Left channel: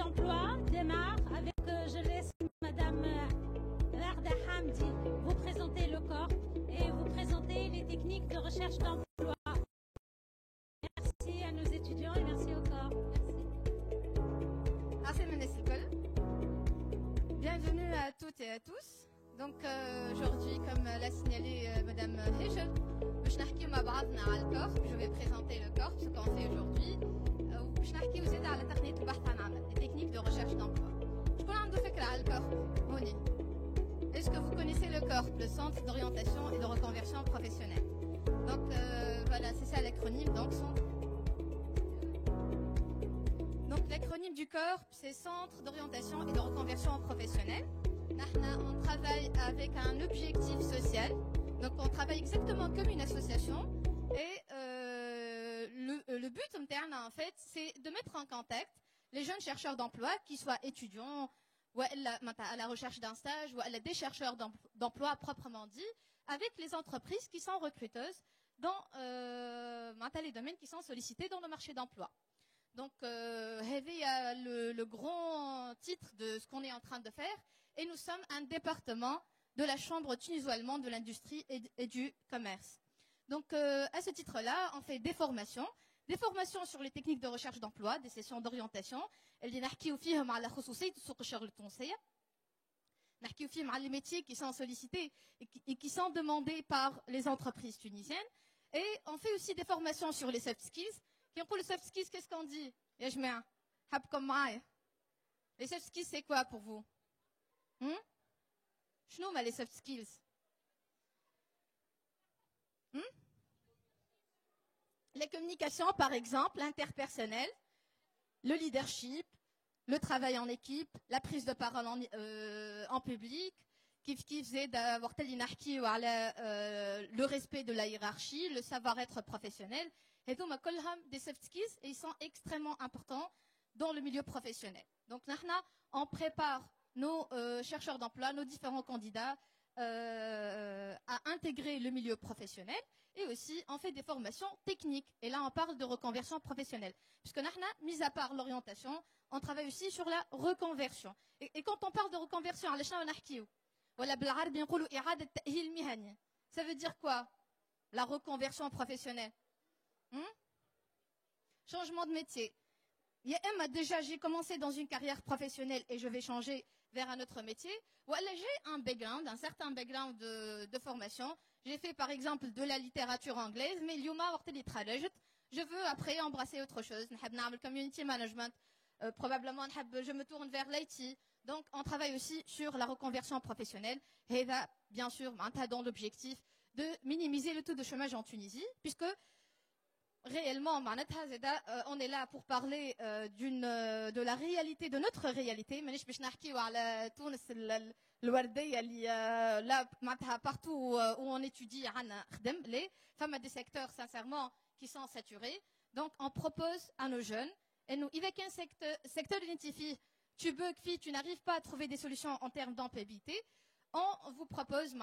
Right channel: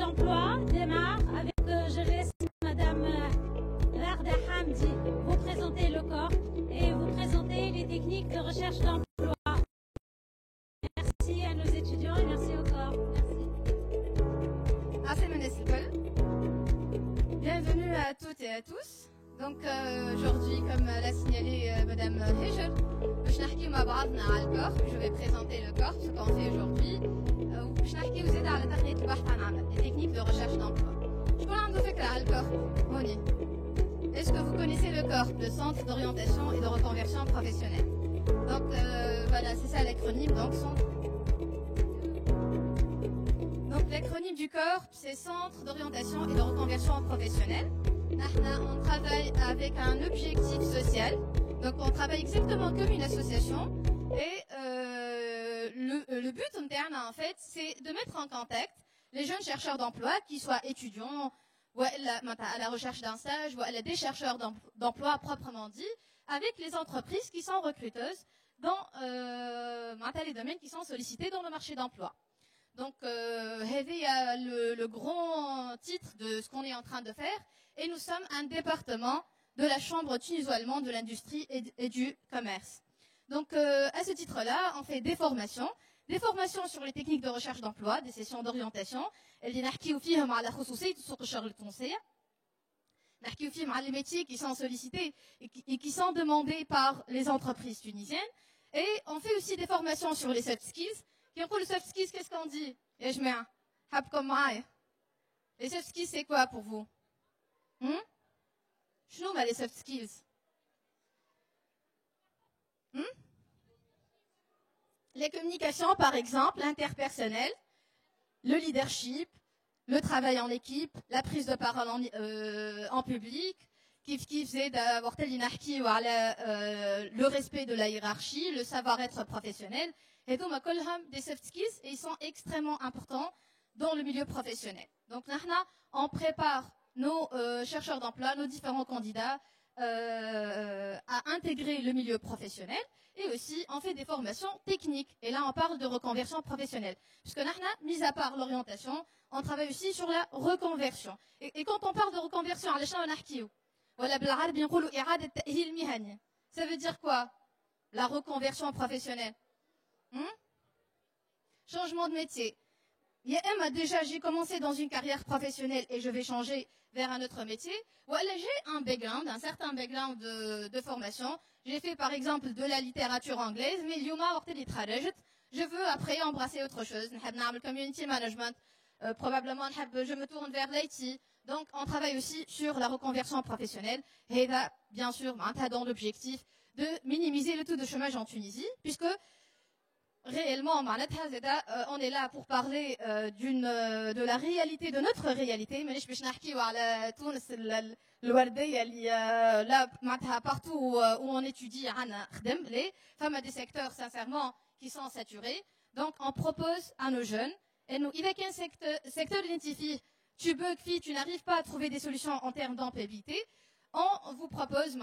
d'emploi démarre avec, je laisse Madame Rarda Hamdi vous présenter le corps et vous présenter les techniques de recherche d'emploi. Merci à nos étudiants et merci au corps. Merci. Bienvenue à toutes et à tous. Donc aujourd'hui, comme l'a signalé Madame Hejel, je vais présenter le corps, ce qu'on fait aujourd'hui. Les techniques de recherche d'emploi. Est-ce que vous connaissez le corps, le centre d'orientation et de reconversion professionnelle? Donc voilà, c'est ça l'acronyme. Donc l'acronyme du corps, c'est Centre d'orientation et de reconversion professionnelle. On travaille avec un objectif social. Donc on travaille exactement comme une association. Et le but en fait, c'est de mettre en contact les jeunes chercheurs d'emploi, qui soient étudiants, ou à la recherche d'un stage, ou des chercheurs d'emploi proprement dit, avec les entreprises qui sont recruteuses dans les domaines qui sont sollicités dans le marché d'emploi. Donc, le grand titre de ce qu'on est en train de faire, et nous sommes un département de la Chambre tuniso-allemande de l'industrie et du commerce. Donc, à ce titre-là, on fait des formations sur les techniques de recherche d'emploi, des sessions d'orientation, les métiers qui sont sollicités et qui sont demandés par les entreprises tunisiennes. Et on fait aussi des formations sur les soft skills. Qui ont les soft skills, qu'est-ce qu'on dit? Les soft skills, c'est quoi pour vous? Les soft skills. Les communications, par exemple, l'interpersonnel, le leadership, le travail en équipe, la prise de parole en public, qui faisait d'avoir le respect de la hiérarchie, le savoir-être professionnel. Et donc, des soft skills, et ils sont extrêmement importants dans le milieu professionnel. Donc, on prépare nos chercheurs d'emploi, nos différents candidats à intégrer le milieu professionnel. Et aussi, on fait des formations techniques. Et là, on parle de reconversion professionnelle. Puisque mis à part l'orientation, on travaille aussi sur la reconversion. Et quand on parle de reconversion, ça veut dire quoi? La reconversion professionnelle. Changement de métier. Déjà, j'ai commencé dans une carrière professionnelle et je vais changer vers un autre métier. Voilà, j'ai un certain background de formation. J'ai fait par exemple de la littérature anglaise, mais je veux après embrasser autre chose. Le community management, probablement je me tourne vers l'IT. Donc on travaille aussi sur la reconversion professionnelle. Et là, bien sûr, dans l'objectif de minimiser le taux de chômage en Tunisie, puisque réellement, on est là pour parler de la réalité, de notre réalité. Mais là, partout où on étudie, les femmes à des secteurs, sincèrement, qui sont saturés. Donc, on propose à nos jeunes, et nous, il y a qu'un secteur identifié, tu n'arrives pas à trouver des solutions en termes d'employabilité, on vous propose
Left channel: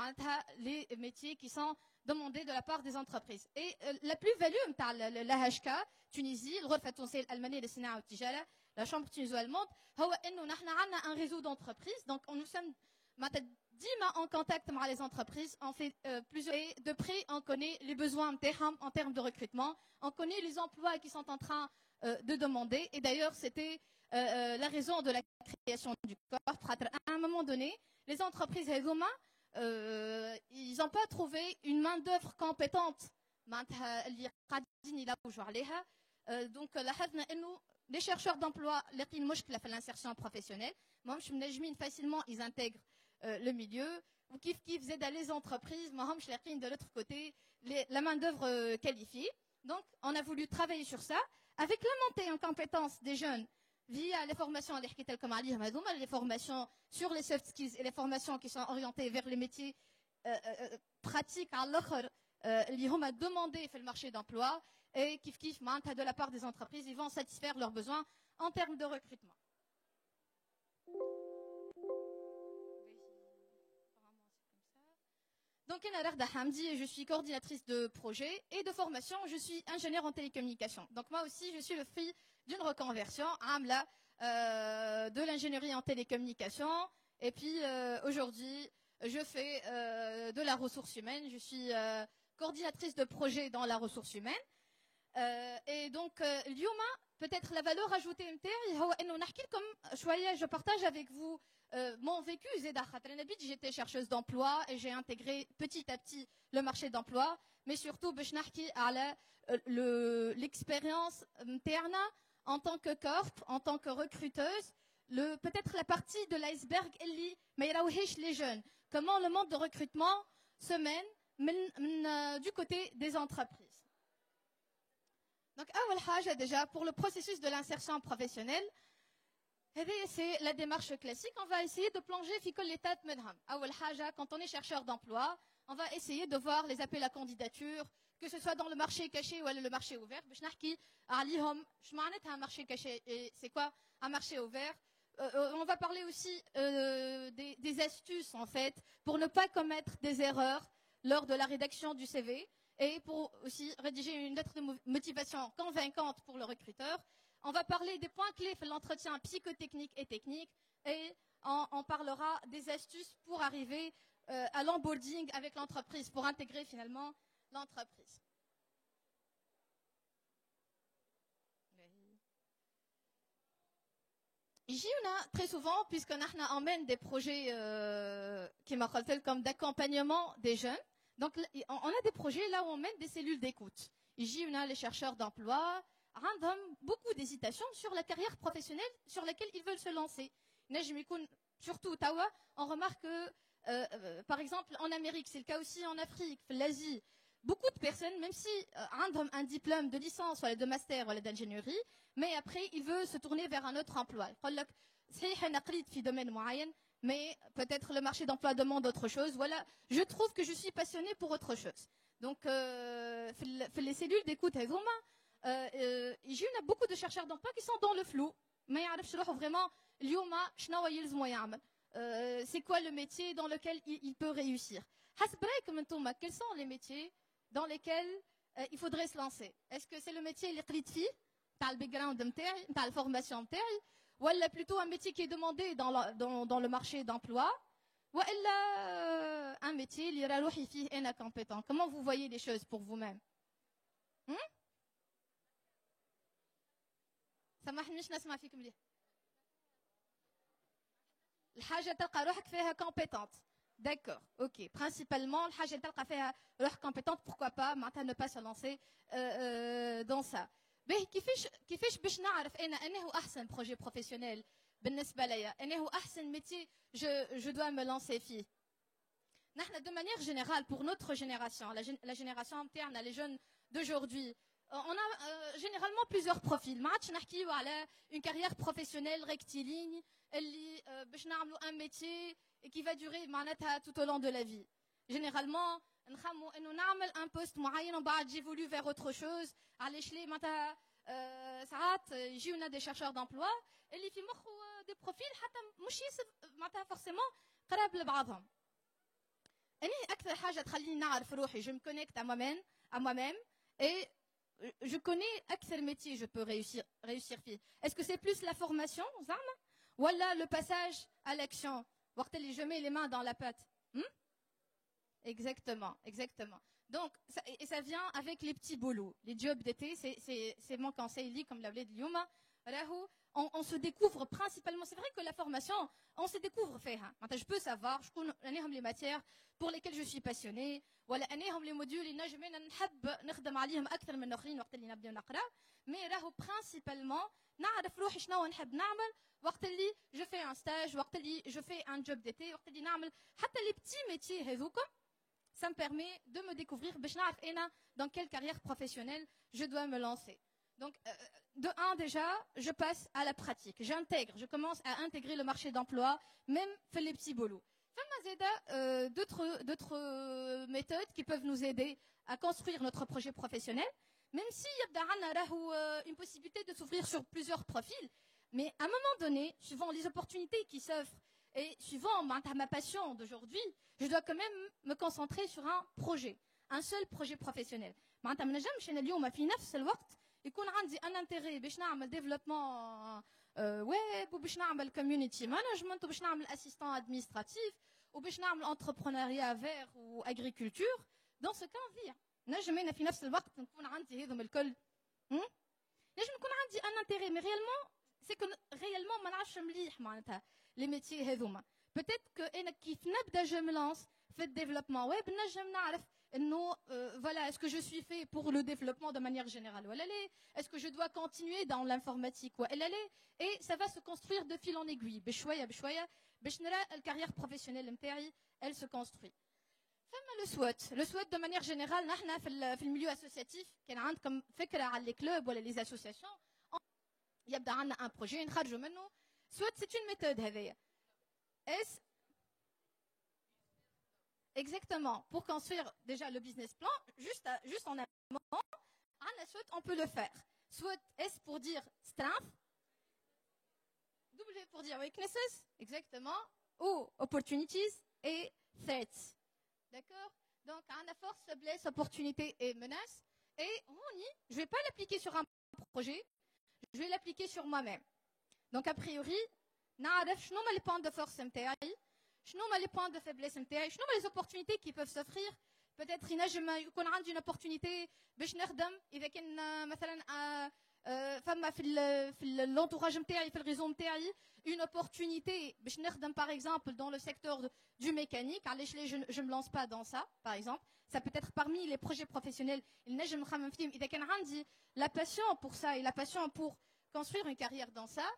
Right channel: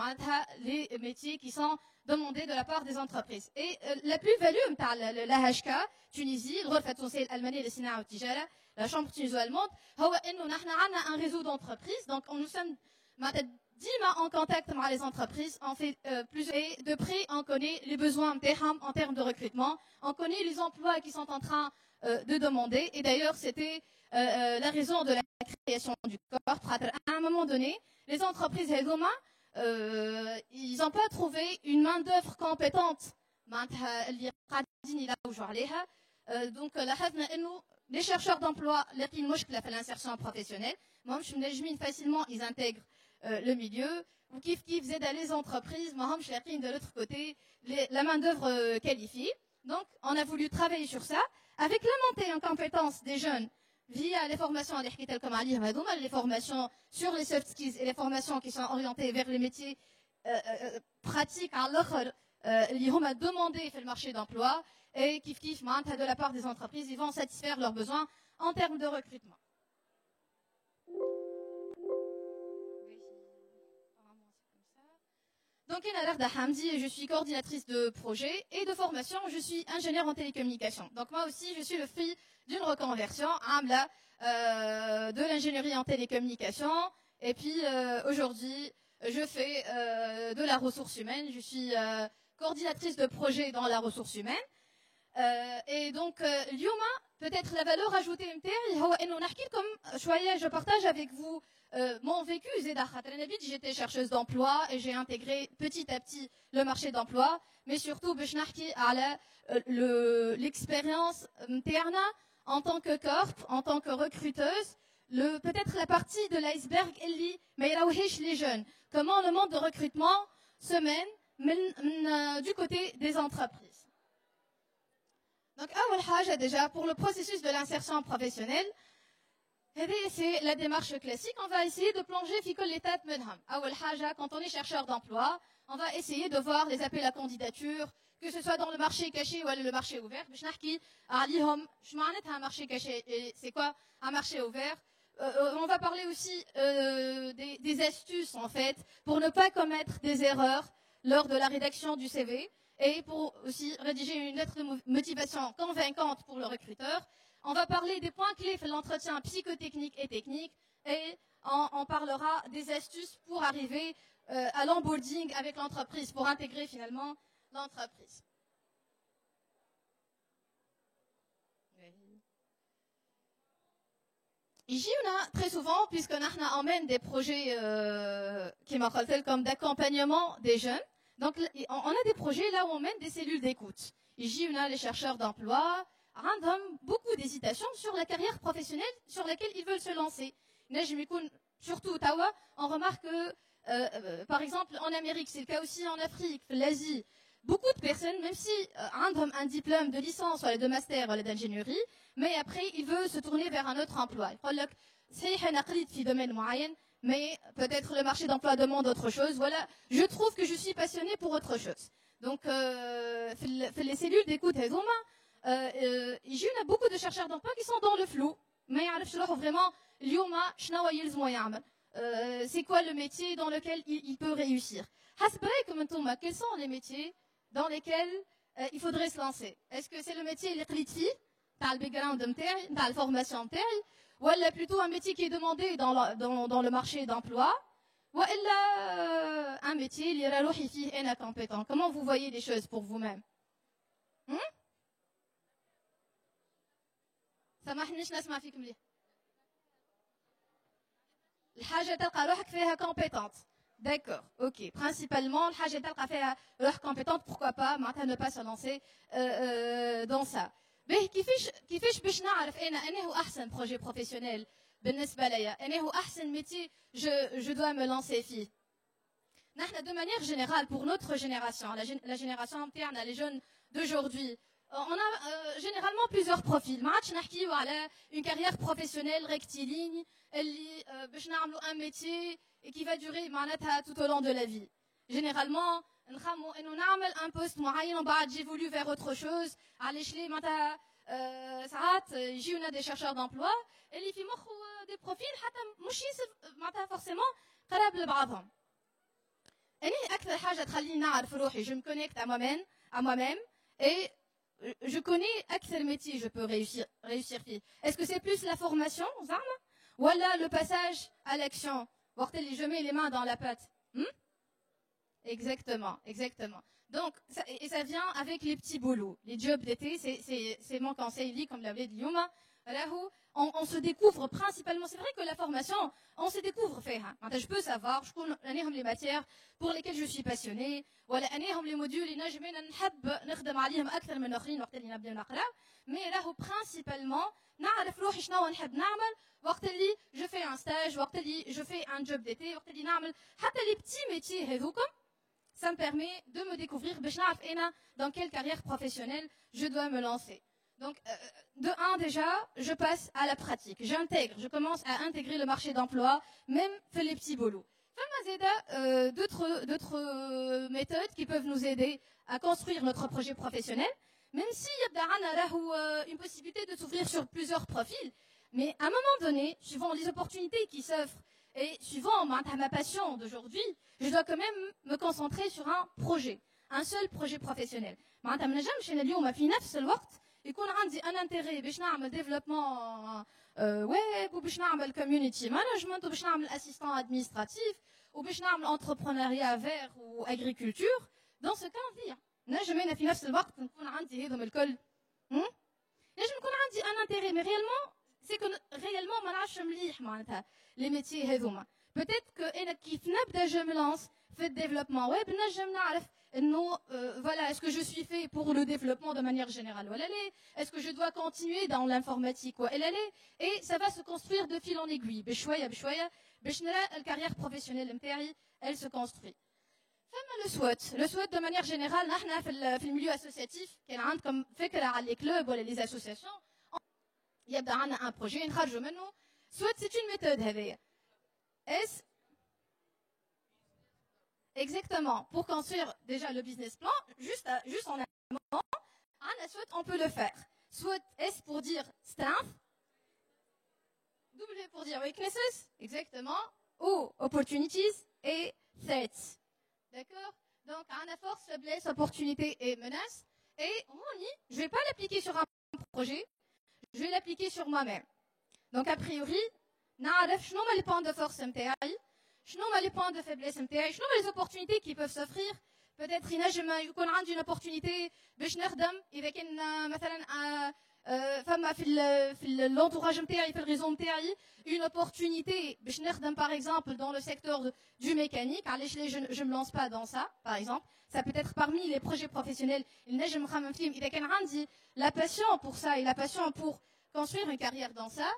les métiers qui sont demandés de la part des entreprises. Et la plus-value, la HK, Tunisie, le Ghurfa Tunisiyya Al-Almaniya Lis-Sina'a Wat-Tijara, la Chambre tuniso-allemande, on a un réseau d'entreprises, donc nous sommes en contact avec les entreprises, on fait plusieurs, et de près, on connaît les besoins en termes de recrutement, on connaît les emplois qui sont en train de demander, et d'ailleurs, c'était la raison de la création du corps. À un moment donné, les entreprises ils n'ont pas trouvé une main-d'œuvre compétente. Donc, les chercheurs d'emploi, l'insertion professionnelle, facilement, ils intègrent le milieu. Ou qui faisait d'aller les entreprises, de l'autre côté, la main-d'œuvre qualifiée. Donc, on a voulu travailler sur ça, avec la montée en compétences des jeunes, via les formations les formations sur les soft skills et les formations qui sont orientées vers les métiers pratiques ils vont demander le marché d'emploi et de la part des entreprises, ils vont satisfaire leurs besoins en termes de recrutement. Donc, Narda Hamdi, je suis coordinatrice de projet et de formation. Je suis ingénieure en télécommunications. Donc, moi aussi, je suis le fruit d'une reconversion. de l'ingénierie en télécommunication. Et puis aujourd'hui, je fais de la ressource humaine. Je suis coordinatrice de projet dans la ressource humaine. Et donc, اليوم, peut-être la valeur ajoutée نتاعي هو إنه نحكي لكم شوية. Je partage avec vous mon vécu. J'étais chercheuse d'emploi et j'ai intégré petit à petit le marché d'emploi. Mais surtout, باش نحكي على l'expérience نتاعنا en tant que corp, en tant que recruteuse. Peut-être la partie de l'iceberg اللي ما يراوهيش les jeunes. Comment le monde de recrutement se mène du côté des entreprises. Donc, أول حاجة déjà, pour le processus de l'insertion professionnelle, c'est la démarche classique. On va essayer de plonger في كل étape منهم. أول حاجة, quand on est chercheur d'emploi, on va essayer de voir les appels à candidature, que ce soit dans le marché caché ou le marché ouvert. باش نحكي عليهم شو معناتها un marché caché et c'est quoi un marché ouvert. On va parler aussi des astuces en fait pour ne pas commettre des erreurs lors de la rédaction du CV et pour aussi rédiger une lettre de motivation convaincante pour le recruteur. On va parler des points clés de l'entretien psychotechnique et technique et on parlera des astuces pour arriver à l'onboarding avec l'entreprise, pour intégrer finalement l'entreprise. Ici, on a très souvent, puisqu'on emmène des projets qui m'appellent comme d'accompagnement des jeunes. Donc, on a des projets là où on mène des cellules d'écoute. Ici, on a les chercheurs d'emploi, beaucoup d'hésitations sur la carrière professionnelle sur laquelle ils veulent se lancer. Surtout Ottawa, on remarque que, par exemple, en Amérique, c'est le cas aussi en Afrique, l'Asie, beaucoup de personnes, même si ont un diplôme de licence ou de master ou d'ingénierie, mais après, ils veulent se tourner vers un autre emploi. C'est domaine moyen, mais peut-être le marché d'emploi demande autre chose. Voilà, je trouve que je suis passionnée pour autre chose. Donc, les cellules d'écoute, il y a beaucoup de chercheurs d'emploi qui sont dans le flou. Mais vraiment, c'est quoi le métier dans lequel il peut réussir? Quels sont les métiers dans lesquels il faudrait se lancer? Est-ce que c'est le métier électrique, dans le background dans la formation ou plutôt un métier qui est demandé dans le marché d'emploi, ou un métier qui est incompétent? Comment vous voyez les choses pour vous-même? سامحنيش نسمع فيك مليح. الحاجة تلقى روحك فيها compétente. D'accord, ok. Principalement, الحاجة تلقى فيها روحك compétente, pourquoi pas, معناتها ne pas se lancer dans ça. باهي كيفاش باش نعرف أنا هو أحسن projet professionnel بالنسبة ليا؟ أنا هو أحسن métier je dois me lancer فيه. نحن de manière générale pour notre génération, la génération interne, les jeunes d'aujourd'hui, on a généralement plusieurs profils. ما عادش نحكيو على une carrière professionnelle rectiligne اللي باش نعملوا un métier qui va durer معناتها tout au long de la vie. Généralement نخمو انه نعمل un poste معين ومن بعد j'évolue vers autre chose. علاش ليه معناتها ساعات يجيونا des chercheurs d'emploi اللي في مخه des profils حتى مش معناتها forcément قراب لبعضهم. أنا أكثر حاجة تخليني نعرف روحي je me connecte à moi-même et je connais quel métier je peux réussir فيه. Est-ce que c'est plus la formation, زعما, ou le passage à l'action? Je mets les mains dans la pâte. Exactement. Donc, ça vient avec les petits boulots. Les jobs d'été, c'est mon conseil, comme l'a dit Yuma. On se découvre principalement. C'est vrai que la formation, on se découvre faire. Je peux savoir, je connais les matières pour lesquelles je suis passionnée. ولا أنهم les modules اللي نجمنا نحب نخدم عليهم أكثر من آخرين وقت اللي نبدأ نقرأ. Mais راهو principalement نعرف روحي شنو نحب نعمل وقت اللي je fais un stage, وقت اللي je fais un job d'été, وقت اللي نعمل حتى les petits métiers هذوكم. Ça me permet de me découvrir باش نعرف أنا dans quelle carrière professionnelle je dois me lancer. Donc, de un déjà, je passe à la pratique. Je commence à intégrer le marché d'emploi, même fait les petits boulots. D'autres méthodes qui peuvent nous aider à construire notre projet professionnel, même s'il y a une possibilité de s'ouvrir sur plusieurs profils. Mais à un moment donné, suivant les opportunités qui s'offrent et suivant ma passion d'aujourd'hui, je dois quand même me concentrer sur un seul projet professionnel. يكون عندي un intérêt باش نعمل développement web ou باش نعمل community management ou باش نعمل assistant administratif ou باش نعمل entrepreneuriat vert ou agriculture. Dans ce cas نضيع نجم انا في نفس الوقت نكون عندي هذم الكل نجم يكون عندي un intérêt mais réellement c'est que réellement ما نعرفش مليح معناتها les métiers هذوما. Peut-être que انا كيف نبدا je me lance في développement web نجم نعرف انه voilà est-ce que je suis fait pour le développement de manière générale ولا لا, est-ce que je dois continuer dans l'informatique ولا لا, et ça va se construire de fil en aiguille بشويه بشويه باش نرى الكارير بروفيسيونيل نتاعي elle se construit. فما le SWOT de manière générale نحن في الميليو اسوسياتيف كان عندكم فكره على لي كلوب ولا لي اسوسياسيون يبدا عندنا ان بروجي نخرجوا منه. SWOT c'est une méthode هذيا est exactement pour construire déjà le business plan juste en amont. Un SWOT on peut le faire. SWOT S pour dire strength, W pour dire weaknesses exactement, ou opportunities et threats. D'accord? Donc on a force, faiblesse, opportunité et menace. Et on y, je ne vais pas l'appliquer sur un projet, je vais l'appliquer sur moi-même. Donc a priori, نعرف شنو هما les points de force نتاعي, شنو هما les points de faiblesse نتاعي, شنو هما les opportunités qui peuvent s'offrir. peut-être ينجم يكون عندي une opportunité باش نخدم اذا كان مثلا فما في l'entourage نتاعي في الريزون نتاعي une opportunité باش نخدم par exemple dans le secteur du mécanique. علاش je me lance pas dans ça par exemple. Ça peut être parmi les projets professionnels ينجم نخمم فيهم اذا كان عندي la passion pour ça et la passion pour construire une carrière dans ça.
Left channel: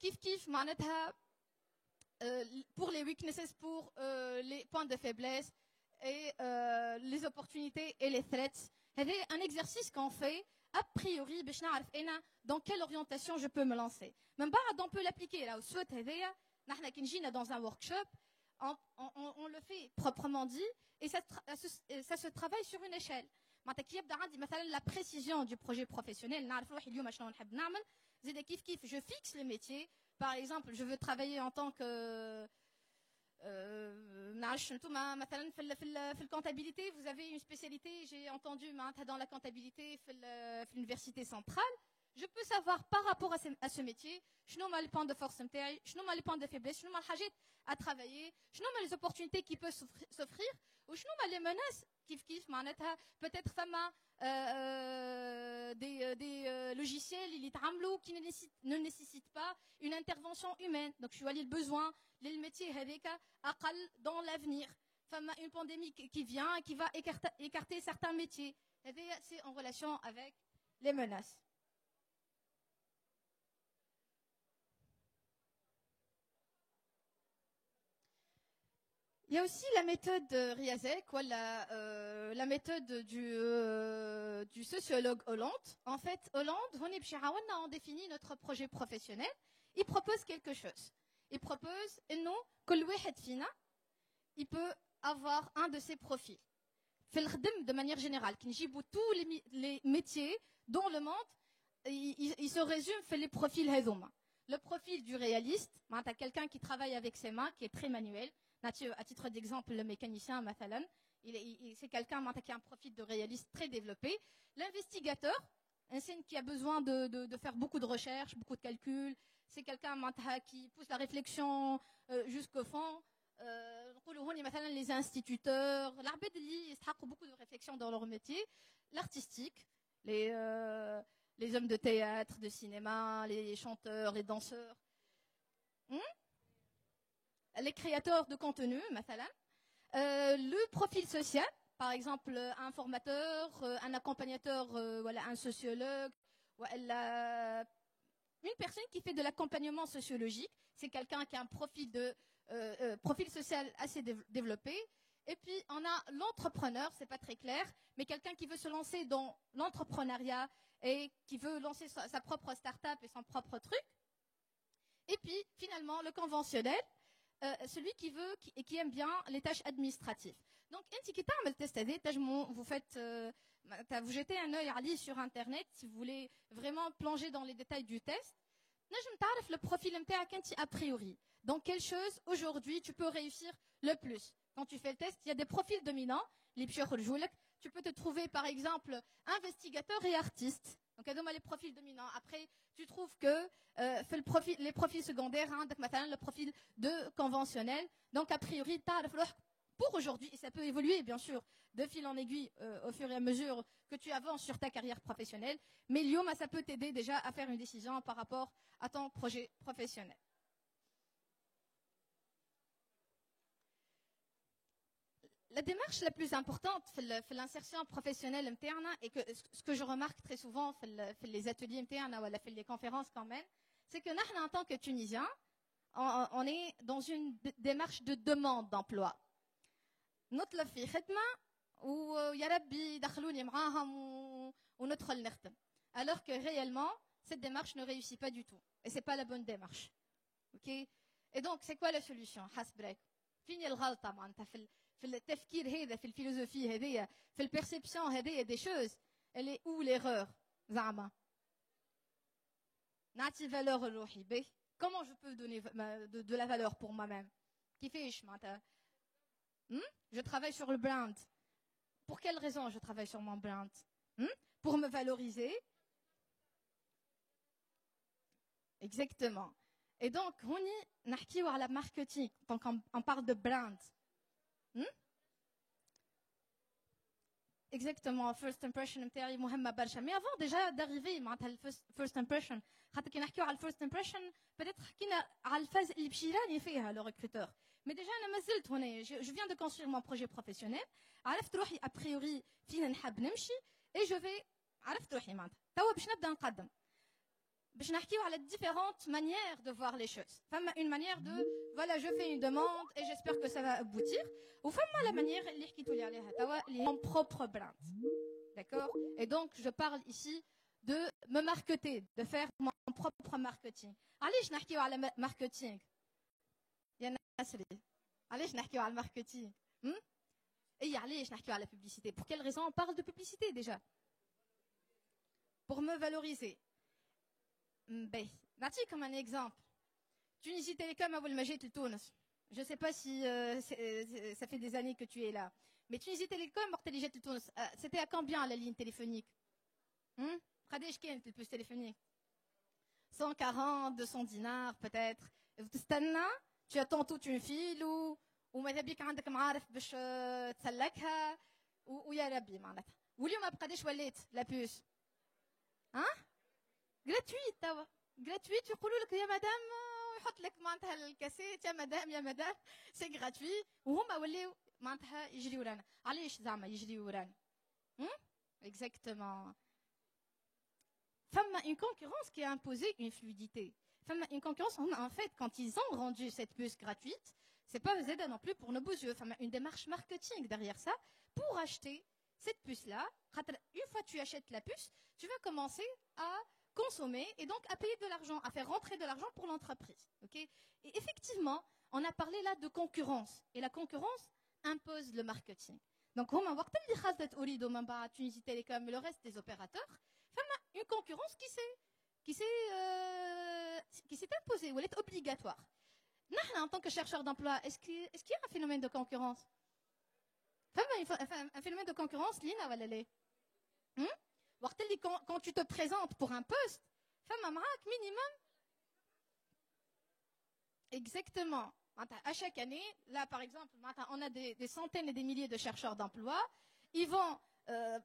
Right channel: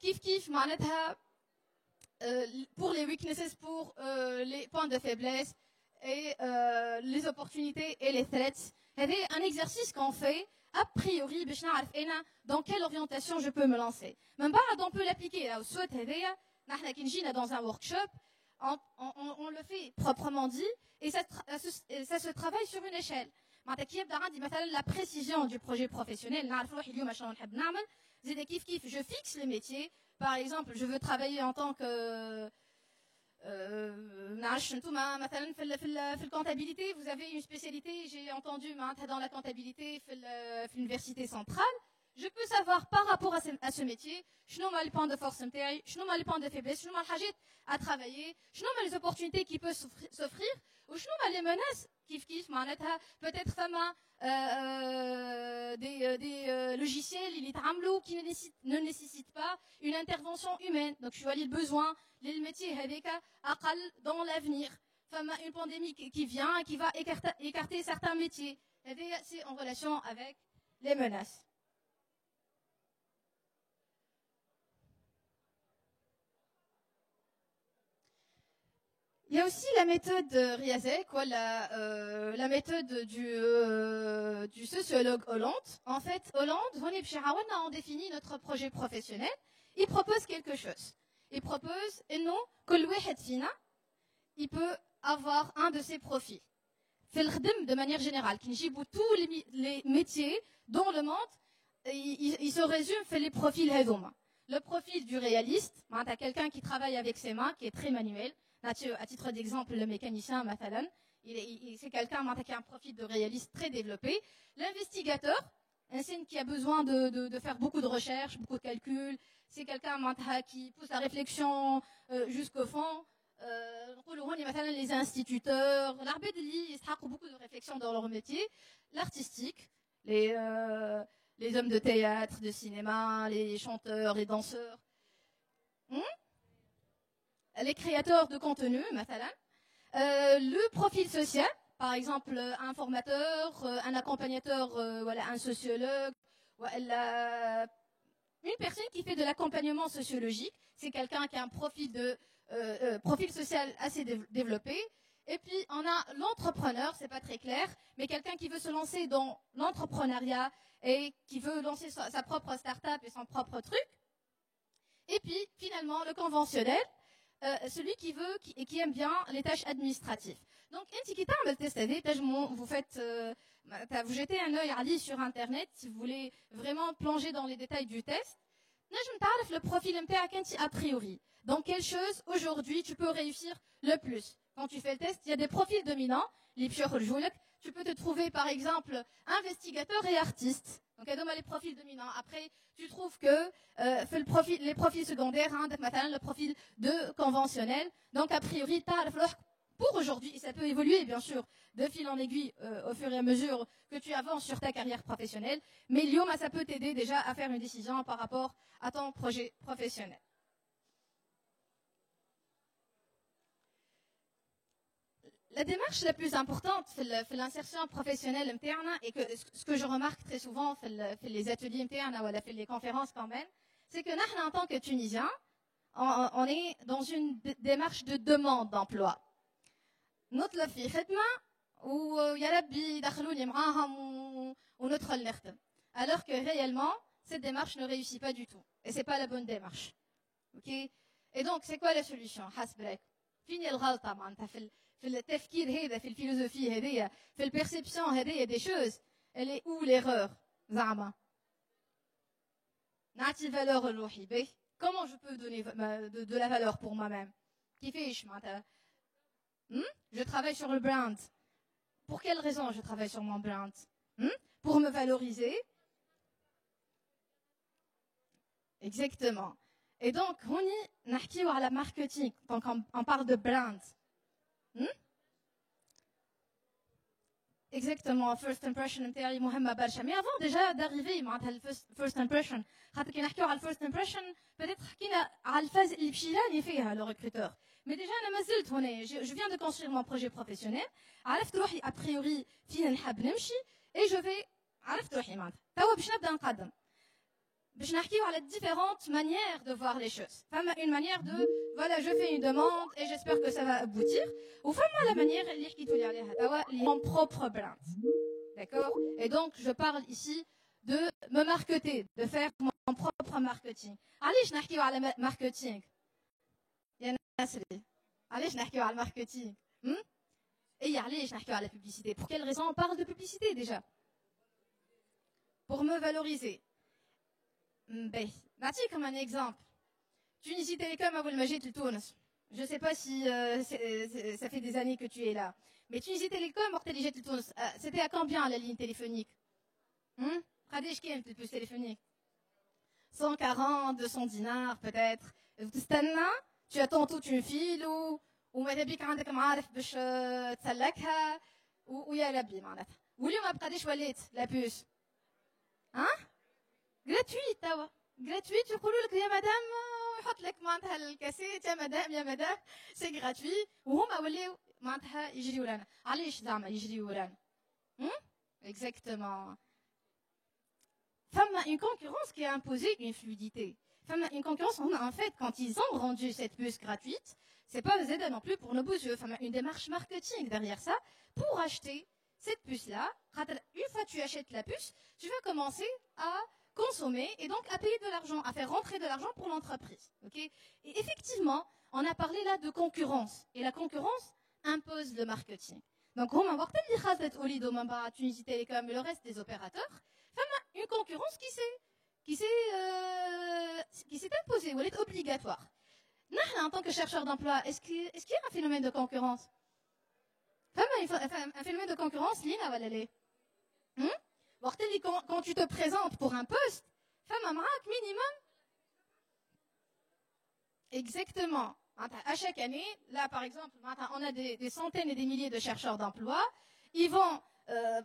كيف معناتها pour les weaknesses, pour les points de faiblesse et les opportunités et les threats. C'est un exercice qu'on fait a priori باش نعرف انا dans quelle orientation je peux me lancer. من بعد on peut l'appliquer là au SWOT هذايا. نحنا كي نجينا dans un workshop on le fait proprement dit et ça se travaille sur une échelle. معناتها كي يبدا عندي مثلا la précision du projet professionnel نعرف روحي اليوم شنو نحب نعمل. زيد كيف je fixe les métiers. Par exemple, je veux travailler en tant que مثلا في الكونتابيلité, vous avez une spécialité, j'ai entendu dans la comptabilité في l'université centrale. Je peux savoir par rapport à ce métier شنو هما les points de force نتاعي, شنو هما les points de faiblesse, شنو هما الحاجات à travailler, شنو هما les opportunités qui peuvent s'offrir وشنو هما les menaces كيف معناتها peut-être فما des logiciels اللي يتعملوا qui ne nécessitent pas une intervention humaine. Donc je vois les besoins les métiers هذيك أقل dans l'avenir. فما une pandémie qui vient et qui va écarter certains métiers. C'est en relation avec les menaces. Il y a aussi la méthode Riazek, la méthode du sociologue Hollande. En fait, Hollande, on définit notre projet professionnel. Il propose quelque chose. Il propose, et non, que il peut avoir un de ses profils. De manière générale, tous les métiers dans le monde, il se résume fait les profils Hedoma. Le profil du réaliste, quelqu'un qui travaille avec ses mains, qui est très manuel. À titre d'exemple, le mécanicien, c'est quelqu'un qui a un profil de réaliste très développé. L'investigateur, un signe qui a besoin de faire beaucoup de recherches, beaucoup de calculs. C'est quelqu'un qui pousse la réflexion jusqu'au fond. Les instituteurs, ils ont beaucoup de réflexion dans leur métier. L'artistique, les hommes de théâtre, de cinéma, les chanteurs, les danseurs. Les créateurs de contenu, le profil social, par exemple un formateur, un accompagnateur, un sociologue, une personne qui fait de l'accompagnement sociologique, c'est quelqu'un qui a un profil social assez développé. Et puis on a l'entrepreneur, c'est pas très clair, mais quelqu'un qui veut se lancer dans l'entrepreneuriat et qui veut lancer sa propre start-up et son propre truc. Et puis finalement le conventionnel, celui qui aime bien les tâches administratives. Donc, vous jetez un œil sur Internet si vous voulez vraiment plonger dans les détails du test. Le profil a priori. Dans quelle chose aujourd'hui tu peux réussir le plus? Quand tu fais le test, il y a des profils dominants. Tu peux te trouver par exemple investigateur et artiste. Donc, les profils dominants. Après, tu trouves que les profils secondaires, le profil de conventionnel. Donc, a priori, pour aujourd'hui, et ça peut évoluer, bien sûr, de fil en aiguille au fur et à mesure que tu avances sur ta carrière professionnelle. Mais Lyon, ça peut t'aider déjà à faire une décision par rapport à ton projet professionnel. La démarche la plus importante في l'insertion professionnelle interne et que ce que je remarque très souvent في les ateliers internes ou في les conférences quand même, c'est que nous, en tant que Tunisiens, on est dans une démarche de demande d'emploi. نطلب في خدمة ويا ربي يدخلوني معاهم وندخل نخدم. Alors que réellement, cette démarche ne réussit pas du tout. Et c'est pas la bonne démarche. Ok? Et donc, c'est quoi la solution? حسبك. فين الغلطة معناتها في التفكير هذا في الفيلوزوفي هذيا في البيرسيبسيون هذيا des choses. Elle est où l'erreur زعما؟ نعطي valeur لروحي. Comment je peux donner de la valeur pour moi-même? كيفاش معناتها؟ Je travaille sur le brand. Pour quelle raison je travaille sur mon brand? Pour me valoriser. Exactement. Et donc, on y a la marketing. Donc, on parle de brand. Exactement. First impression, mais avant déjà d'arriver à first impression, first impression, peut-être qu'il y a la phase le recruteur. Mais déjà, je viens de construire mon projet professionnel. A priori, et je vais باش نحكيو على différentes manières de voir les choses. فما une manière de voilà, je fais une demande et j'espère que ça va aboutir. Ou فما la manière اللي حكيتوا لي عليها توا اللي mon propre brand. D'accord? Et donc je parle ici de me marketer, de faire mon propre marketing. علاش نحكيو على marketing؟ يا ناس علاش نحكيو على marketing؟ Et علاش نحكيو على publicité? Pour quelle raison on parle de publicité déjà? Pour me valoriser. Comme un exemple. Tunisie Télécom à Boulmagid de Tunis. Je ne sais pas si ça fait des années que tu es là. Mais Tunisie Télécom, Morteligé de Tunis, c'était à combien la ligne téléphonique? Pradesh Kem, le plus téléphonique. 140, 200 dinars peut-être. Tu attends toute une file ou Madabik عندك معارف باش تسلكها ويا ربي معناتها. واليوم ما بقادش وليت la puce. Hein? Gratuit, توا. Gratuit, يقولوا لك يا مدام يحط لك معناتها الكاسيت يا مدام سي gratuit وهما ولاو معناتها يجريو ورانا. علاش زعما يجريو ورانا؟ Exactement. Femme a une concurrence qui a imposé une fluidité. Femme a une concurrence, en fait, quand ils ont rendu cette puce gratuite, c'est pas Z non plus pour nos beaux yeux. Femme a une démarche marketing derrière ça pour acheter cette puce-là. Une fois que tu achètes la puce, tu vas commencer à consommer et donc à payer de l'argent, à faire rentrer de l'argent pour l'entreprise. Okay? Et effectivement, on a parlé là de concurrence. Et la concurrence impose le marketing. Donc, on va voir Olido, Mamba, Tunisie Télécom et le reste des opérateurs. Femme une concurrence qui s'est imposée, ou elle est obligatoire. Nous, en tant que chercheur d'emploi, est-ce qu'il y a un phénomène de concurrence? Femme un phénomène de concurrence, Lina va l'aller. Quand tu te présentes pour un poste, femme un minimum. Exactement. À chaque année, là par exemple, on a des centaines et des milliers de chercheurs d'emploi. Ils vont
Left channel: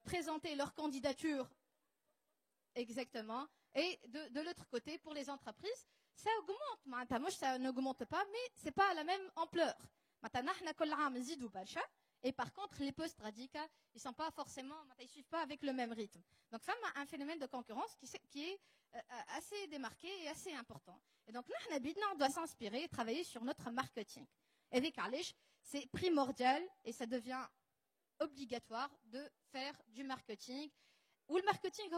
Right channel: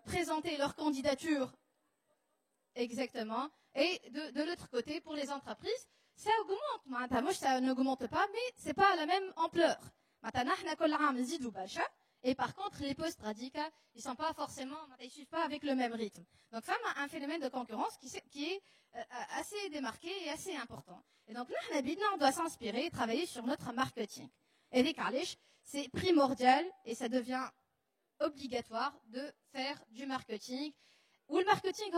présenter leur candidature. Exactement. Et de l'autre côté, pour les entreprises, ça augmente. Moi, ça n'augmente pas, mais c'est pas à la même ampleur. Et par contre, les postes radicaux, ils sont pas forcément, ils suivent pas avec le même rythme. Donc, femme a un phénomène de concurrence qui est assez démarqué et assez important. Et donc, on doit s'inspirer et travailler sur notre marketing. Et des Kalish, c'est primordial et ça devient obligatoire de faire du marketing. Ou le marketing,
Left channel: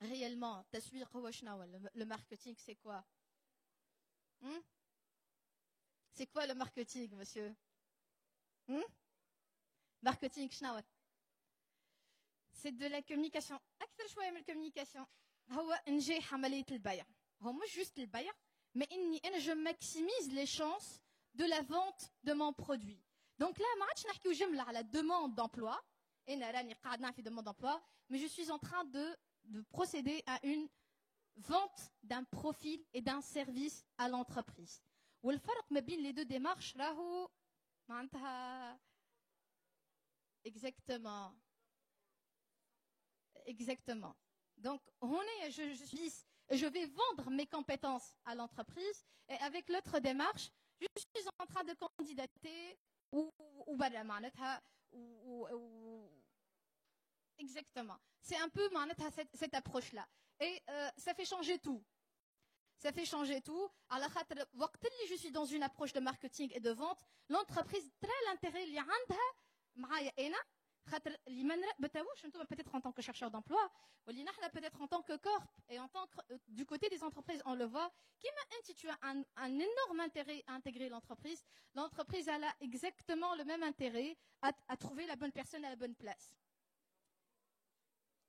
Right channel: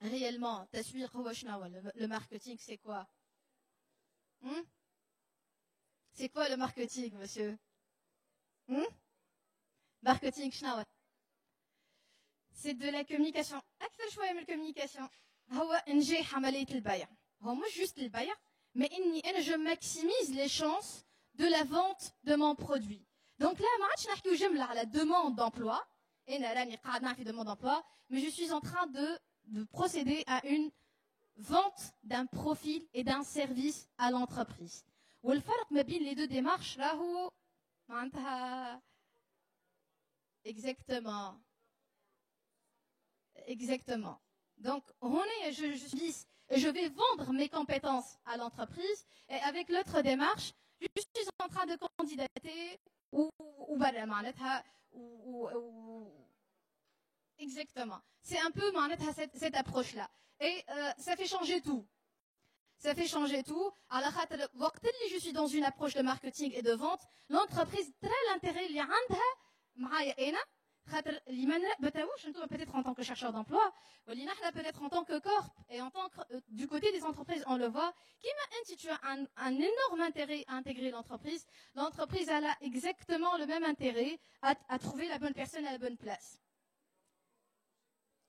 réellement, le marketing, c'est quoi? C'est quoi le marketing, monsieur? Marketing, c'est de la communication. أكثر شوية من الcommunication. هو إنجاح عملية البيع. هو مش juste البيع, mais je maximise les chances de la vente de mon produit. Donc là, ما عادش نحكيو جملة على demande d'emploi. Et là, راني قاعدة في demande d'emploi, mais je suis en train de procéder à une vente d'un profil et d'un service à l'entreprise. والفرق ما بين les deux démarches راهو معناتها exactement. Donc je vais vendre mes compétences à l'entreprise et avec l'autre démarche, je suis en train de candidater ou exactement. C'est un peu cette approche-là. Et ça fait changer tout. Ça fait changer tout. Alors, je suis dans une approche de marketing et de vente. L'entreprise, très l'intérêt, il y a peut-être en tant que chercheur d'emploi, peut-être en tant que corp, et en tant que, du côté des entreprises, on le voit, tu as un énorme intérêt à intégrer l'entreprise. L'entreprise elle a exactement le même intérêt à trouver la bonne personne à la bonne place.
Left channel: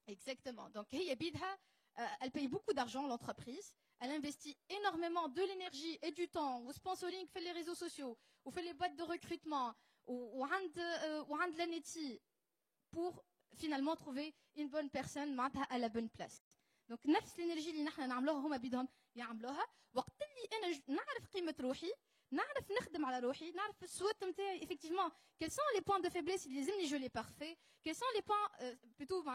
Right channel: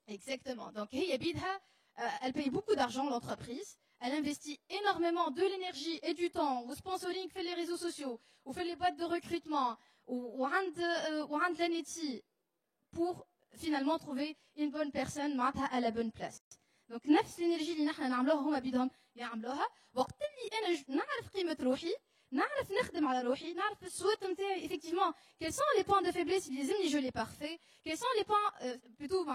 Exactement. Donc, elle paye beaucoup d'argent, l'entreprise. Elle investit énormément de l'énergie et du temps au sponsoring, fait les réseaux sociaux, ou fait les boîtes de recrutement, ou de l'ANETI, pour finalement trouver une bonne personne à la bonne place. Donc, نفس l'énergie اللي نحن نعملوها هما بدهم يعملوها وقت اللي أنا نعرف قيمة روحي نعرف نخدم على روحي نعرف السوات نتاعي effectivement quels sont les points de faiblesse اللي لازمني je les parfait quels sont les points plutôt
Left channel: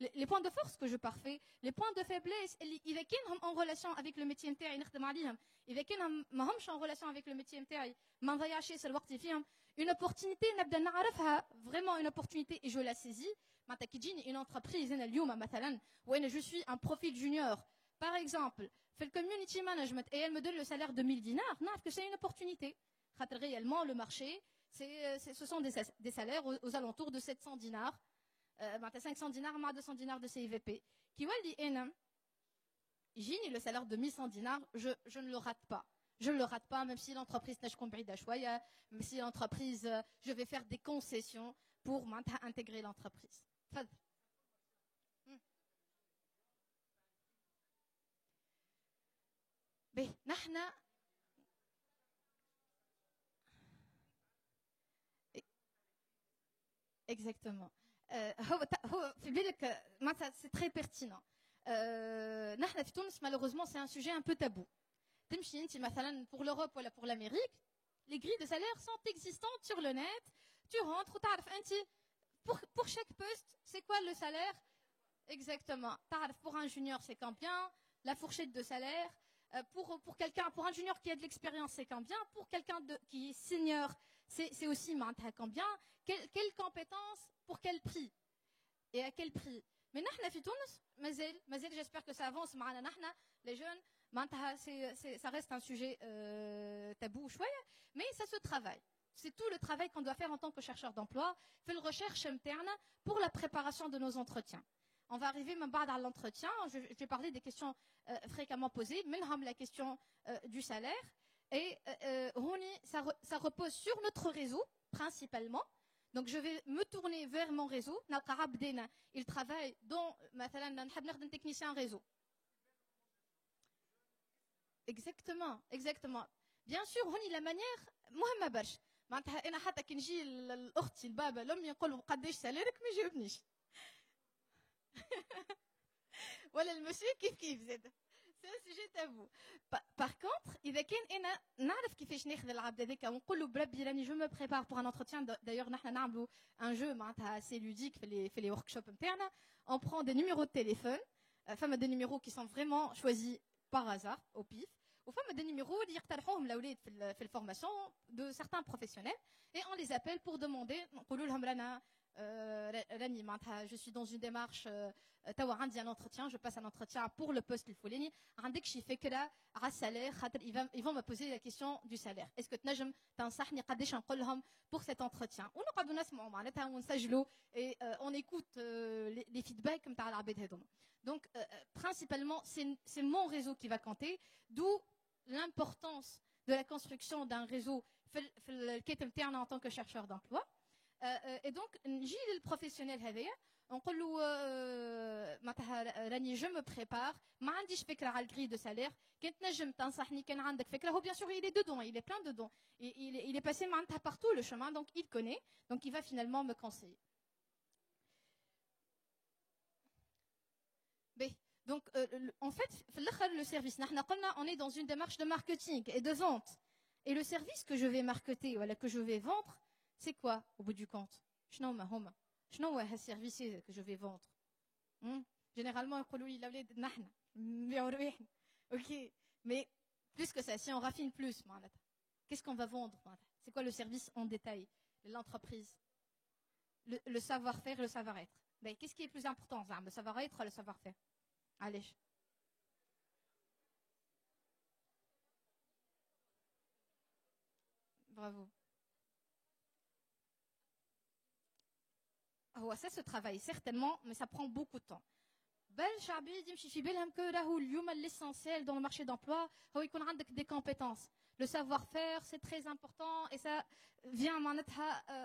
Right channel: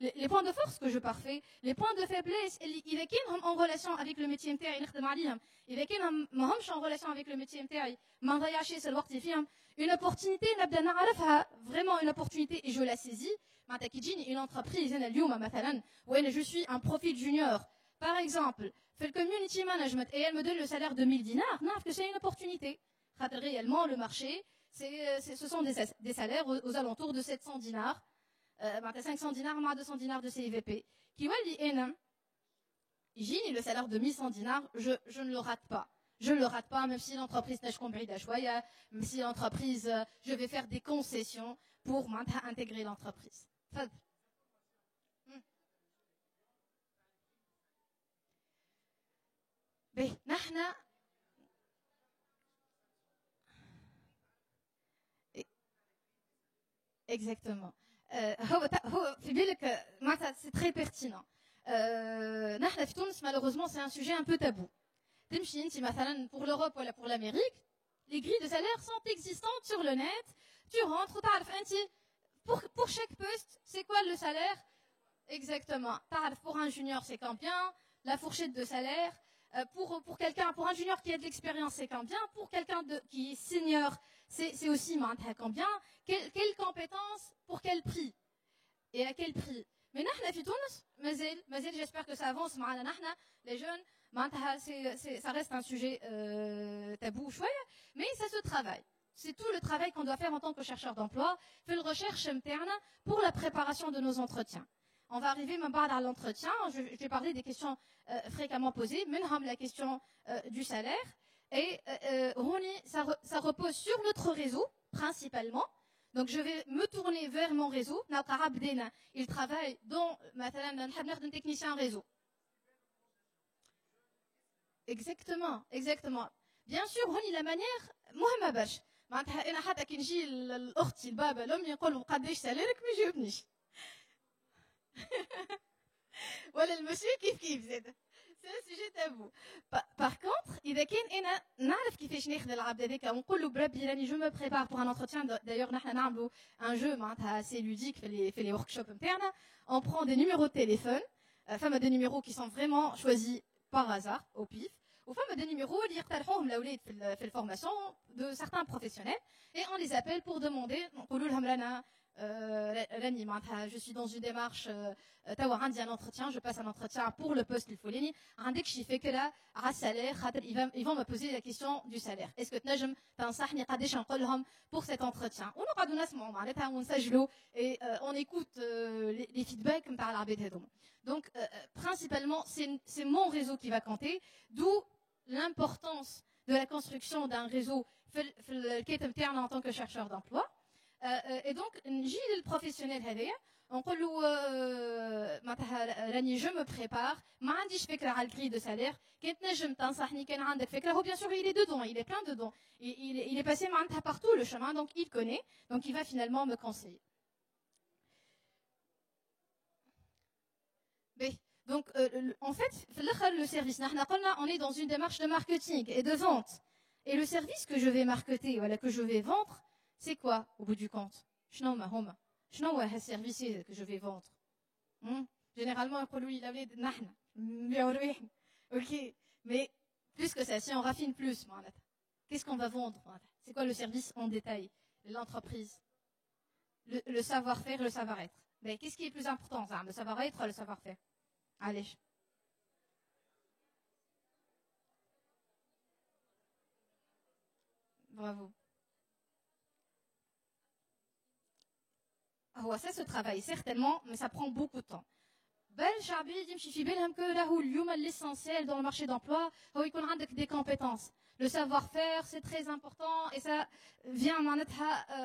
les points de force que je parfait les points de faiblesse اللي إذا كانهم en relation avec le métier نتاعي نخدم عليهم إذا كانهم ما همش en relation avec le métier نتاعي ما نضيعش الوقت فيهم une opportunité نبدا نعرفها vraiment une opportunité et je la saisis معناتها كي تجيني une entreprise أنا اليوم مثلا وين je suis un profil junior par exemple fait le community management et elle me donne le salaire de 1000 dinars, non, que c'est une opportunité. Réellement, le marché, ce sont des salaires aux alentours de 700 dinars, 500 dinars, 200 dinars de CIVP. Qui va dire, j'ai le salaire de 1100 dinars, je ne le rate pas. Je ne le rate pas, même si l'entreprise n'a compris d'achouaya, même si l'entreprise, je vais faire des concessions pour intégrer l'entreprise. Ben, نحن exactement. في بالك معناتها c'est très pertinent. نحن في تونس malheureusement c'est un sujet un peu tabou. تمشي انت مثلا pour l'Europe ولا pour l'Amérique, les grilles de salaire sont existantes sur le net. Tu rentres, تعرف انت pour chaque poste, c'est quoi le salaire? Exactement. تعرف pour un junior c'est combien, la fourchette de salaire. Pour quelqu'un, pour un junior qui a de l'expérience, c'est combien? Pour quelqu'un qui est senior, c'est aussi combien? Quelles compétences? Pour quel prix? Et à quel prix? Mais نحن في تونس مازال j'espère que ça avance معنا نحن les jeunes ça reste un sujet tabou شوية mais ça se travaille. C'est tout le travail qu'on doit faire en tant que chercheur d'emploi, faire une recherche interne pour la préparation de nos entretiens. On va arriver même pas à l'entretien. Je vais parler des questions fréquemment posées, même la question du salaire. Et ça repose sur notre réseau, principalement. Donc, je vais me tourner vers mon réseau. Il travaille dans un technicien réseau. Exactement. Bien sûr, la manière, moi, ma bâche. أنا حتى كي نجي لأختي البابا لأمي يقولوا قداش سالرك ما يجاوبنيش. ولا المسيو كيف زاد سي سوجي تابو. Par contre اذا كان انا نعرف كيفاش ناخذ العبد هذاك ونقول له بربي راني جو مو بريبار بور ان انتروتيان d'ailleurs نحن نعملوا ان جو معناتها سي لوديك في لي ورك شوب نتاعنا on prend des numéros de téléphone فما des numéros qui sont vraiment choisis par hasard au pif وفما des numéros اللي يقترحوهم الاولاد في الفورماسيون de certains professionnels et on les appelle pour demander نقولوا لهم رانا راني معناتها je suis dans une démarche توا عندي un entretien je passe un entretien pour le poste الفلاني عندك شي فكره على السالير خاطر ils vont me poser la question du salaire est-ce que تنجم تنصحني قداش نقول لهم pour cet entretien ونقعدوا نسمعوا معناتها ونسجلوا et on écoute les feedbacks نتاع العباد هذوما donc principalement c'est mon réseau qui va compter d'où l'importance de la construction d'un réseau في الكيت نتاعنا en tant que chercheur d'emploi. Et donc, نجي للبروفيسيونيل هذايا نقول له معناتها راني جو مو بريبار ما عنديش فكره على الكري دو سالير كي تنجم تنصحني كان عندك فكره هو bien sûr il est dedans il est plein dedans il est passé معناتها partout le chemin donc il connaît donc il va finalement me conseiller. Donc en fait le service on est dans une démarche de marketing et de vente et le service que je vais marketer voilà que je vais vendre c'est quoi au bout du compte شنو هما شنو هو هالسيرفيس que je vais vendre généralement يقولوا لي الاولاد نحن نبيعوا رواحنا OK mais plus que ça si on raffine plus معناتها qu'est-ce qu'on va vendre c'est quoi le service en détail l'entreprise le savoir-faire et le savoir-être mais qu'est-ce qui est plus important ça le savoir-être ou le savoir-faire allez bravo ça se travaille certainement mais ça prend beaucoup de temps شعبي يمشي في بالهم que là où اليوم l'essentiel dans le marché d'emploi هو يكون عندك des compétences le savoir-faire c'est très important et ça vient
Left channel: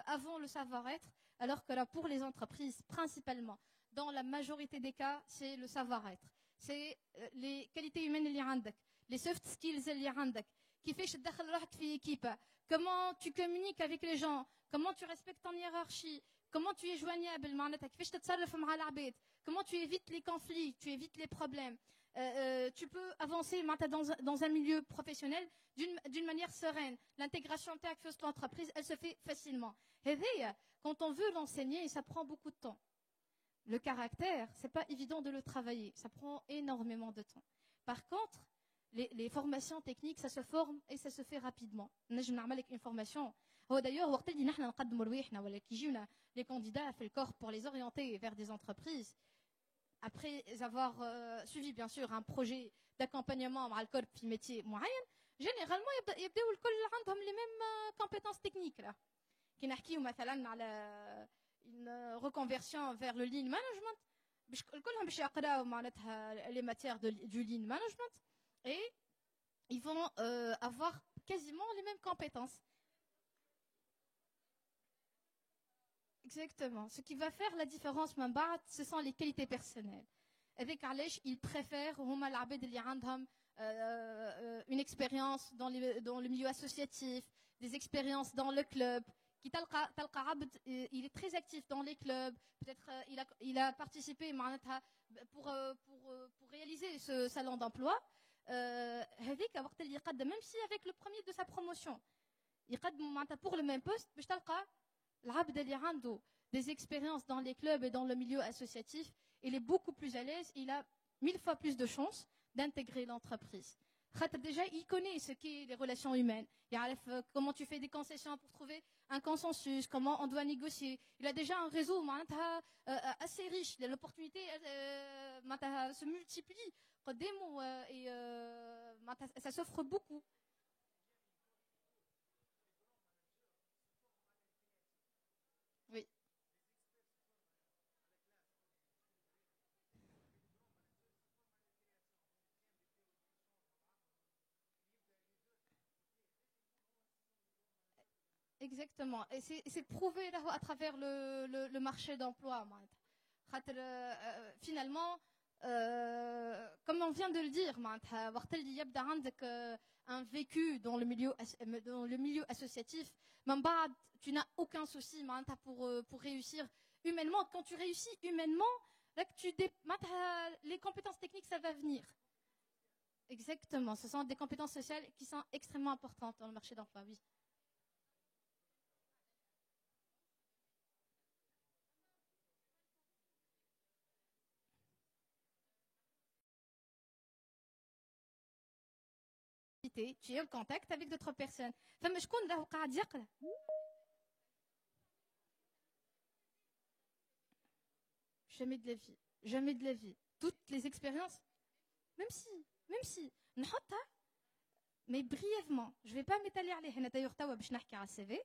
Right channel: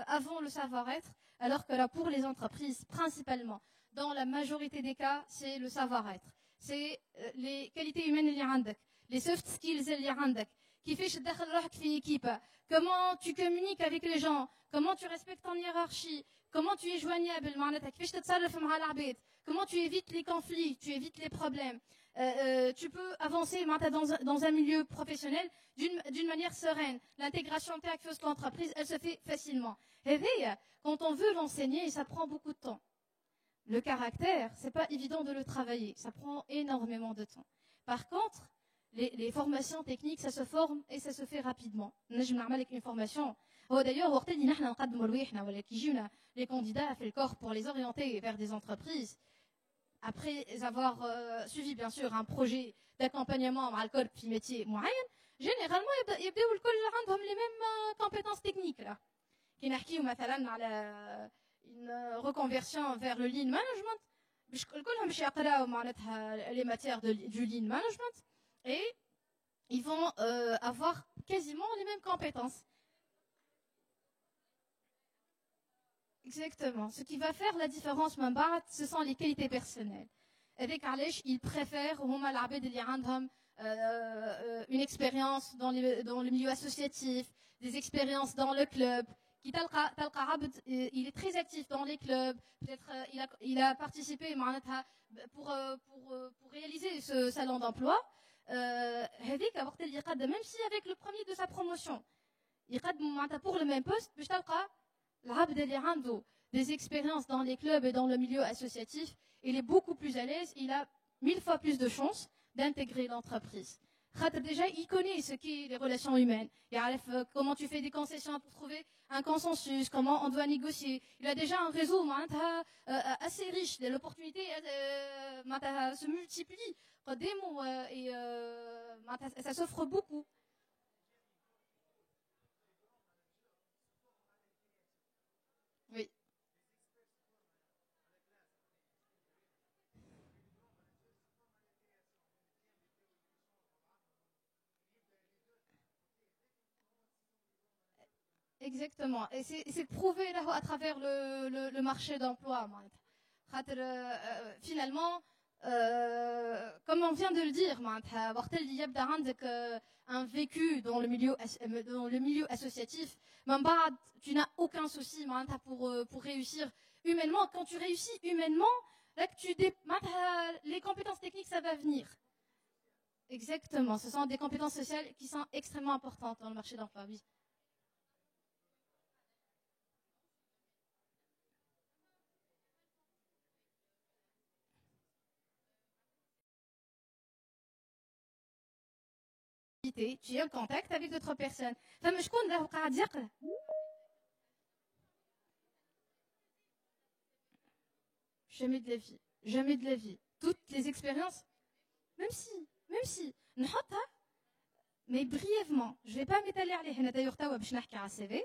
avant le savoir-être alors que là pour les entreprises principalement dans la majorité des cas c'est le savoir-être c'est les qualités humaines اللي عندك les soft skills اللي عندك كيفاش تدخل روحك في équipe comment tu communiques avec les gens comment tu respectes ton hiérarchie comment tu es joignable معناتها كيفاش تتصرف مع العباد comment tu évites les conflits tu évites les problèmes tu peux avancer dans un milieu professionnel d'une manière sereine l'intégration avec l'entreprise elle se fait facilement et quand on veut l'enseigner ça prend beaucoup de temps le caractère c'est pas évident de le travailler ça prend énormément de temps par contre les formations techniques ça se forme et ça se fait rapidement نجم نعمل لك une formation هو d'ailleurs وقت اللي نحن نقدموا لواحنا ولا كيجيونا les candidats في الكور pour les orienter vers des entreprises après avoir suivi bien sûr un projet d'accompagnement مع الكل في métier معين généralement يبداو الكل عندهم les mêmes compétences techniques là كي نحكيو مثلا على une reconversion vers le lean management باش الكلهم باش يقراو معناتها les matières du lean management et ils vont avoir quasiment les mêmes compétences. Exactement. Ce qui va faire la différence, ce sont les qualités personnelles. Avec Alech, ils préfèrent une expérience dans le milieu associatif, des expériences dans le club. Il est très actif dans les clubs. Peut-être il a participé pour réaliser ce salon d'emploi. Même si avec le premier de sa promotion pour le même poste des expériences dans les clubs et dans le milieu associatif il est beaucoup plus à l'aise il a 1000 fois plus de chances d'intégrer l'entreprise déjà il connaît ce qu'est les relations humaines comment tu fais des concessions pour trouver un consensus comment on doit négocier il a déjà un réseau assez riche l'opportunité se multiplie et ça s'offre beaucoup. Oui. Exactement. Et c'est prouvé là à travers le marché d'emploi. Finalement, comme on vient de le dire, un vécu dans le milieu associatif, tu n'as aucun souci pour réussir humainement. Quand tu réussis humainement, là, les compétences techniques, ça va venir. Exactement. Ce sont des compétences sociales qui sont extrêmement importantes dans le marché d'emploi. Oui. Tu es en contact avec d'autres personnes. فما شكون راهو قاعد يقرا jamais de la vie toutes les expériences même si نحطها mais brièvement je vais pas m'étaler عليه حنا d'ailleurs توا باش نحكي على CV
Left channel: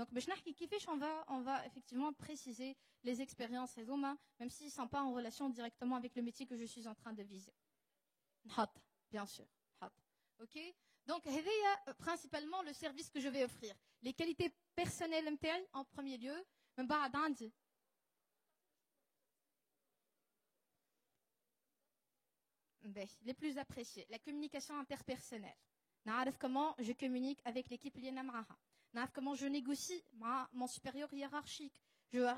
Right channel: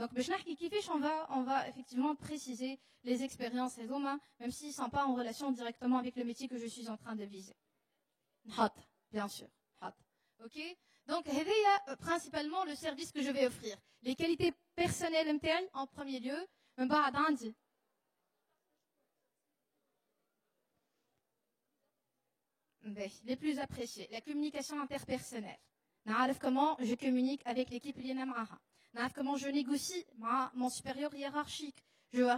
donc باش نحكي كيفاش on va effectivement préciser les expériences même s'ils sont pas en relation directement avec le métier que je suis en train de viser نحط bien sûr OK donc c'est principalement le service que je vais offrir les qualités personnelles en premier lieu من بعد عندي les plus appréciés, la communication interpersonnelle. نعرف comment je communique avec l'équipe اللي انا معاها. نعرف comment je négocie مع mon supérieur hiérarchique.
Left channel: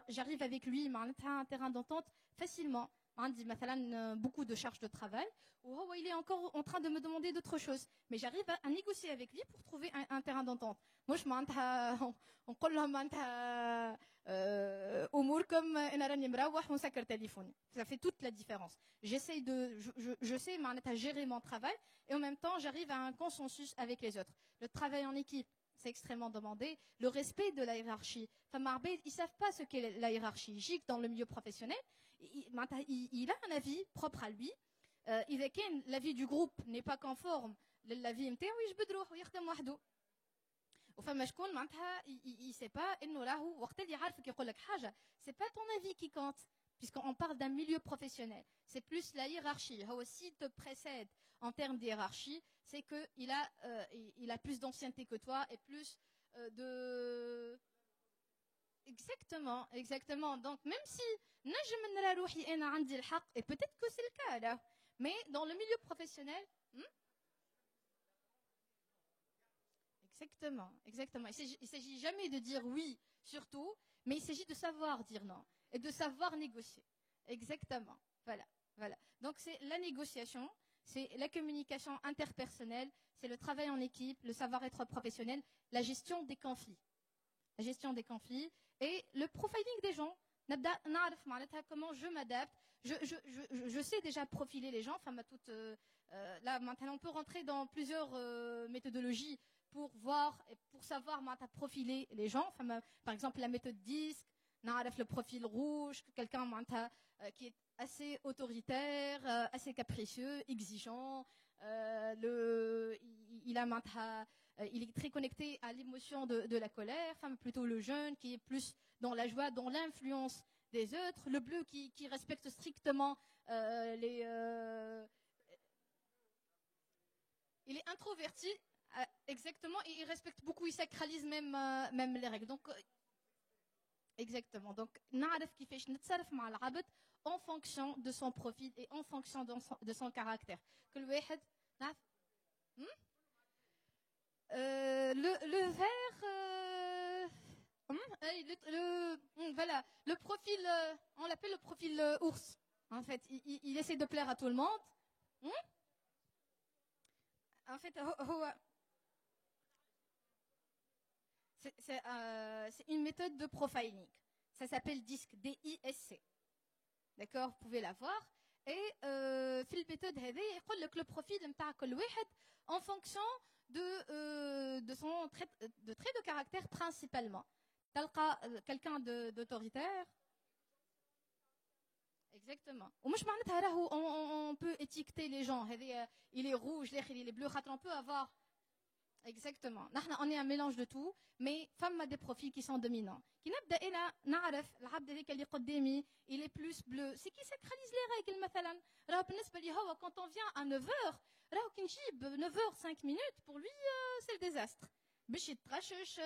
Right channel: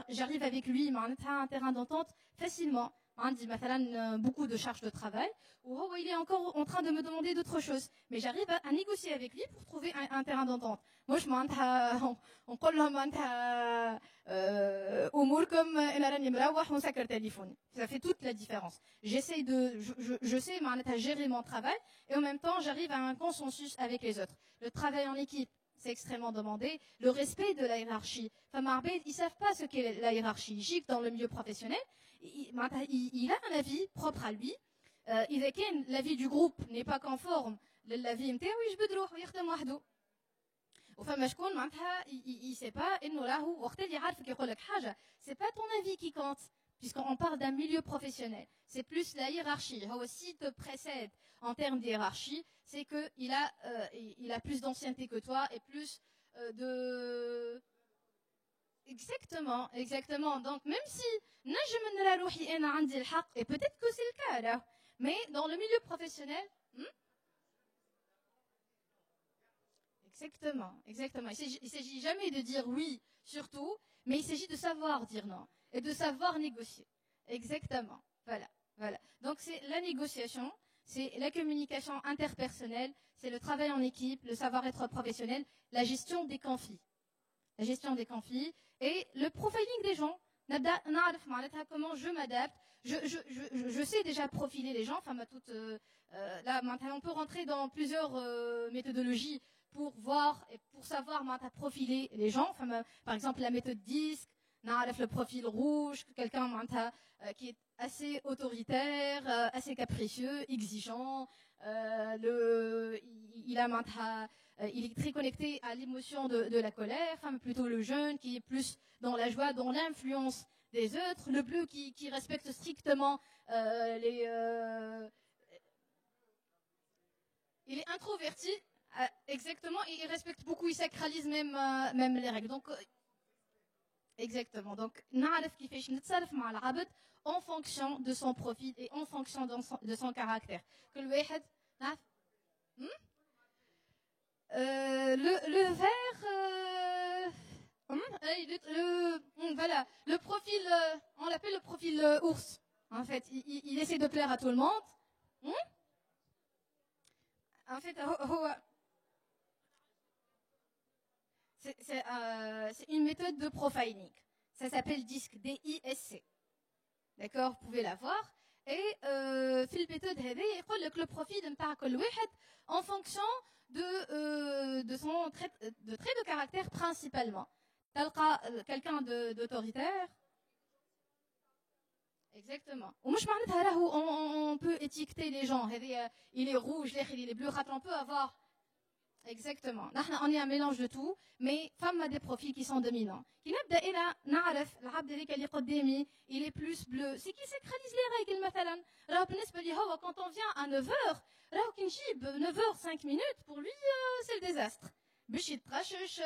J'arrive avec lui معناتها un terrain d'entente facilement. عندي مثلا beaucoup de charges de travail ou il est encore en train de me demander d'autres choses, mais j'arrive à négocier avec lui pour trouver un terrain d'entente. Moi je معناتها نقول لهم معناتها اموركم انا راني مروح ونسكر تليفوني. Ça fait toute la différence. J'essaie je sais معناتها gérer mon travail et en même temps j'arrive à un consensus avec les autres. Le travail en équipe, c'est extrêmement demandé. Le respect de la hiérarchie. Enfin, ils savent pas ce qu'est la hiérarchie. Gic dans le milieu professionnel, il a un avis propre à lui. إذا كان l'avis du groupe n'est pas conforme للavis نتاعو يجبد روحو يخدم وحده. وفما شكون معناتها يسي با انه راهو وقت اللي يعرفك يقول لك حاجه c'est pas ton avis qui compte puisqu'on parle d'un milieu professionnel, c'est plus la hiérarchie. هو s'il te précède en termes de hiérarchie, c'est que il a plus d'ancienneté que toi et plus de exactement. Donc même si نجم نرى روحي انا عندي الحق et peut-être que c'est le cas là, mais dans le milieu professionnel Exactement. Il s'agit jamais de dire oui, surtout, mais il s'agit de savoir dire non et de savoir négocier. Exactement. Voilà. Donc c'est la négociation, c'est la communication interpersonnelle, c'est le travail en équipe, le savoir-être professionnel, la gestion des conflits. Et le profiling des gens. Comment je m'adapte. Je sais déjà profiler les gens. Enfin, là, maintenant, on peut rentrer dans plusieurs méthodologies pour voir et pour savoir profiler les gens. Enfin, par exemple, la méthode DISC, le profil rouge, quelqu'un qui est assez autoritaire, assez capricieux, exigeant. Il est très connecté à l'émotion de la colère. Enfin, plutôt le jeune qui est plus dans la joie, dans l'influence des autres. Le bleu qui respecte strictement il est introverti. Exactement, et il respecte beaucoup, il sacralise même les règles. Donc, exactement. Donc, نعرف كيفاش نتصرف مع العبد en fonction de son profil et en fonction de son caractère. كل واحد نعرف le vert voilà, le profil on l'appelle le profil ours. En fait, il essaie de plaire à tout le monde. En fait, c'est une méthode de profiling. Ça s'appelle DISC, DISC. D'accord, vous pouvez la voir. Et في الميثود هذه يقول لك le profil نتاع كل واحد en fonction de son trait de caractère principalement. تلقى quelqu'un d'autoritaire. Exactement. ومش معناتها راهو on peut étiqueter les gens. Il est rouge, il est bleu, on peut avoir. Exactement. On est un mélange de tout, mais femme a des profils qui sont dominants. Qui نبدا الى نعرف العبد هذاك اللي قدامي il est plus bleu, c'est qui sacralise les règles مثلا. راه بالنسبه لي هو quand on vient à 9h راه كي نجيب 9h 5 minutes pour lui c'est le désastre. باش يتغشش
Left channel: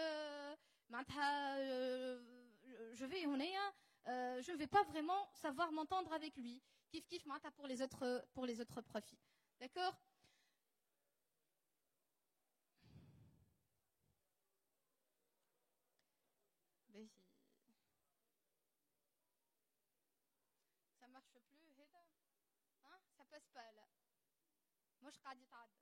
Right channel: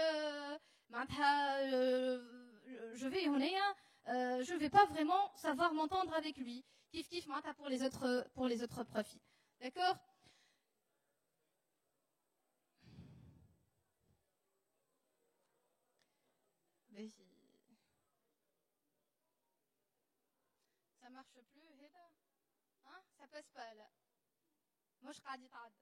معناتها je vais هنايا je vais pas vraiment savoir m'entendre avec lui. Kif معناتها pour les autres profils. D'accord? Ça marche plus هذا hein ça passe pas là مش قاعد يتعدى.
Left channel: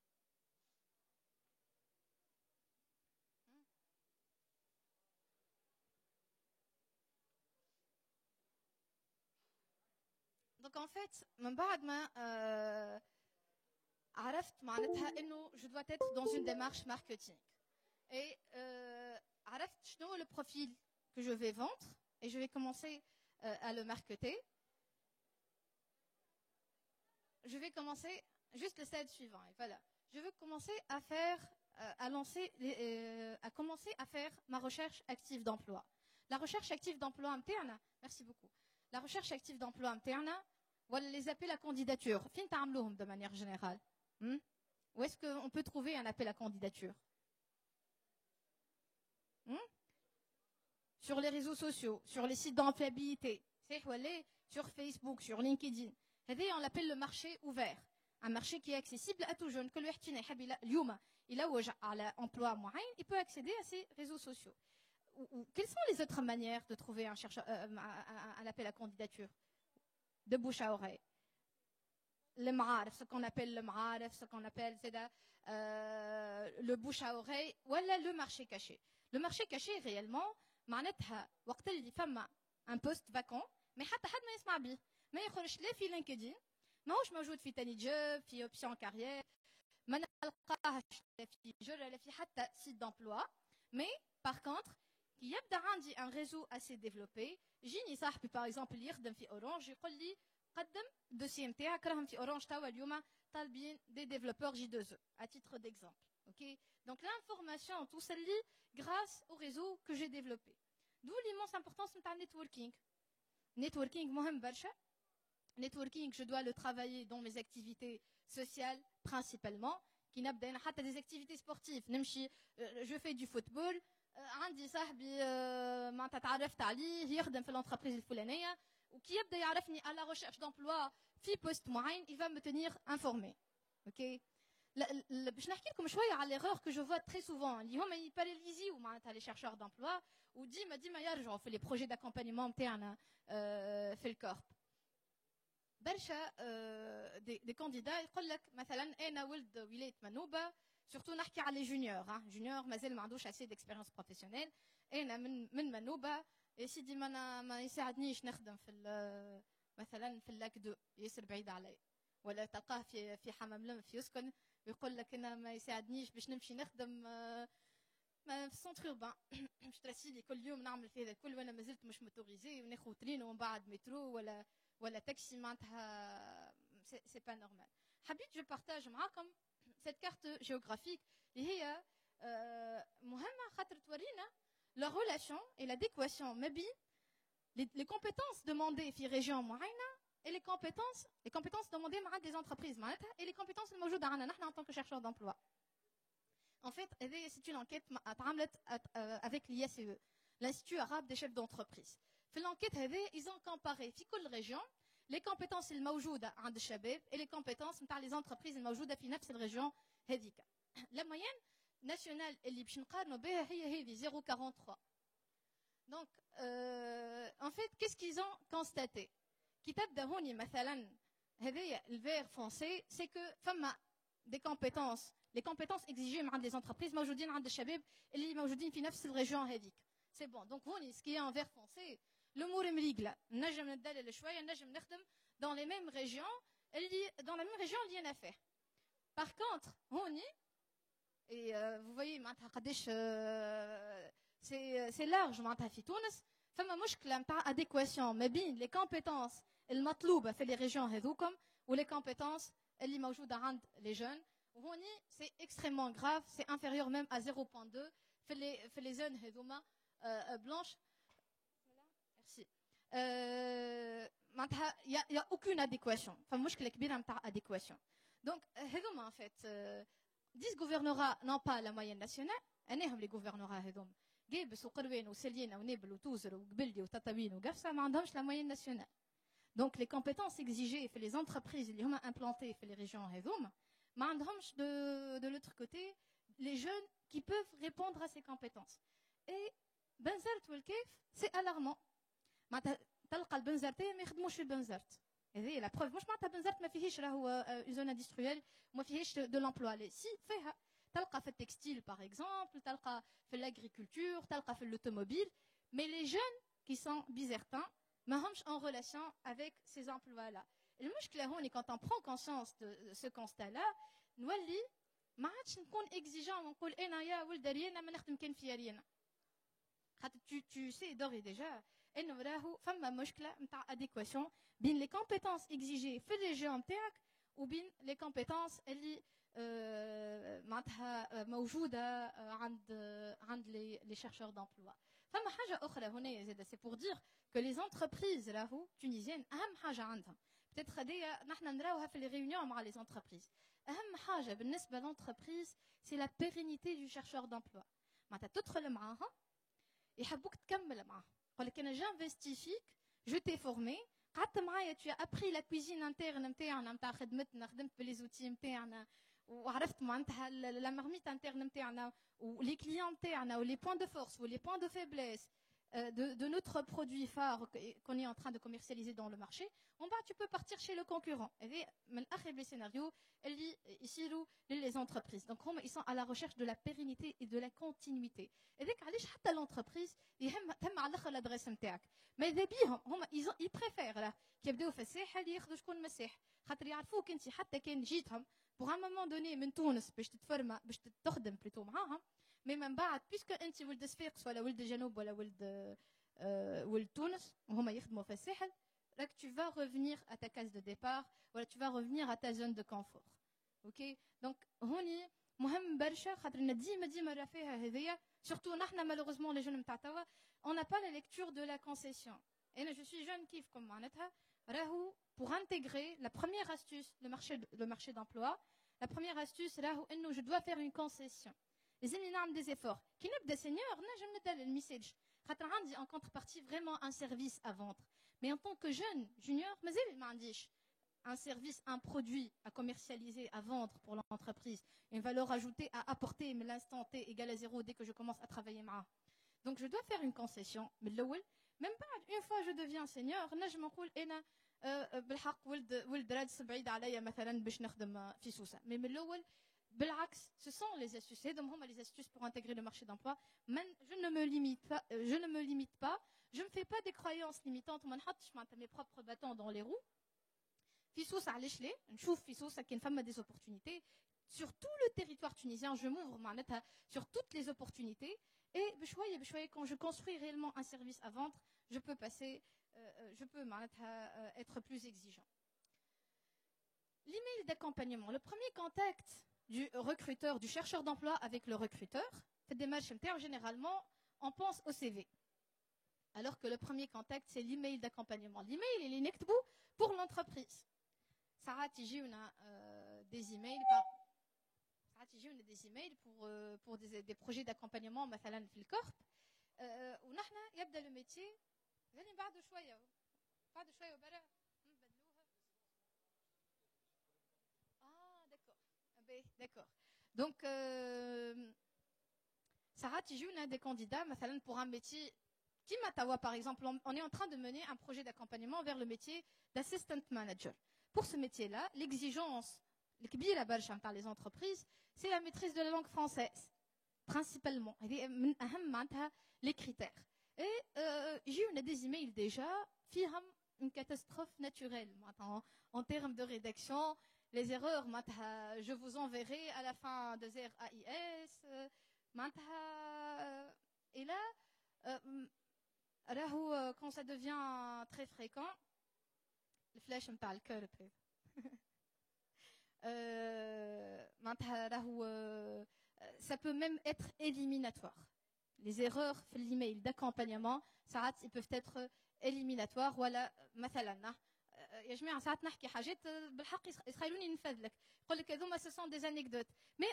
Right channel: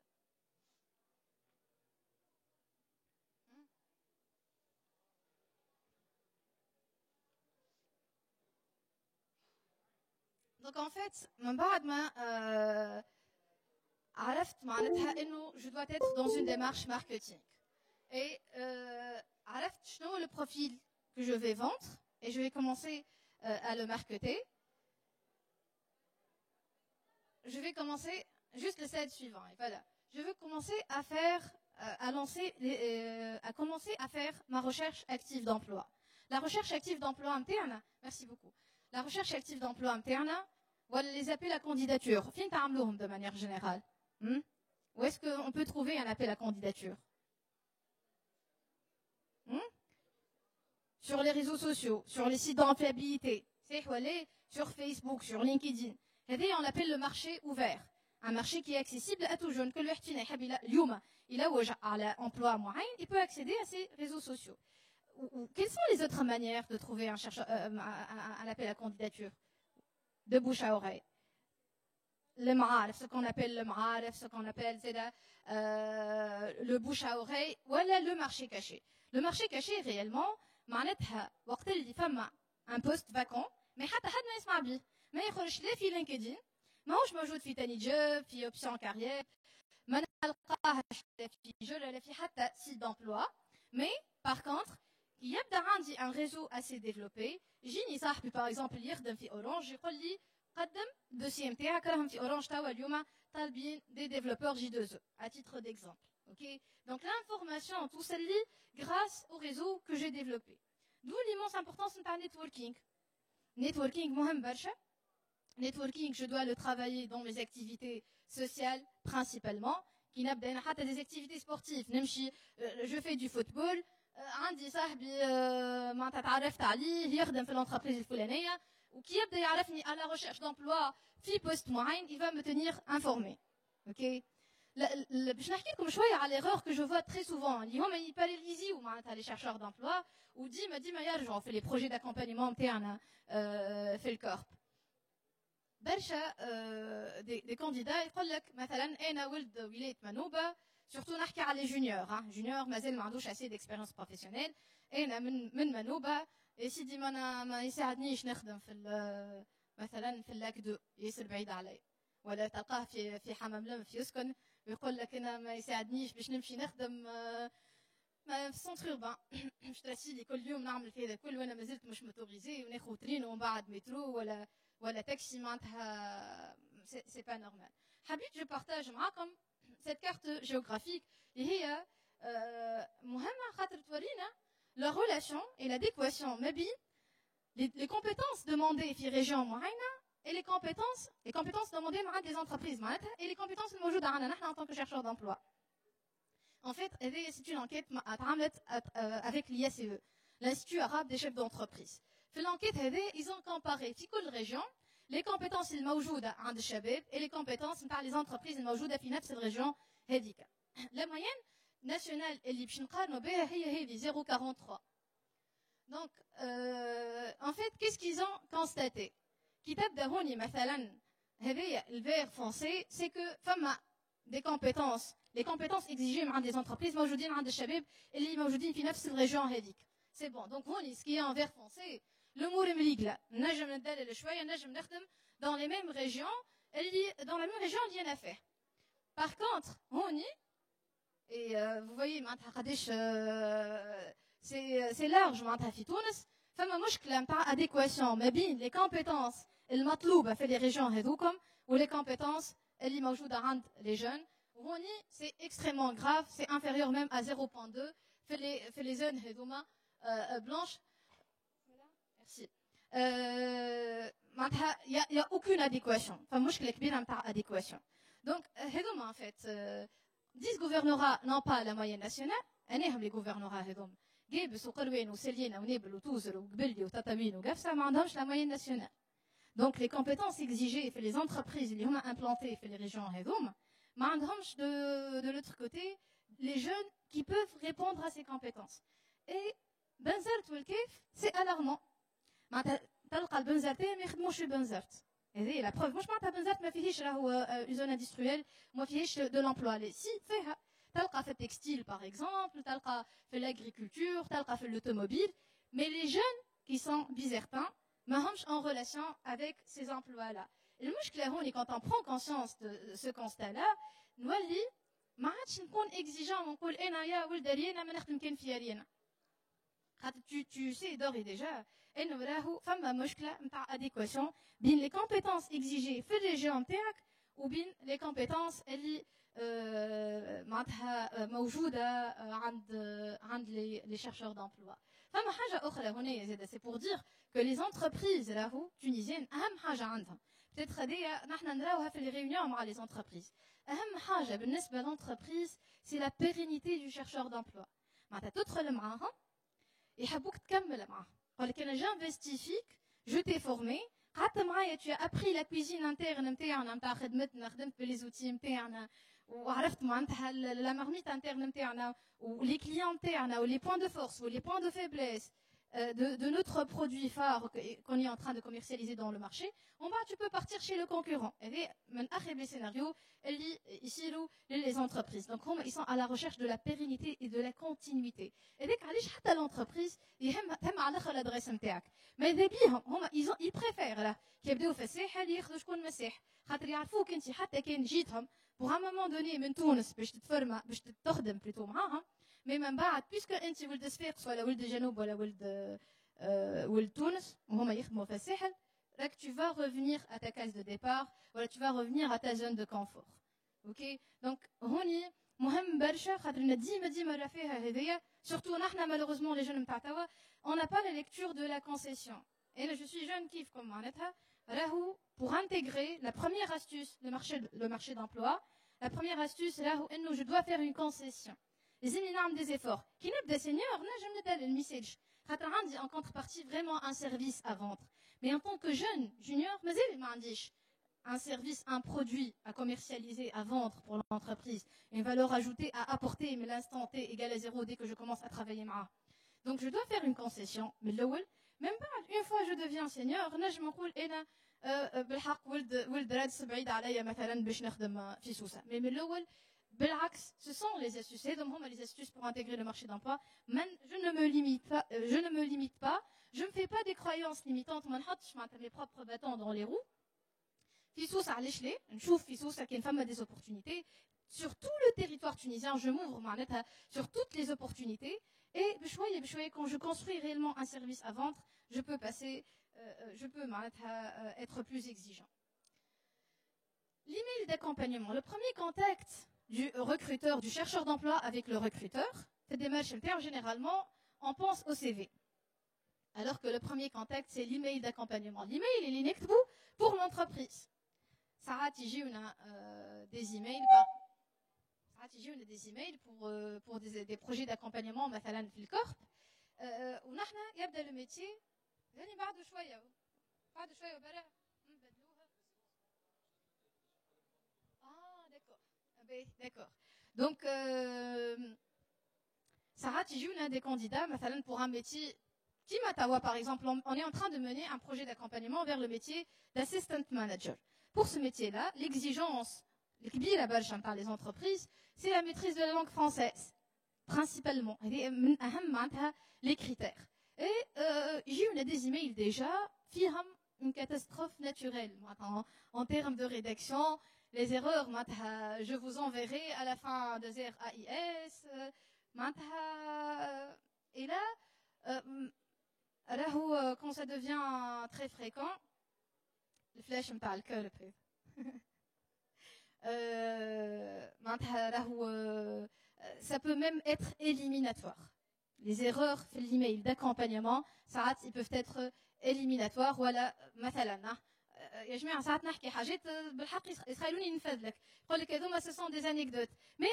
Donc en fait من بعد ما عرفت معناتها انه je dois être dans une démarche marketing et عرفت شنو le profil que je vais vendre et je vais commencer à le marketer. Je vais commencer juste le slide suivant et voilà. Je veux commencer à faire à commencer à faire ma recherche active d'emploi. La recherche active d'emploi interne, merci beaucoup. La recherche active d'emploi interne, voilà les appels à candidature. Fin تعملوهم de manière générale. Où est-ce qu'on peut trouver un appel à candidature? Sur les réseaux sociaux, sur les sites d'employabilité, c'est sur Facebook, sur LinkedIn. On l'appelle le marché ouvert. un marché qui est accessible à tout jeune. Que le واحد فينا يحب اليوم يلوج على emploi معين, il peut accéder à ces réseaux sociaux. Quelles sont les autres manières de trouver un chercheur, un appel à candidature de bouche à oreille? Le ma'arif, ce qu'on appelle le ma'arif, ce qu'on appelle le bouche à oreille, ou le marché caché. Le marché caché, réellement, معناتها وقت اللي فما un poste vacant, mais حتى حد ما يسمع بيه. ما يخرجش لا في لينكدين، ماهوش موجود في تاني جوب، في اوبسيون كارير، ما نلقاهش في جول ولا في حتى سيت d'emploi. Mais par contre, كي يبدا عندي un réseau assez développé، يجيني صاحبي par exemple اللي يخدم في اورانج يقول لي قدم الدوسيي نتاعك راهم في اورانج توا اليوم طالبين des développeurs J2E à titre d'exemple. OK. Donc l'information tout celle-là grâce au réseau que j'ai développé. D'où l'immense importance نتاع networking. Networking مهم برشا. Networking, je dois le travailler dans mes activités sociales principalement. Qui n'abdène حتى des activités sportives. نمشي, je fais du football. عندي صاحبي معناتها تعرفت عليه يخدم في l'entreprise الفلانية وكي يبدا يعرفني à la recherche d'emploi في poste معين, il va me tenir informé. OK. باش نحكي لكم شويه على l'erreur que je vois très souvent. اللي هما يباراليزيو معناتها les chercheurs d'emploi وديما يرجعوا في les projets d'accompagnement نتاعنا في الكورب. برشا des candidats يقول لك مثلا انا ولد ولايه منوبه, surtout نحكي على جونيور. جونيور مازال ما عندوش assez d'expérience professionnelle. انا من منوبه يا سيدي ما يساعدنيش نخدم في مثلا في اللاك 2 ياسر بعيد علي, ولا تلقاه في حمام لم في يسكن ويقول لك انا ما يساعدنيش باش نمشي نخدم في السنتر اوربان. مش ترسيلي كل يوم نعمل في هذا الكل وانا مازلت مش موتوريزي وناخذ ترين ومن بعد مترو ولا تاكسي معناتها سي با نورمال. حبيت جو بارتاج معاكم cette carte géographique اللي هي مهمه خاطر تورينا la relation et l'adéquation ما بين les compétences demandées في région معينه et les compétences demandées مع des entreprises معناتها et les compétences الموجوده عندنا نحن en tant que chercheurs d'emploi. En fait, c'est une enquête avec l'IACE, l'Institut arabe des chefs d'entreprise. في l'enquête ils ont comparé في كل région les compétences الموجوده عند الشباب et les compétences نتاع les entreprises الموجوده في نفس الريجيون هذيك. La moyenne nationale اللي باش نقارنوا بها هي هذه 0.43. Donc en fait qu'est-ce qu'ils ont constaté؟ كي تبدا هوني مثلا هذايا الفير فونسي سي كو فما des compétences les compétences exigées عند des entreprises موجودين عند الشباب اللي موجودين في نفس الريجيون هذيك. C'est bon. Donc هوني ce qui est en vert foncé الامور مريقله, نجم ندلل شويه, نجم نخدم dans les mêmes régions dans la même région اللي انا فيه. Par contre هوني et vous voyez معناتها قداش c'est large معناتها في تونس فما مشكله نتاع adéquation ما بين les compétences المطلوبه في les régions هذوكم و les compétences اللي موجوده عند les jeunes. هوني c'est extrêmement grave, c'est inférieur même à 0.2 في les zones هذوما blanches. Merci. Il y a aucune adéquation. Enfin مشكله كبيره نتاع adéquation. Donc هذوما en fait 10 gouvernorats n'ont pas la moyenne nationale. انهم les gouvernorats هذوما قابس وقروين وسلينا ونابل وتوزر وقبلي وتطاوين وقفصه ما عندهمش la moyenne nationale. Donc les compétences exigées في les entreprises اللي هما implantées في les régions هذوما ما عندهمش de l'autre côté les jeunes qui peuvent répondre à ces compétences. Et بنزرت والكيف c'est alarmant. معناتها تلقى البنزرتين ما يخدموش البنزرت. هذه لا بروف. مش معناتها بنزرت ما فيهش راهو زون اندستريال وما فيهش دو لومبلوا. لي سي فيها. تلقى في التكستيل باغ اكزومبل, تلقى في الاغريكولتور, تلقى في l'automobile. Mais les jeunes qui sont bizertins ما همش en relation avec ces emplois-là. المشكلة هوني quand on prend conscience de ce constat-là نولي ما عادش نكون exigeant ونقول انا يا ولد رينا ما نخدم كان في رينا. خاطر tu sais d'ores et déjà انه راهو فما مشكله نتاع adéquation بين les compétences exigées في الريجيون نتاعك وبين les compétences اللي معناتها موجوده عند les chercheurs d'emploi. فما حاجه اخرى هنا زاده c'est pour dire que les entreprises راهو tunisiennes اهم حاجه عندهم peut-être هذيا نحن نراوها في les réunions مع les entreprises. اهم حاجه بالنسبه للentreprise c'est la pérennité du chercheur d'emploi. معناتها تدخل معاهم يحبوك تكمل معاهم. يقول لك انا جانفستي فيك, جو تي فورمي, قعدت معايا tu as appris la cuisine interne نتاعنا نتاع خدمتنا خدمت بلي زوتي نتاعنا وعرفت معناتها لا مارميت interne نتاعنا ولي كليون نتاعنا ولي بوين دو فورس ولي بوين دو فaiblesse de notre produit phare qu'on est en train de commercialiser dans le marché, tu peux partir chez le concurrent. Et les scénarios, ici, les entreprises. Donc, ils sont à la recherche de la pérennité et de la continuité. Et dès que l'entreprise, ils aiment l'adresse نتاعك. Mais ils préfèrent là كيبداو في الساحل ياخذوا شكون مساح خاطر يعرفوك انت حتى كان جيتهم pour un moment donné من تونس باش تتفرما باش تخدم بلوتو معاهم. Mais من بعد puisque انت ولد صفاقس ولا ولد جنوب ولا ولد تونس وهما يخدموا في الساحل راك tu vas revenir à ta case de départ ولا tu vas revenir à ta zone de confort. OK donc هوني مهم برشا خاطرنا ديما رافيها هذيا surtout نحنا malheureusement les jeunes نتاع توا on n'a pas la lecture de la concession. Et là je suis jeune كيفكم معناتها راهو pour intégrer la première astuce le marché d'emploi la première astuce راهو انه je dois faire une concession. لازمني نعمل des efforts. كي نبدا سينيور نجم ندير الميساج خاطر عندي en contrepartie vraiment un service à vendre. Mais en tant que jeune junior مازال ما عنديش un service, un produit à commercialiser, à vendre pour l'entreprise, une valeur ajoutée à apporter, mais l'instant T égale à 0 dès que je commence à travailler معاه. Donc je dois faire une concession. Mais même pas une fois je deviens senior, نجم نقول انا بالحق ولد رادس بعيد عليا مثلا باش نخدم في سوسه. Mais من الاول بالعكس, ce sont les astuces, donc les astuces pour intégrer le marché d'emploi. Je ne me limite pas, je ne me fais pas des croyances limitantes, ما نحطش معناتها mes propres bâtons dans les roues. في سوسه علاش لا نشوف في سوسه كاين فما des opportunités sur tout le territoire tunisien, je m'ouvre معناتها sur toutes les opportunités et بشويه quand je construis réellement un service à vendre, je peux معناتها être plus exigeant. L'email d'accompagnement, le premier contact du recruteur, du chercheur d'emploi avec le recruteur, cette démarche interne, généralement, on pense au CV. Alors que le premier contact, c'est l'email d'accompagnement. L'email, il est نكتبو pour l'entreprise. ساعات يجيونا des emails pour des projets d'accompagnement مثلا في الكورب ونحن يبدا le métier يعني بعد شويه وبرا نبدلوها. D'accord. Donc, Sarah Tijoun a des candidats, pour un métier, Timatawa par exemple, on est en train de mener un projet d'accompagnement vers le métier d'assistant manager. Pour ce métier-là, l'exigence, par les entreprises, c'est la maîtrise de la langue française, principalement. Les critères. Et j'ai eu des emails déjà, une catastrophe naturelle, en termes de rédaction. Les erreurs, je vous enverrai à la fin de AIS. Et là, quand ça devient très fréquent, le flash me parle que le peu. Ça peut même être éliminatoire. Les erreurs في l'email d'accompagnement, ça, ils peuvent être éliminatoires. Voilà, مثلا يا جماعه ساعات نحكي حاجات بالحق يخلوني ننفذ لك يقول لك هذوما ce sont des anecdotes mais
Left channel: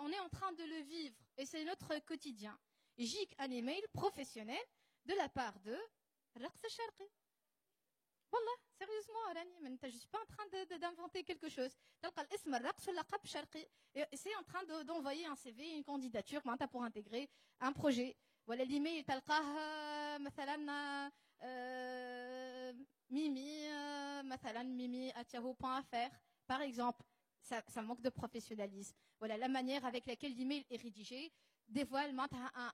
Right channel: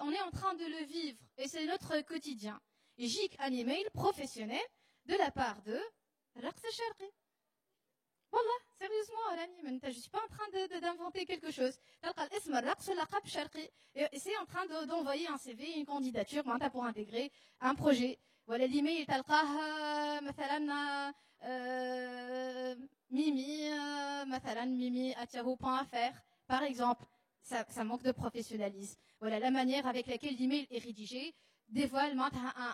on est en train de le vivre et c'est notre quotidien. يجيك un email professionnel de la part de الرقص الشرقي. والله sérieusement راني je suis pas en train d'inventer quelque chose. تلقى الاسم الرقص واللقب الشرقي et c'est en train d'envoyer un CV, une candidature pour intégrer un projet. ولا l'email تلقاه مثلا mimi@yahoo.fr par exemple. Ça manque de professionnalisme. Voilà, la manière avec laquelle l'email est rédigé dévoile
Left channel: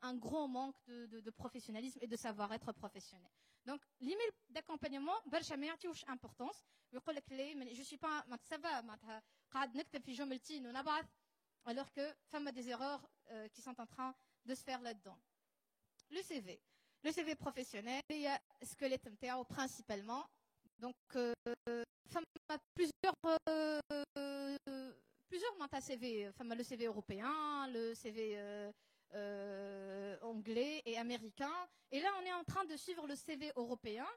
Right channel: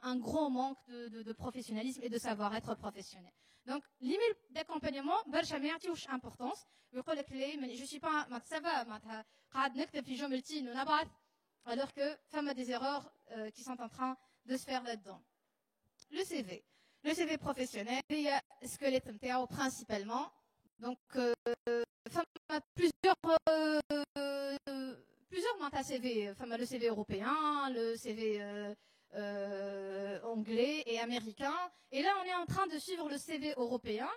un gros manque de professionnalisme et de savoir-être professionnel. Donc l'email d'accompagnement برشا ما يعطيوش importance. يقول لك لا je suis pas ça va قاعد نكتب في جملتين ونبعث alors que فما des erreurs qui sont en train de se faire là-dedans. Le CV professionnel, il y a squelette NTAO principalement. Donc, plusieurs CV. Le CV européen, le CV anglais et américain. Et là, on est en train de suivre le CV européen.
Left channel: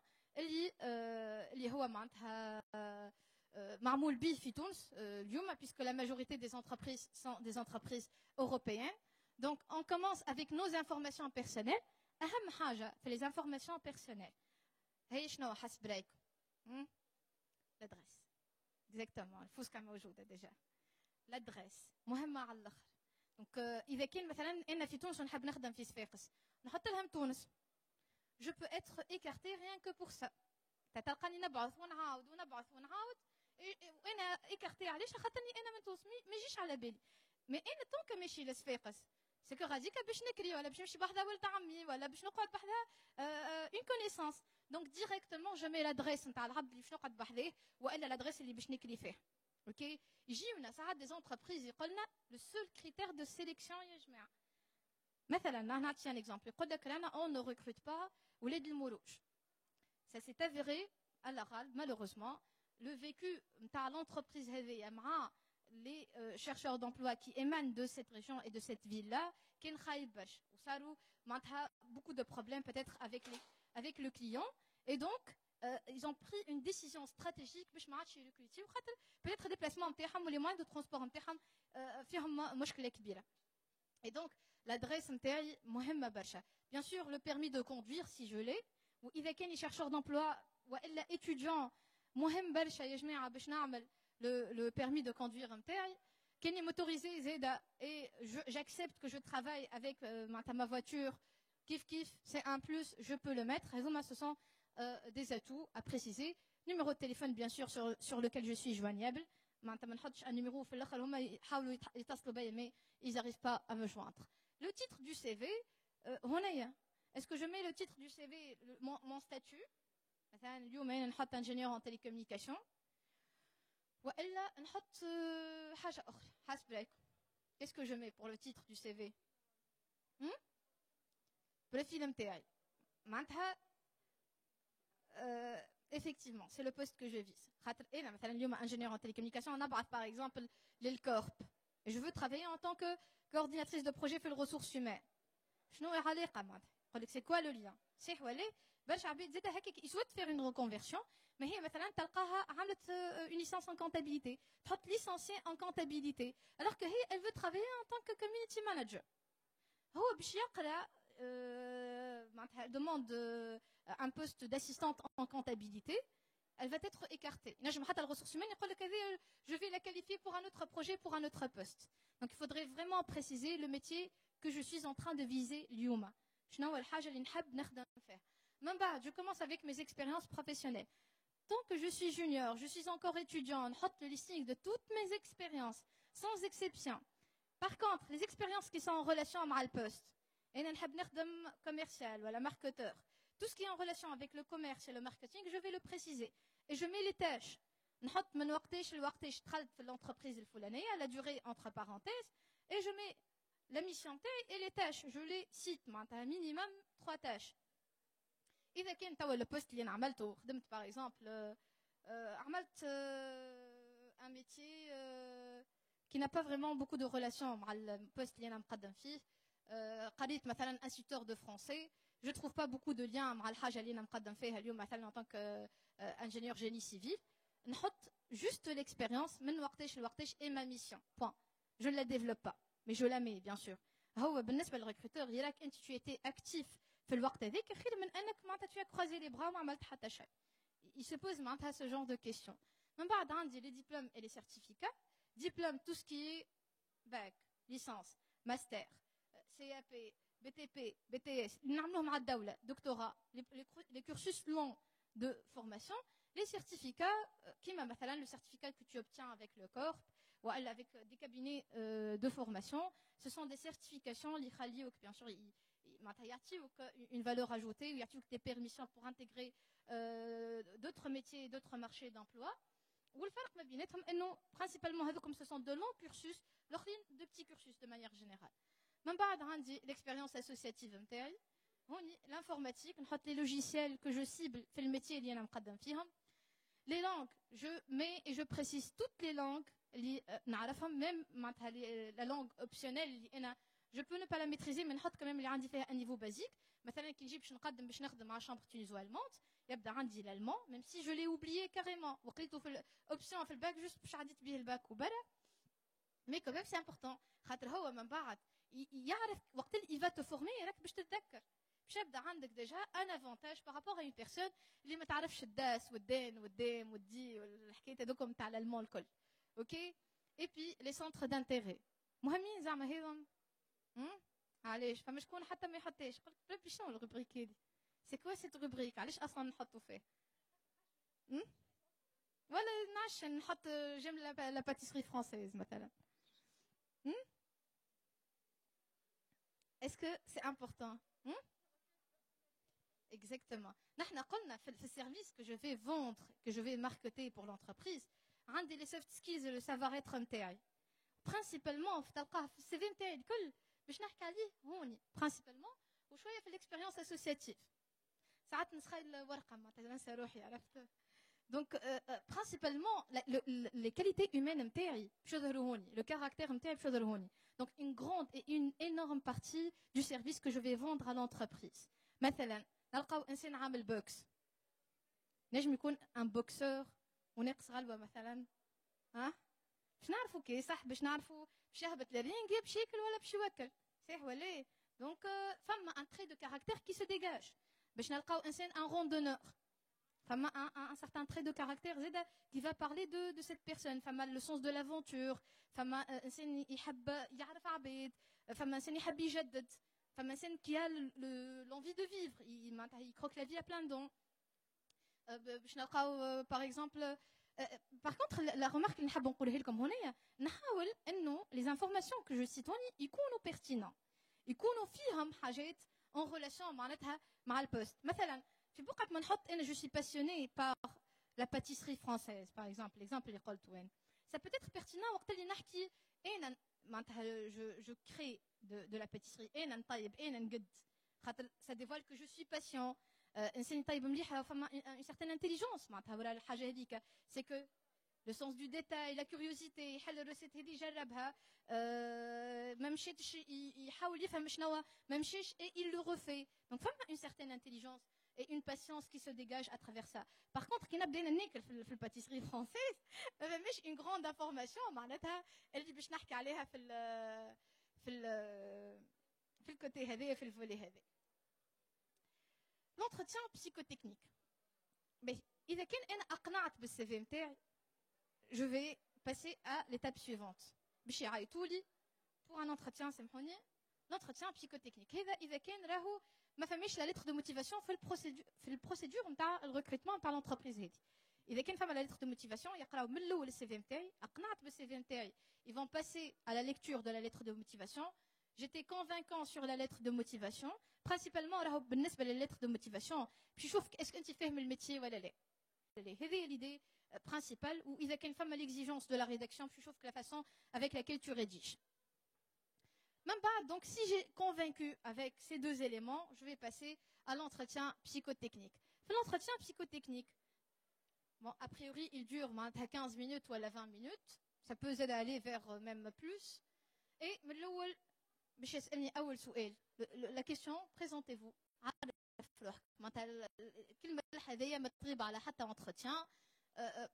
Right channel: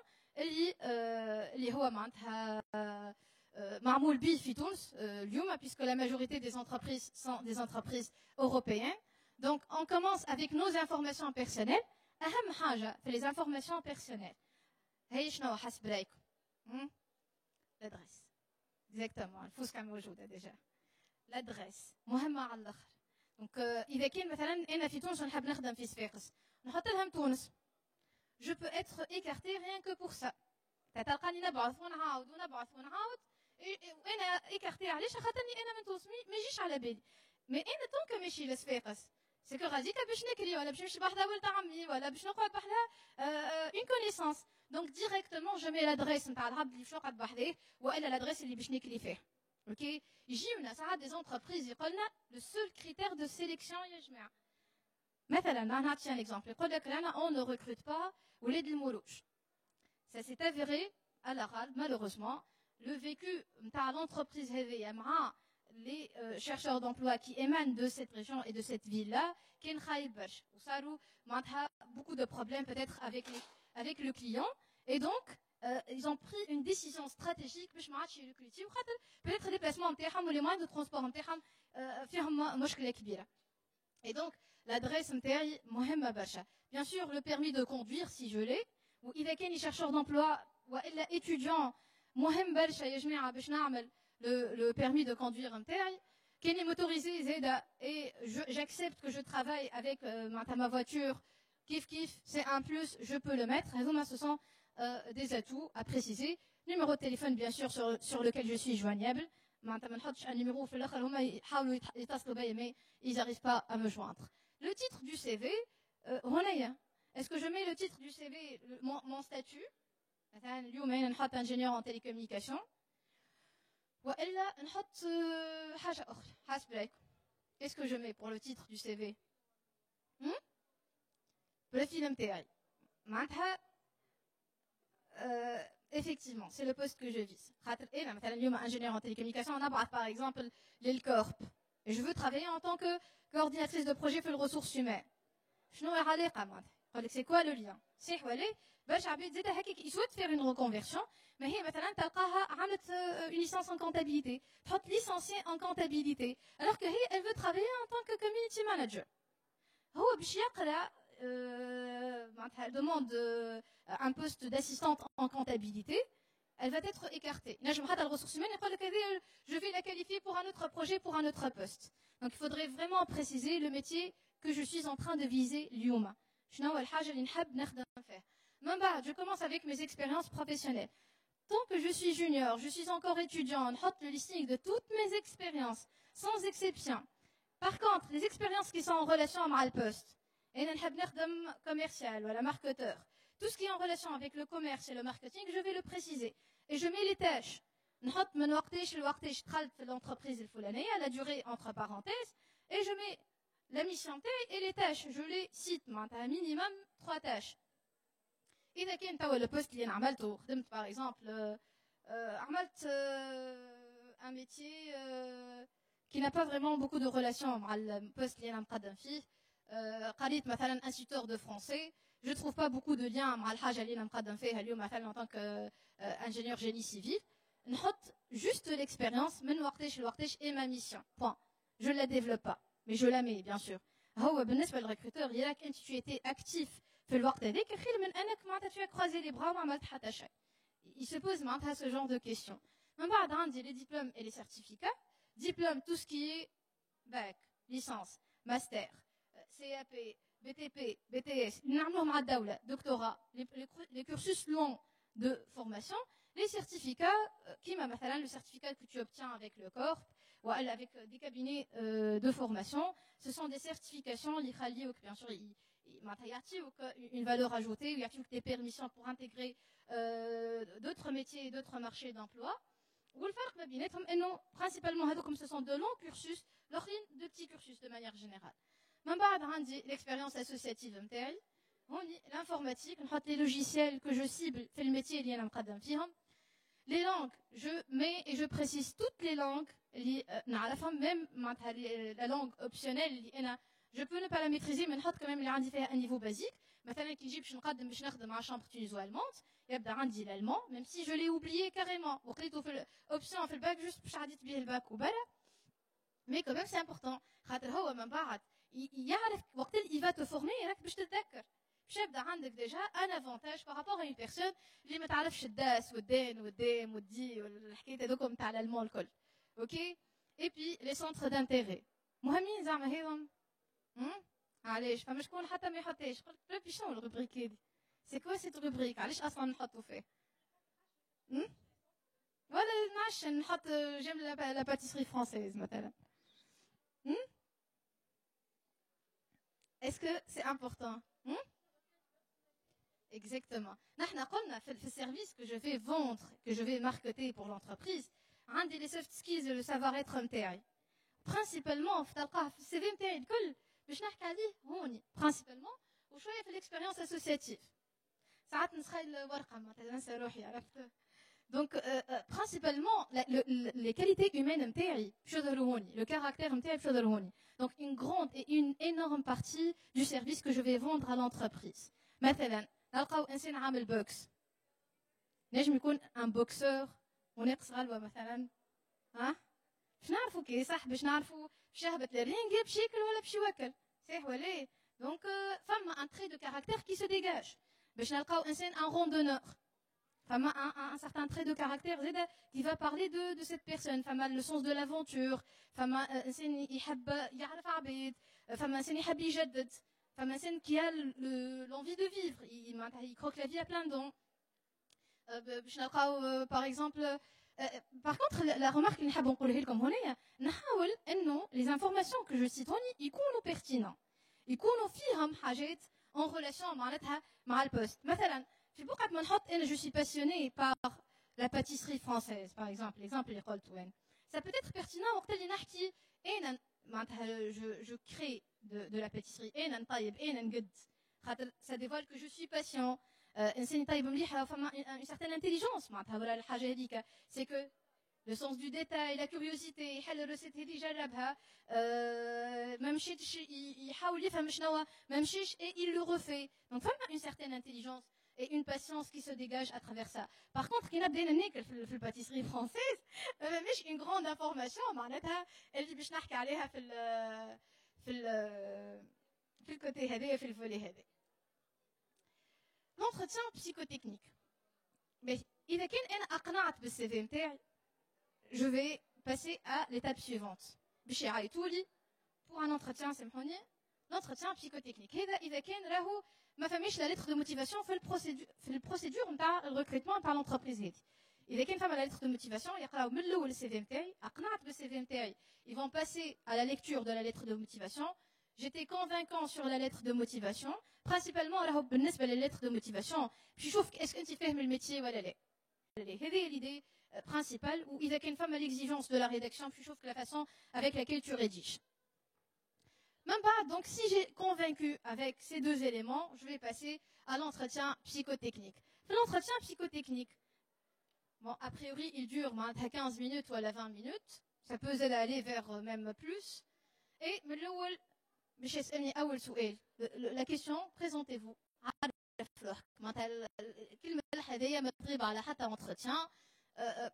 Puisque la majorité des entreprises sont des entreprises européennes. Donc, on commence avec nos informations personnelles. أهم حاجة في les informations personnelles. هي شنو حسب رايكم l'adresse exactement الفوسكا موجوده ديجا l'adresse مهمه على الاخر دونك اذا كان مثلا انا في تونس نحب نخدم في صفاقس نحط لهم تونس je peux être écarté rien que pour ça تلقاني نبعث ونعاود وانا ايكارتي علاش خاطرني انا من تونس ما يجيش على بالي مي انا طونك ماشي لصفاقس سكو غاديكا باش نكري ولا باش نمشي بحدا ولد عمي ولا باش نقعد بحدا اون كونيسونس دونك ديريكتومون جو مي لادريس نتاع العبد اللي باش نقعد بحذاه والا لادريس اللي باش نكري فيه اوكي يجيونا ساعات دي زونتربريز يقولنا لو سول كريتير دو سيليكسيون يا جماعه مثلا نعطي ان اكزومبل يقول لك رانا اون نو ريكروت با ولاد المولوج ça s'est avéré à l'oral malheureusement le vécu نتاع l'entreprise هذيا مع les chercheurs d'emploi qui émanent de cette région et de cette ville-là, كان خايب برشا وصاروا معناتها beaucoup de problèmes peut-être avec le client et donc ils ont pris une décision stratégique باش ما عادش يريكروتيو خاطر peut-être déplacement نتاعهم ولي moyens de transport نتاعهم فيهم مشكلة كبيرة. Et donc l'adresse نتاعي مهمة برشا. Bien sûr le permis de conduire si je l'ai وإذا كان chercheur d'emploi وإلا étudiant مهم برشا يا جماعة باش نعمل le permis de conduire نتاعي كان motorisé زاده et j'accepte que je travaille avec ma voiture kif c'est un plus je peux le mettre هذوما ce sont des atouts à préciser. Numéro de téléphone bien sûr sur lequel je suis joignable معناتها ما نحطش un numéro في الاخر هما يحاولوا يتصلوا بيا mais ils n'arrivent pas à me joindre. Le titre du CV هنايا est-ce que je mets le titre du CV mon statut مثلا اليوم انا نحط ingénieur en télécommunication والا نحط حاجه اخرى حسب رايكم. Qu'est-ce que je mets pour le titre du CV البروفيل نتاعي معناتها effectivement c'est le poste que je vise خاطر انا مثلا اليوم ingénieur en télécommunication نبعث par exemple للكورب et je veux travailler en tant que coordinatrice de projet في الريسورس humaines شنو العلاقه معناتها يقول لك c'est quoi le lien صحيح ولا باش عباد زاده هكاك يسوت faire une reconversion mais هي مثلا تلقاها عملت une licence en comptabilité تحط licenciée en comptabilité alors que هي elle veut travailler en tant que community manager هو باش يقرا معناتها demande un poste d'assistante en comptabilité elle va être écartée نجم حتى الريسورس humaines يقول لك هذه je vais la qualifier pour un autre projet pour un autre poste donc il faudrait vraiment préciser le métier que je suis en train de viser اليوم شنو هو الحاجه اللي نحب نخدم فيها. من بعد je commence avec mes expériences professionnelles. Tant que je suis junior, je suis encore étudiant, on note le listing de toutes mes expériences, sans exception. Par contre, les expériences qui sont en relation avec le poste, et un commercial ou un marketeur, tout ce qui est en relation avec le commerce et le marketing, je vais le préciser. Et je mets les tâches. نحط من وقتاش لوقتاش دخلت في l'entreprise الفلانية, la durée entre parenthèses, et je mets la mission et les tâches. Je les cite, un minimum 3 tâches. إذا كان توا البوست اللي أنا عملته خدمت باغ اكزومبل عملت ان ميتي كي n'a pas vraiment beaucoup de relation مع البوست اللي أنا نقدم فيه قريت مثلا instituteur de français je trouve pas beaucoup de lien مع الحاجة اللي أنا نقدم فيها اليوم مثلا en tant que ingénieur génie civil نحط juste l'expérience من وقتاش لوقتاش et ma mission point je la développe pas mais je la mets bien sûr. هو بالنسبة للريكروتور يراك أنت tu étais actif في الوقت هذاك خير من انك معناتها tu as croisé les bras وما عملت حتى شيء. Il se pose معناتها ce genre de questions. من بعد عندي les diplômes et les certificats. Diplôme tout ce qui est bac, licence, master, CAP, BTP, BTS, نعملوهم مع الدولة, doctorat, les cursus longs de formation, les certificats كيما مثلا le certificat que tu obtiens avec le corps ou avec des cabinets de formation, ce sont des certifications اللي يخليوك bien sûr une valeur ajoutée, il y a des permissions pour intégrer d'autres métiers et d'autres marchés d'emploi. والفرق ما بيناتهم انه principalement هذوكم ce sont de longs cursus, l'autre de petits cursus de manière générale. من بعد عندي l'expérience associative نتاعي, عندي l'informatique, نحط les logiciels que je cible في الميتي اللي انا نقدم فيهم. Les langues, je mets et je précise toutes les langues اللي نعرفهم, même معناتها la langue optionnelle اللي انا je peux ne pas la maîtriser mais نحط quand même اللي عندي فيها un niveau basique. مثلا كي نجي باش نقدم باش نخدم مع chambre tuniso-allemande يبدا عندي l'allemand même si je l'ai oublié carrément وقريته في option في الباك juste باش عديت بيه الباك وبلا mais quand même c'est important خاطر هو من بعد يعرف وقت il va te former راك باش تتذكر باش يبدا عندك ديجا ان افونتاج بارابور ا اون بيرسون اللي ما تعرفش الداس والدين والديم والدي والحكايات هذوكم تاع الالمون الكل اوكي اي بي لي سونتر دانتيغي مهمين زعما هذم علاش فما شكون حتى ما يحطيش قلت ربي شنو الروبريك هذه سي كوا سيت روبريك علاش اصلا نحطوا فيه ولا نعرفش نحط جيم لا باتيسري فرونسيز مثلا est-ce que c'est important exactement نحن قلنا في السيرفيس que je vais vendre que je vais marketer pour l'entreprise عندي les soft skills et le savoir être نتاعي principalement تلقاه في السي في نتاعي الكل باش نحكي عليه هوني principalement وشويه في l'expérience associative ساعات نسخيل ورقه معناتها ننسى روحي عرفت donc principalement les qualités humaines نتاعي باش يظهروا هوني le caractère نتاعي باش يظهر هوني donc une grande et une énorme partie du service que je vais vendre à l'entreprise مثلا نلقاو انسان عامل بوكس نجم يكون ان بوكسور وناقص غلبه مثلا ها باش نعرفوا كي صح باش نعرفوا باش يهبط للرينغ باش ياكل ولا باش يوكل صح ولا ايه دونك فما ان تري دو كاركتير كي سو ديغاج باش نلقاو انسان ان روندونور فما un certain trait de caractère زاده qui va parler de cette personne فما le sens de l'aventure فما انسان يحب يعرف عباد فما انسان يحب يجدد فما انسان qui a l'envie de vivre il croque la vie à plein dents باش نلقاو par exemple par contre la remarque اللي نحب نقولها لكم هنايا نحاول انه les informations que je cite هوني يكونوا pertinents يكونوا فيهم حاجات en relation معناتها مع البوست مثلا في بقعة ما نحط انا je suis passionné par la pâtisserie française par exemple l'exemple اللي قلت وين ça peut être pertinent وقت اللي نحكي انا معناتها je crée de la pâtisserie انا نطيب انا نقد خاطر ça dévoile que je suis patient انسان يطيب مليح فما une certaine intelligence معناتها ولا الحاجه هذيك c'est que le sens du détail la curiosité يحل الريسيت هذه يجربها ما مشيتش يحاول يفهم شنو ما مشيش et il le refait donc فما une certaine intelligence et une patience qui se dégage à travers ça. Par contre, qui n'a bien ناكل في الباتيسري française مش une grande information معناتها اللي باش نحكي عليها في الكوتي هذايا في الفولي هذا. L'entretien psychotechnique. Mais إذا كان أنا أقنعت بالسي في نتاعي je vais passer à l'étape suivante. باش يعيطوا لي pour un entretien سامحوني l'entretien psychotechnique. هذا إذا كان راهو ما فماش لا lettre de motivation في البروسيدور نتاع الريكروتمون نتاع لونتربريز هذه اذا كان فما لا lettre de motivation يقراو من الاول السي في نتاعي اقنعت بالسي في نتاعي ils vont passer à la lecture de la lettre de motivation j'étais convaincant sur la lettre de motivation principalement راهو بالنسبه للlettre de motivation باش يشوفك اسكو انت فاهم الميتي ولا لا هذه l'idée principale واذا كان فما l'exigence de la rédaction باش يشوفك la façon avec laquelle tu rédiges. Même pas, donc si j'ai convaincu avec ces deux éléments, je vais passer à l'entretien psychotechnique. L'entretien psychotechnique, bon, a priori, il dure 15 minutes ou à la 20 minutes. Ça peut aller vers même plus. Et la question, présentez-vous.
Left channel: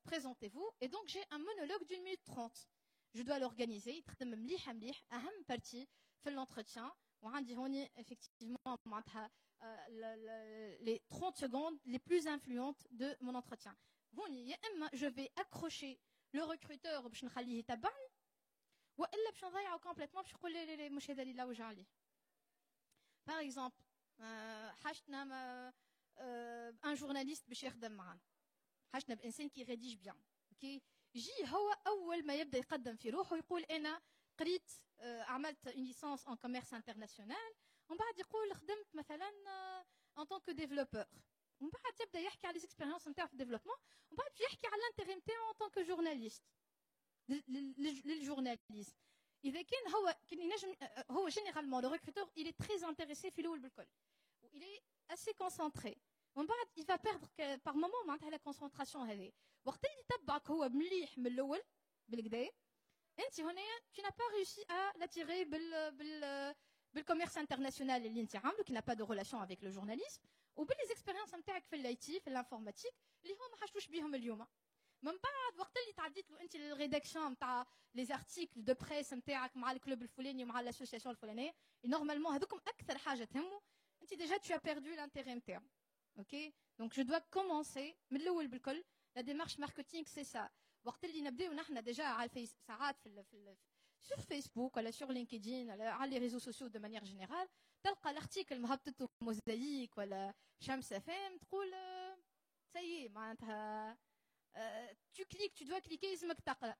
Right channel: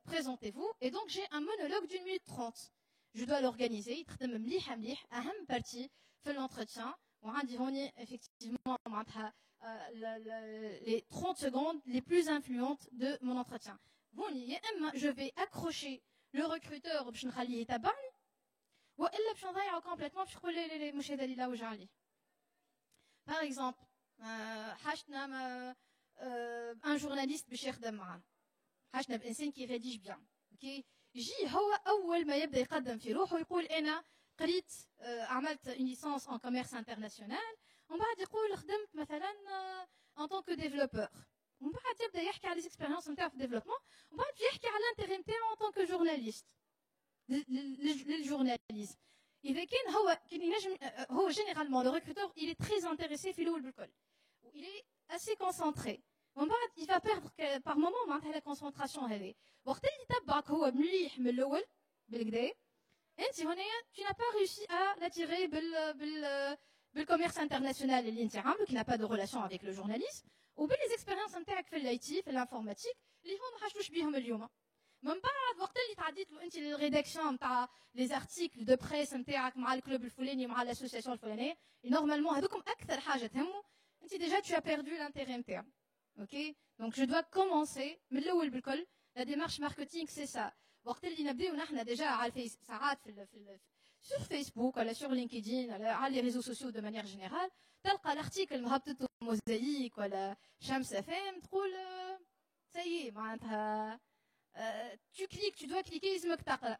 Présentez-vous. Et donc, j'ai un monologue d'1 minute 30. Je dois l'organiser. أهم partie في l'entretien. Effectivement, les 30 secondes les plus influentes de mon entretien. Je vais accrocher le recruteur باش نخليه يتبعني والا باش نضيعه complètement باش نقول لي مش هذا اللي لوج عليه. Par exemple, حاجتنا un journaliste باش يخدم معنا. حاجتنا بإنسان qui rédige bien. OK يجي هو أول ما يبدأ يقدم في روحه يقول أنا قريت عملت une licence en commerce international ومن بعد يقول خدمت مثلا en tant que développeur ومن بعد يبدأ يحكي على les expériences نتاعو في الديفلوبمون ومن بعد يحكي على l'intérêt نتاعو en tant que journaliste للجورناليزم. إذا كان هو généralement le recruteur il est très intéressé في الأول بالكل il est assez concentré ومن بعد il va perdre par moment معناتها la concentration هذه وقت اللي يتبعك هو مليح من الأول بالكدا انت هنايا tu n'as pas réussi à l'attirer بالcommerce international اللي انت عامله qui n'a pas de relation avec le journalisme وباللي expériences نتاعك في الاي تي في الانفورماتيك اللي هما ما حاجوش بيهم اليوم. من بعد وقت اللي تعديت له انت الريداكسيون نتاع لي زارتيكل دو بريس نتاعك مع الكلوب الفلاني مع الاسوسياسيون الفلانيه نورمالمون هذوكم اكثر حاجه تهمه déjà tu as perdu l'intérêt interne. Ok? Donc je dois commencer, mais la démarche marketing c'est ça. وقت اللي نبداو نحن déjà على ساعات sur Facebook ولا sur LinkedIn على les réseaux sociaux de manière générale تلقى l'article مهبطته موزايك ولا شمس FM تقول ça y est معناتها tu cliques, tu dois cliquer اسمك تقرا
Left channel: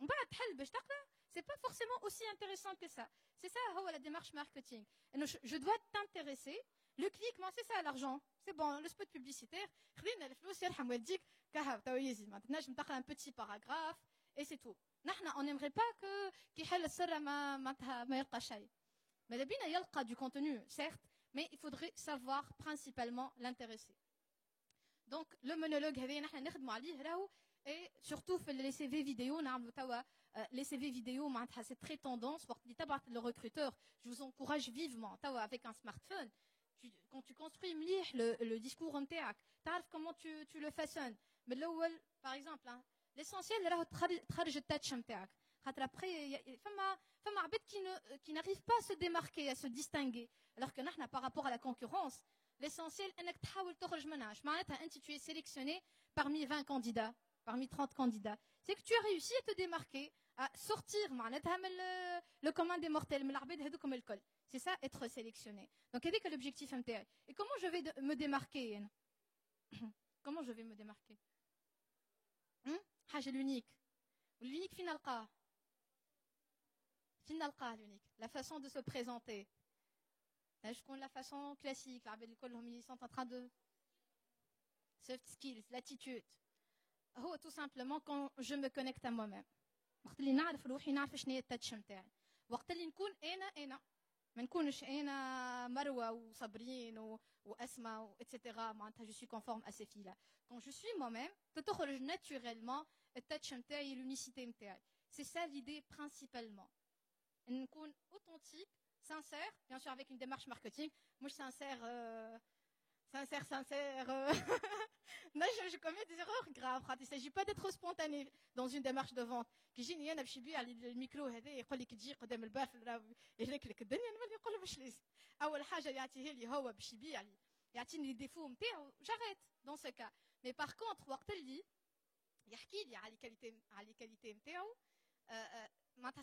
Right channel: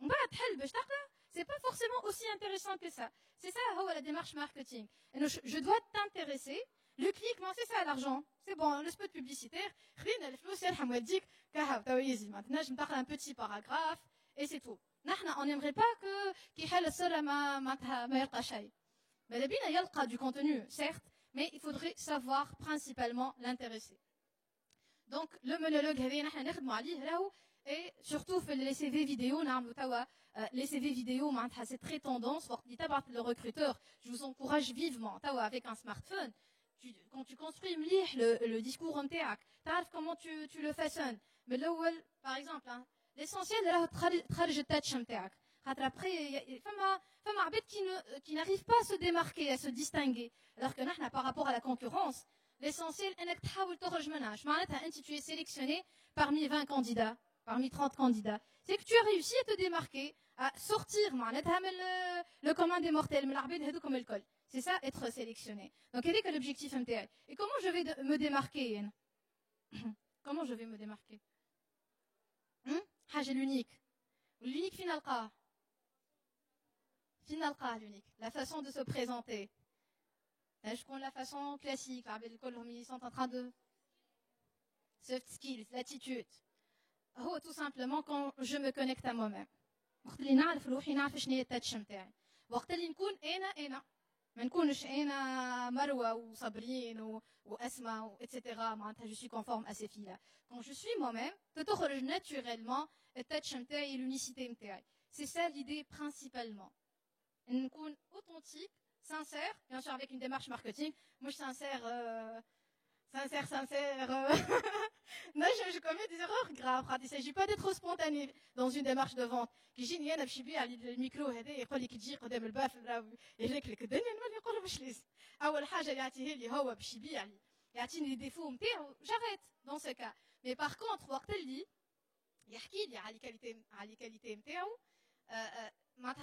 ومن بعد تحل باش تقرا c'est pas forcément aussi intéressant que ça. C'est ça la démarche marketing. Je dois t'intéresser. Le clic, c'est ça l'argent. C'est bon, le spot publicitaire. Maintenant, je me parle un petit paragraphe et c'est tout. On n'aimerait pas qu'il y ait le seul mais il y a du contenu, certes, mais il faudrait savoir principalement l'intéresser. Donc, le monologue, et surtout les CV vidéo, les CV vidéo, c'est très tendance. Le recruteur, je vous encourage vivement, avec un smartphone, quand tu construis le discours en théâtre, tu sais comment tu le façonnes. Mais là, par exemple, l'essentiel, c'est le touch en théâtre. Après, il y a des qui n'arrivent pas à se démarquer, à se distinguer. Alors que nous, par rapport à la concurrence, l'essentiel, c'est que tu es sélectionné parmi 20 candidats, parmi 30 candidats. C'est que tu as réussi à te démarquer, à sortir le commun des mortels, comme le col. C'est ça, être sélectionné. Donc, quel est l'objectif MTL? Et comment je vais me démarquer? Comment je vais me démarquer? L'unique. L'unique final. L'unique. La façon de se présenter. Je connais la façon classique. Ils sont en train de... Soft skills, l'attitude. Tout simplement quand je me connecte à moi-même. وقت اللي نعرف روحي نعرف شنو هي التاتش نتاعي وقت اللي نكون انا ما نكونش انا مروه وصابرين واسماء etc. معناتها je suis conforme à ces filles là quand je suis moi-même تخرج naturellement التاتش نتاعي l'unicité نتاعي c'est ça l'idée principalement نكون authentique sincère bien sûr avec une démarche marketing moi je sincère non, je commets des erreurs graves. Il ne s'agit pas d'être spontané dans une démarche de vente. Qui j'ai nié d'afficher le micro et يقول لك تجي قدام الباف يقول لك دنيا المال يقول باش ليس. أول حاجة يعطيه لي هو باش يبيع لي يعطيني les défauts نتاعو j'arrête dans ce cas. Mais par contre وقت اللي يحكي لي على les qualités نتاعو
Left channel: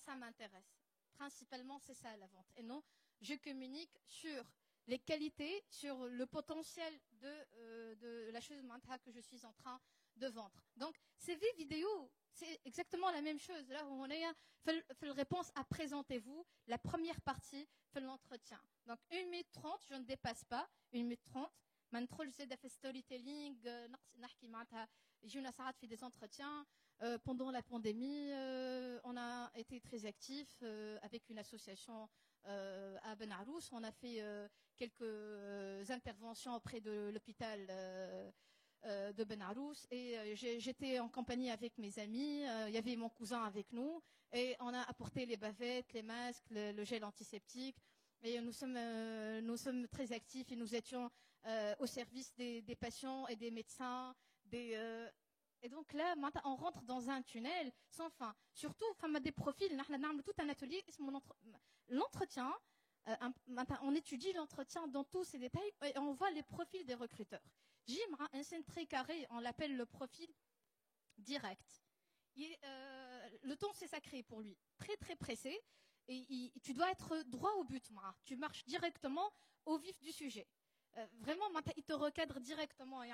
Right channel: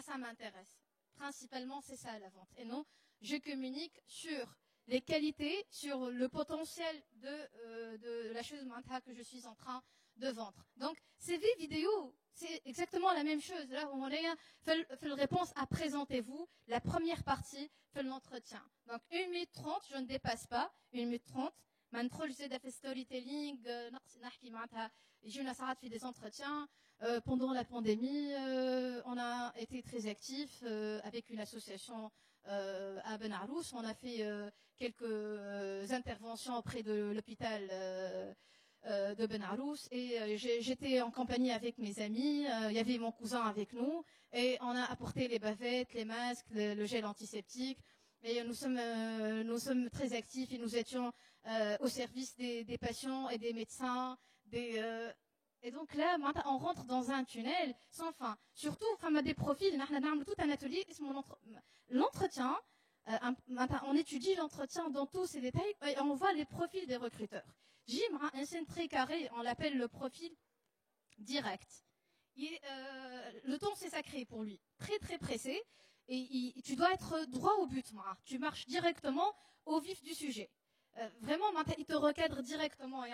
ça m'intéresse. Principalement c'est ça la vente. Et non, je communique sur les qualités, sur le potentiel de la chose que je suis en train de vendre. Donc, CV vidéo, c'est exactement la même chose. Là, on fait la réponse à présentez-vous, la première partie, fait l'entretien. Donc, 1 minute 30, je ne dépasse pas, 1 minute 30. Maintenant, je sais faire storytelling, j'ai fait des entretiens. Pendant la pandémie, on a été très actifs avec une association à Ben Arous. On a fait quelques interventions auprès de l'hôpital de Ben Arous et j'étais en compagnie avec mes amis. Il y avait mon cousin avec nous et on a apporté les bavettes, les masques, le gel antiseptique. Et nous sommes très actifs et nous étions au service des patients et des médecins, et donc là, on rentre dans un tunnel sans fin. Surtout, on a des profils, on a tout un atelier, l'entretien, on étudie l'entretien dans tous ses détails et on voit les profils des recruteurs. Jim a un scène très carré, on l'appelle le profil direct. Le ton, c'est sacré pour lui, très très pressé, et tu dois être droit au but, tu marches directement au vif du sujet. Vraiment, il te recadre directement. Et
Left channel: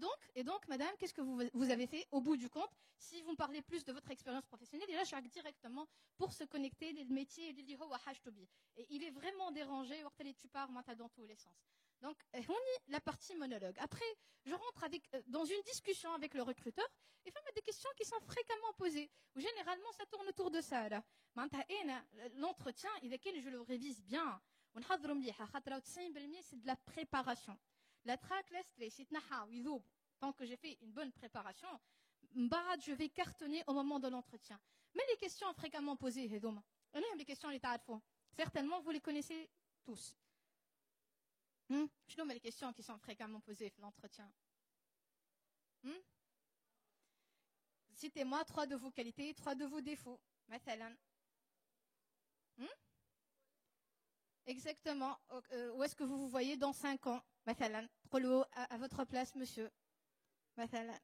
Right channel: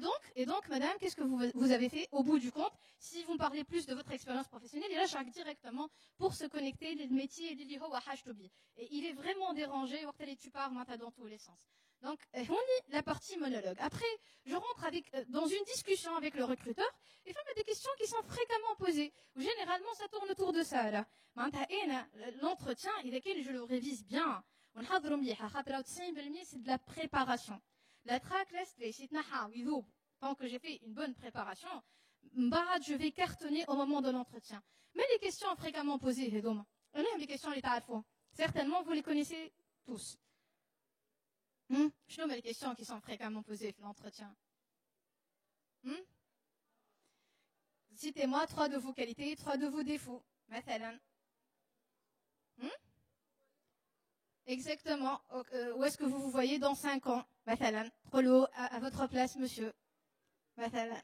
donc, madame, qu'est-ce que vous avez fait au bout du compte? Si vous me parlez plus de votre expérience professionnelle, il lâche directement pour se connecter les métiers et il est vraiment dérangé tu pars dans tous les sens. Donc, on lit la partie monologue. Après, je rentre dans une discussion avec le recruteur et il y a des questions qui sont fréquemment posées. Généralement, ça tourne autour de ça. L'entretien, je le révise bien. C'est de la préparation. La tracklist, tant que j'ai fait une bonne préparation, je vais cartonner au moment de l'entretien. Mais les questions fréquemment posées, les questions certainement vous les connaissez tous. Je nomme les questions qui sont fréquemment posées dans l'entretien. Citez-moi 3 de vos qualités, 3 de vos défauts. مثلا. Exactement. Où est-ce que vous vous voyez dans 5 ans? Mathalan, Trollo à votre place, monsieur. Mathalan.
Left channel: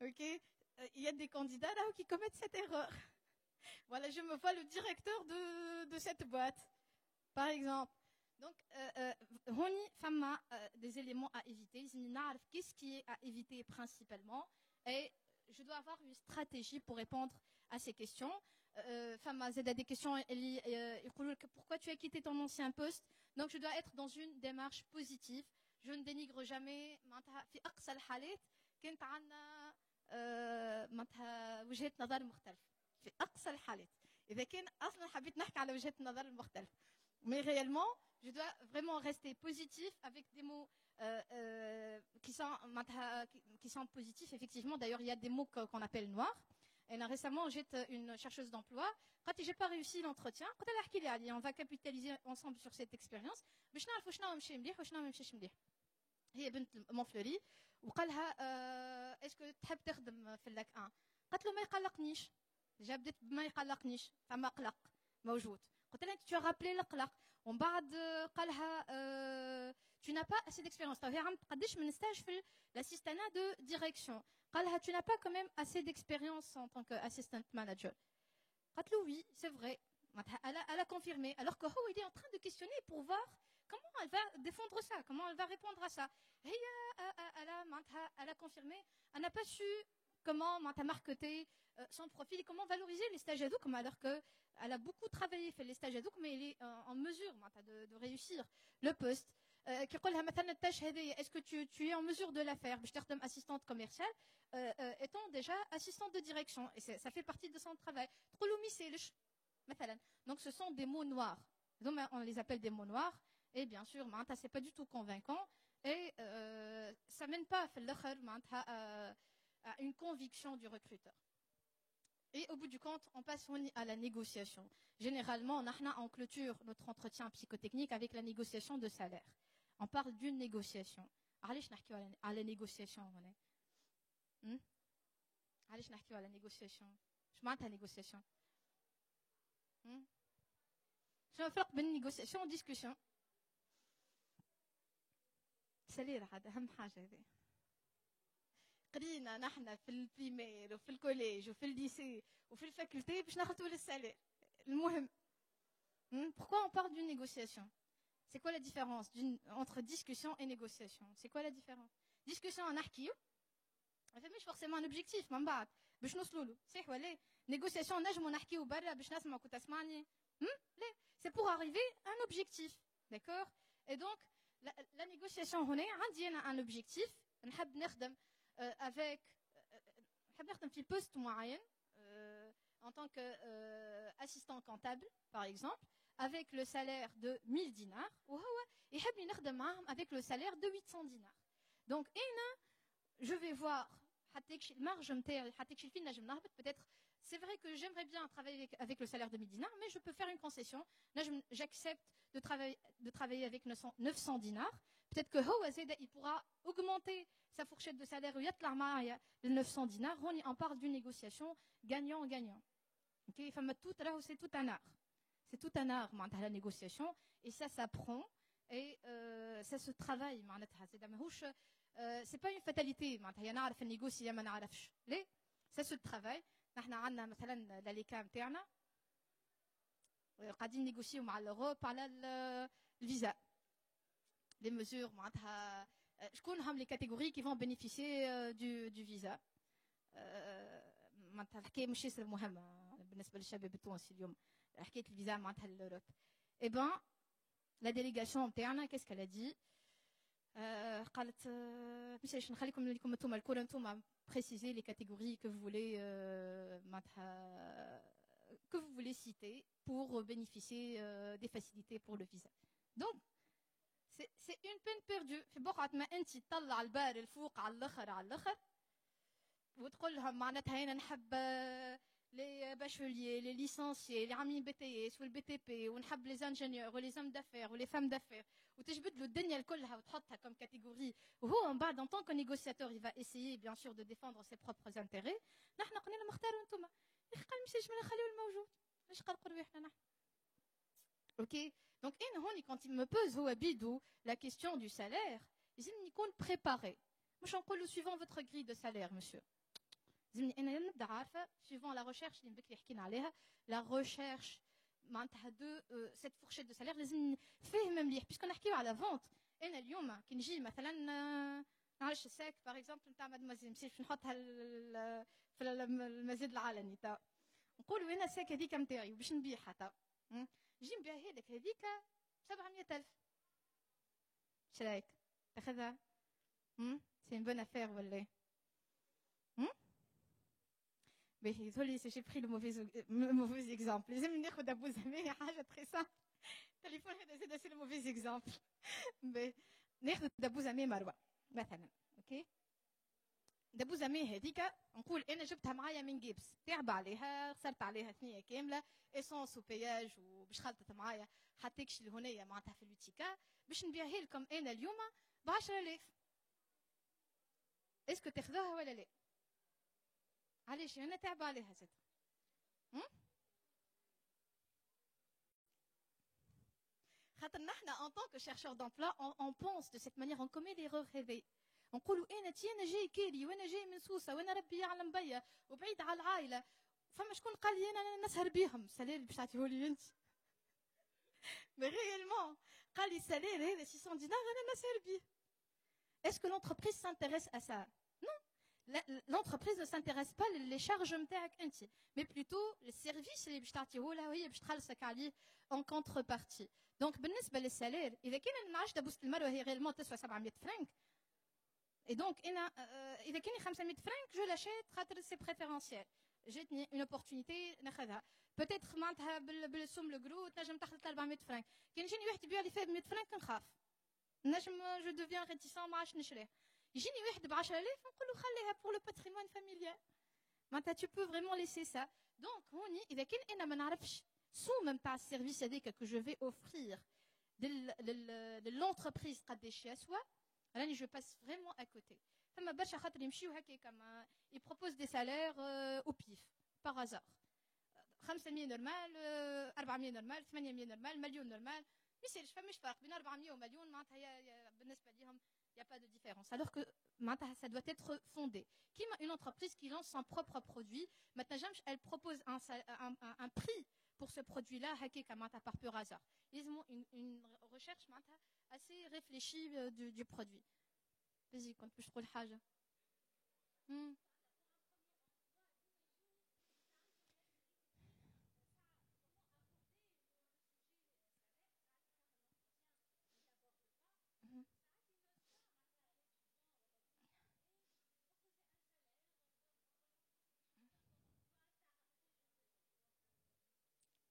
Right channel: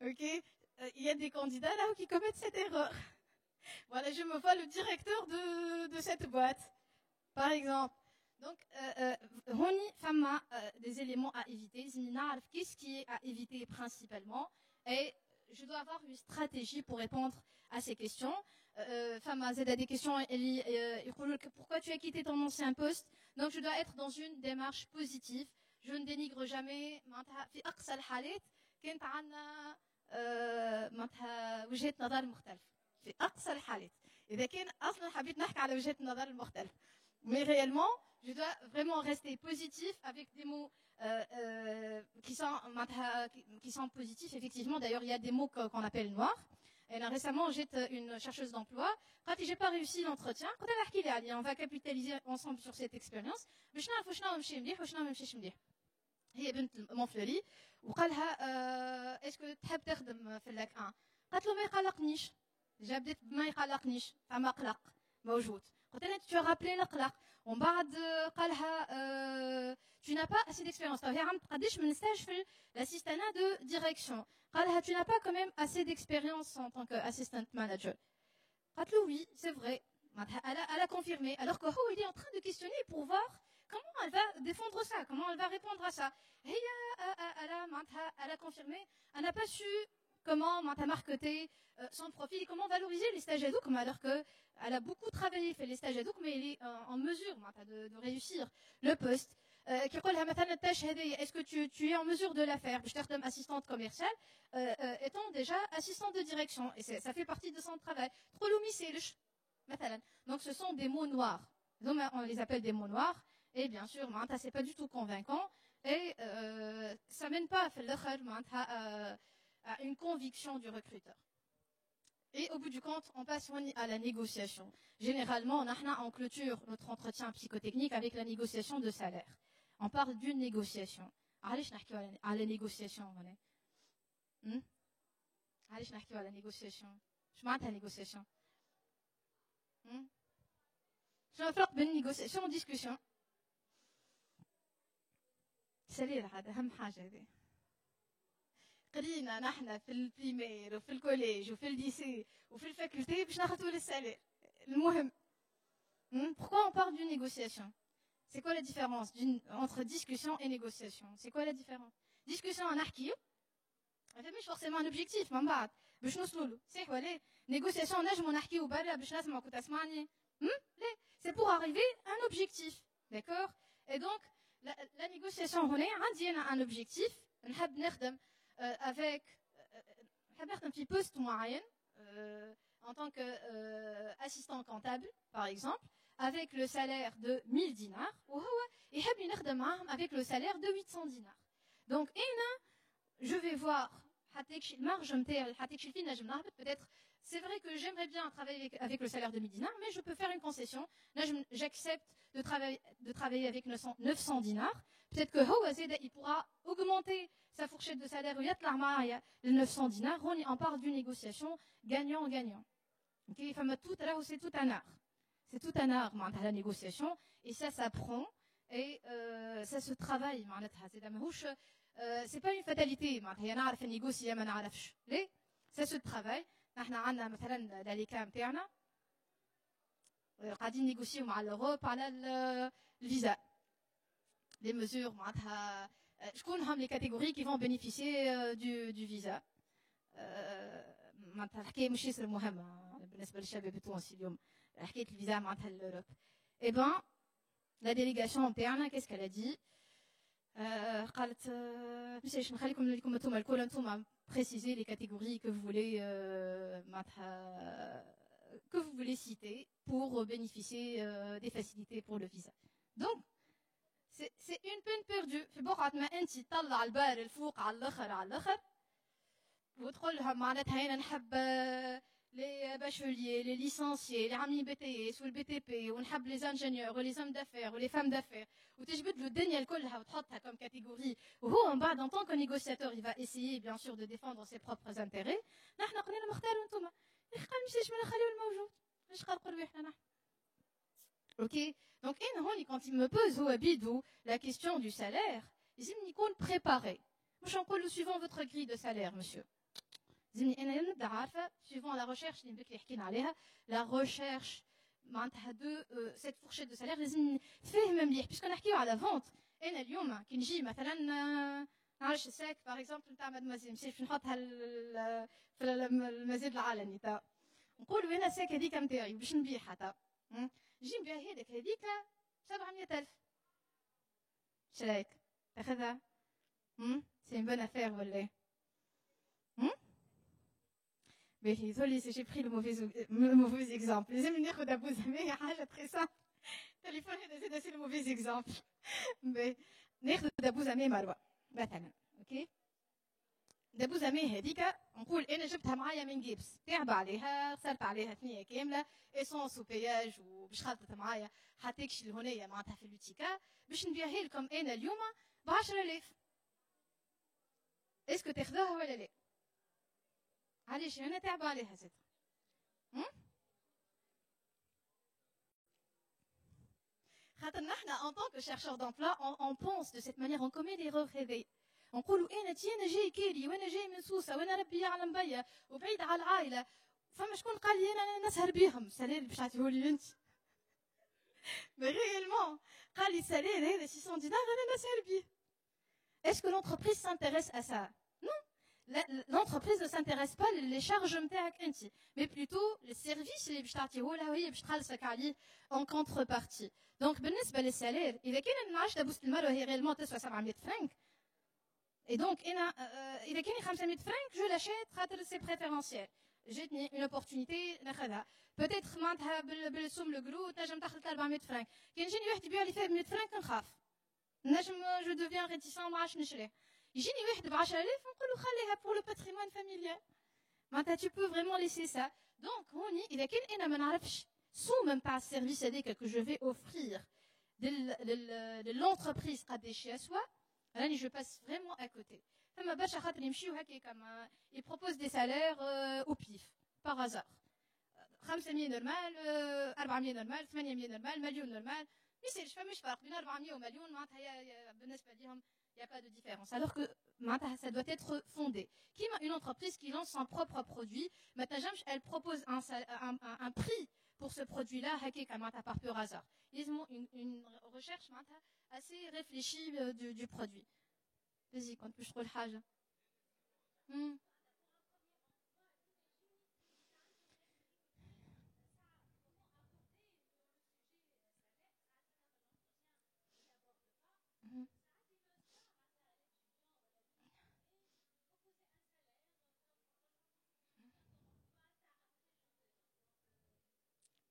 Ok. Il y a des candidats là qui commettent cette erreur. Voilà, je me vois le directeur de cette boîte, par exemple. Donc, Rony, Fama, des éléments à éviter. Qu'est-ce qui est à éviter principalement? Et je dois avoir une stratégie pour répondre à ces questions. Fama, c'est des questions. Pourquoi tu as quitté ton ancien poste? Donc, je dois être dans une démarche positive. Je ne dénigre jamais. في أقصى الحالات كانت عندنا معناتها وجهة نظر مختلفة. في أقصى الحالات. إذا كان أصلا حبيت نحكي على وجهة النظر المختلفة. Mais réellement, je dois vraiment rester positif avec des mots qui sont positifs. Effectivement, d'ailleurs, il y a des mots qu'on appelle noirs. Et là, récemment, j'étais une chercheuse d'emploi. Quand j'ai pas réussi l'entretien, quand elle a dit on va capitaliser ensemble sur cette expérience. باش نعرفوا شنو نمشي مليح وشنو ما نمشيش مليح. هي بنت مونفلوري وقال لها اسكو تحب تخدم في اللاك 1؟ قالت له ما يقلقنيش. جا بدات بما يقلقنيش فما قلق موجود. قلت لها tu as rappelé القلق ومن بعد قالها tu n'as pas assez d'expérience. فهي عم قداش من ستاج في l'assistanat de direction. قالها tu n'as pas quand même assez d'expérience en tant qu'assistant manager. قالت له oui, c'est vrai. Elle a confirmé alors que il est en train de questionner pour voir comment elle va défendre ça, comment elle va répondre à ça. Elle a confirmé, elle n'a pas su comment marketer son profil et comment valoriser les stages ad hoc, alors qu'elle a beaucoup travaillé, fait les stages ad hoc, mais elle est en mesure de réussir le poste. Est-ce que tu es en mesure de la faire? Je t'aide assistante commerciale, étant déjà assistante de direction, et ça fait partie de son travail. Donc ce sont des mots noirs. Donc on les appelle des mots noirs. Et bien sûr, c'est pas du tout convaincant et ça mène pas à une conviction du recruteur. Et au bout du compte, on passe à la négociation. Généralement, on clôture notre entretien psychotechnique avec la négociation de salaire. On parle d'une négociation. علاش نحكيو على négociation هنا؟ علاش نحكيو على négociation؟ شو معناتها négociation؟ شنو الفرق بين négociation و discussion؟ سليل هذا أهم حاجة هذه. قرينا نحن في البريمير وفي الكوليج وفي الليسي وفي الفاكولتي باش ناخذوا للسالير. المهم. Pourquoi on parle d'une négociation? C'est quoi la différence entre discussion et négociation? C'est quoi la différence? Discussion on نحكيو. مش forcément un objectif من بعد باش نوصلوا له. صح ولا؟ négociation نجمو نحكيو برا باش نسمعك وتسمعني. ليه؟ C'est pour arriver à un objectif. D'accord? Et donc la négociation هنا عندي أنا un objectif. نحب نخدم avec نحب نخدم في poste معين en tant qu'assistant comptable par exemple avec le salaire de 1000 dinars وهو يحب نخدم معهم avec le salaire de 800 dinars. Donc je vais voir marge نتاعي حتى فينا نجم نهبط peut-être. C'est vrai que j'aimerais bien travailler avec le salaire de 1000 dinars, mais je peux faire une concession. Là, j'accepte de travailler avec 900 dinars. Peut-être que il pourra augmenter sa fourchette de salaire ou يطلع معايا ل 900 dinars. On parle d'une négociation gagnant-gagnant. Okay? C'est tout un art. C'est tout un art la négociation. Et ça s'apprend et ça se travaille. C'est pas une fatalité. نعرف négocier ما نعرفش. Ça se travaille. نحن عندنا مثلا لاليكا نتاعنا قاعدين نيغوسيو مع لوروب على الفيزا لي ميزور معناتها شكون هم لي كاتيجوري كي فون بينيفيسيي دو فيزا. معناتها الحكايه مش ياسر مهمه بالنسبه للشباب التونسي اليوم حكايه الفيزا معناتها لوروب. اي بان لا ديليغاسيون نتاعنا كيس كالا دي قالت باش نخليكم لكم انتم الكل انتم préciser les catégories que vous voulez citer pour bénéficier des facilités pour le visa. Donc, c'est une peine perdue. في بقعة ما أنت تطلع البال الفوق على الآخر وتقول لها معناتها أنا نحب les bacheliers, les licenciés, les amis BTS ou le BTP ونحب les ingénieurs ou les hommes d'affaires ou les femmes d'affaires وتجبد له الدنيا كلها وتحطها comme catégorie وهو من بعد en tant que négociateur il va essayer bien sûr de défendre ses propres intérêts. نحن قلنا مختاروا انتوما قال مشيش من نخليو الموجود مش قال قولوا احنا نحن Ok. Donc quand il me pose la question du salaire, il dit qu'on préparé. Moi, je le suivant votre grille de salaire, monsieur. Suivant la recherche, la recherche de cette fourchette de salaire, puisqu'on a à la vente. Et اليوم كي نجي مثلا نعرفش الساك باغ اكزومبل نتاع مادموزيل نمشي نحطها في المزاد العلني تاع نقولوا انا الساك هذيك نتاعي باش نبيعها تاع نجي نبيع هذيك 700,000 شرايك تاخذها سي ان بون افير ولا désolé si j'ai pris le mauvais exemple. Les amis ناخذ ابو زميل حاجه très simple. téléphone c'est le mauvais exemple. Mais ناخذ ابو زميل مروه مثلا اوكي دابو زميل هذيك نقول انا جبتها معايا من جيبس تعب عليها صرت عليها ثنيه كامله اسونس وبياج وباش خلطت معايا حطيتش لهنيه معناتها في البوتيكا باش نبيعها لكم انا اليوم ب 10,000 اسكو تاخذوها ولا لا؟ علاش انا تعب عليها زيد خاطر نحنا en tant que chercheur d'emploi on pense de cette manière on commet l'erreur هذه نقولوا انا جاي كيري وانا جاي من سوسه وانا ربي يعلم بيا وبعيد على العائله فما شكون قال لي انا نسهر بيهم السالير باش تعطيهولي انت مي ريالمون قال لي السالير هذا 600 دينار انا نسهر بيه. Est-ce que l'entreprise s'intéresse à ça? Non. L'entreprise ne s'intéresse pas les charges نتاعك انت mais plutôt les services اللي باش تعطيهولها وهي باش تخلصك عليه en contrepartie. Donc بالنسبه للسالير اذا كان نعرفش دابوس المروه هي ريالمون تسوى 700 فرنك et donc اذا كان 500 فرنك جو لاشيت خاطر سي بريفيرونسيال جاتني اون اوبورتونيتي ناخذها بوتيتر معناتها بالسوم القلو تنجم تاخذ 400 فرنك كي يجيني واحد يبيع لي فيه 100 فرنك نخاف نجم جو دوفيان ريتيسون ما عادش نشريه يجيني واحد ب 10,000 نقولوا خليها بور لو باتريمون فاميليال معناتها tu peux vraiment laisser ça donc هوني اذا كان انا ما نعرفش سوم نتاع السيرفيس هذاك que je vais offrir de l'entreprise قداش يسوى راني je passe vraiment à côté. فما برشا خاطر يمشيو هكا كما ils proposent des salaires au pif par hasard 500 نورمال 400 نورمال 800 نورمال مليون نورمال ما يصيرش فماش فرق بين 400 ومليون معناتها بالنسبه ليهم il y a pas de différence alors que معناتها ça doit être fondé كيما une entreprise qui lance son propre produit ما تنجمش elle propose un prix pour ce produit là هكا معناتها par pur hasard ils ont une recherche معناتها assez réfléchie du produit. Vas-y quand je trouve الحاجه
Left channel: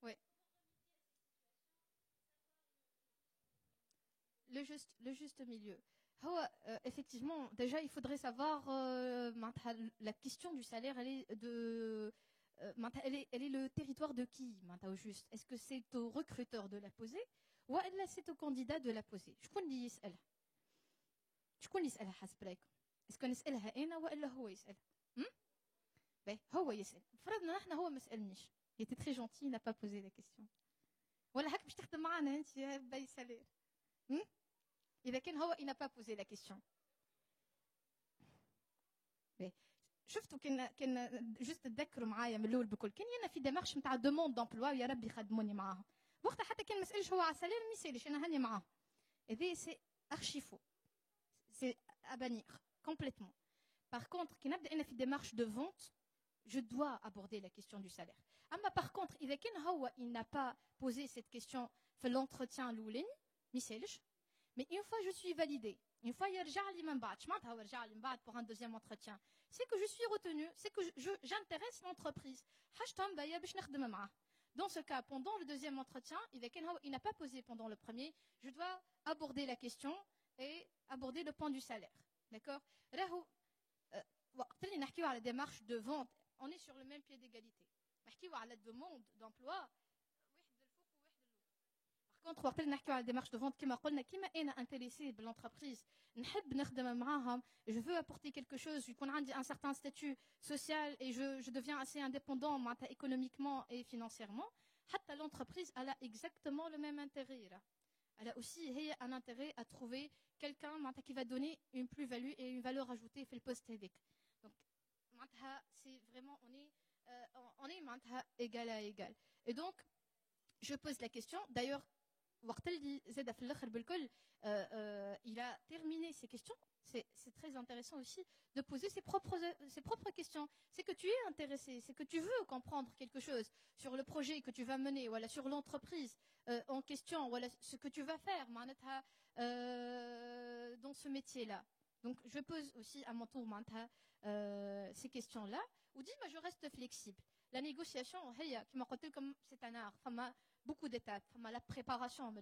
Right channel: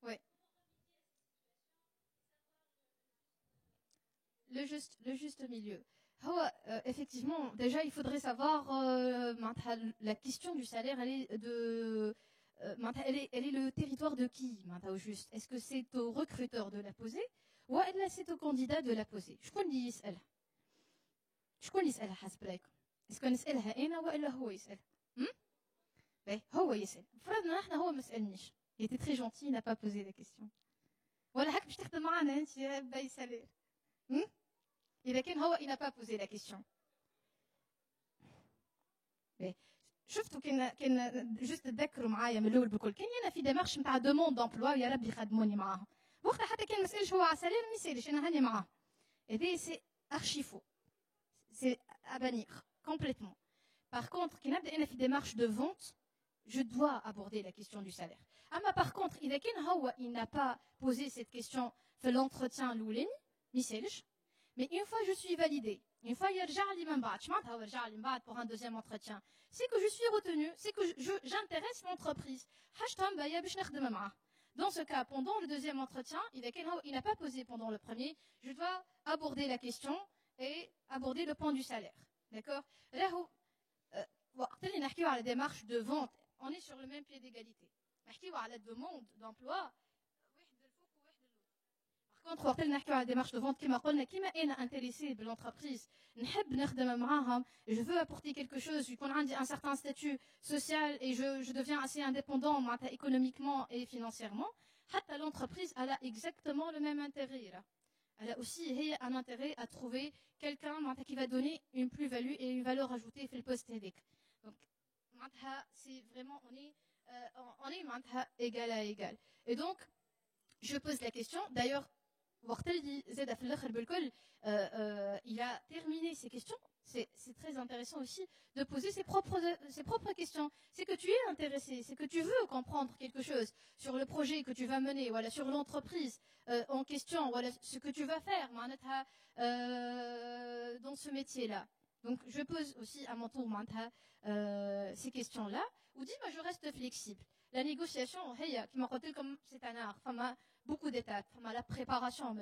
ouais le juste milieu. Effectivement, déjà il faudrait savoir la question du salaire, elle est le territoire de qui au juste. Est-ce que c'est au recruteur de la poser ou c'est au candidat de la poser? شكون اللي يسألها؟ شكون اللي يسألها حسب رايكم؟ est-ce que نسألها انا ولا هو يسأل؟ باهي هو يسأل. فرضنا احنا هو ما سألنيش. Il était très gentil, il n'a pas posé la question. ولا هاك باش تخدم معنا انت باي سالير. إذا كان هو il n'a pas posé la question. شفتوا كان جست تذكروا معايا من الاول بكل كان انا في ديمارش نتاع دوموند دومبلوا يا ربي خدموني معاهم وقتها حتى كان ما نسالش هو على سالير ما يسالش انا هاني معاه هذا سي ارشي فو سي ابانير كومبليتمون باغ كونتر كي نبدا انا في ديمارش دو فونت je dois aborder la question du salaire. اما باغ كونتر اذا كان هو il n'a pas posé cette question في l'entretien الاولاني ما يسالش. Mais une fois je suis validée, une fois يرجع لي من بعد شمعتها ورجع لي من بعد pour un deuxième entretien, c'est que je suis retenue, c'est que j'intéresse l'entreprise. حاجتهم بايا باش نخدم معاه. Dans ce cas, pendant le deuxième entretien, il n'a pas posé pendant le premier, je dois aborder la question et aborder le point du salaire. D'accord? راهو وقت اللي نحكيو على démarche de vente, on est sur le même pied d'égalité. نحكيو على demande d'emploi كونتر وقت اللي نحكيو على ديمارش دو فونت كيما قلنا كيما انا انتريسي بالانتربريز نحب نخدم معاهم je veux apporter quelque chose يكون عندي un certain statut social et je deviens assez indépendant معناتها économiquement et financièrement l'entreprise elle a exactement le même intérêt là. Elle a aussi un intérêt à trouver quelqu'un qui va donner une plus-value et une valeur ajoutée في البوست هذاك. Donc c'est vraiment on est égal à égal. Et donc je pose la question d'ailleurs il a terminé ses questions. C'est très intéressant aussi de poser ses propres questions. C'est que tu es intéressé, c'est que tu veux comprendre quelque chose sur le projet que tu vas mener, voilà, sur l'entreprise en question, voilà, ce que tu vas faire dans ce métier-là. Donc je pose aussi à mon tour ces questions-là, ou dis moi je reste flexible. La négociation, comme c'est un art, beaucoup d'étapes, la préparation.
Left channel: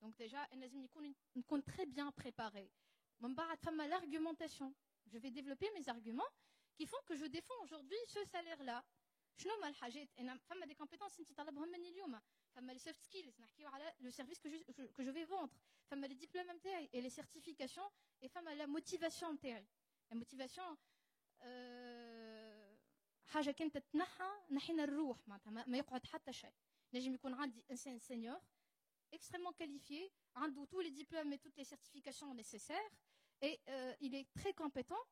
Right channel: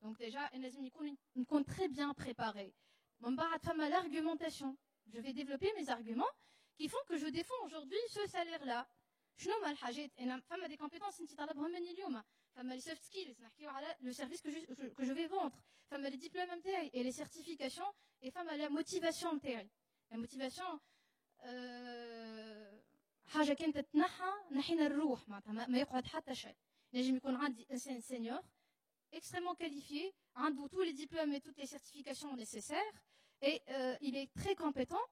Donc déjà, il faut très bien préparé. L'argumentation. Je vais développer mes arguments qui font que je défends aujourd'hui ce salaire-là. Je n'ai des compétences les soft skills, le service que je vais vendre, les diplômes et les certifications, et la motivation. La motivation, حاجة كانت تتنحى نحينا الروح ما يقعد حتى شيء. نجم يكون عندي إنسان سينيور extrêmement qualifié, a tous les diplômes et toutes les certifications nécessaires, et il est très compétent,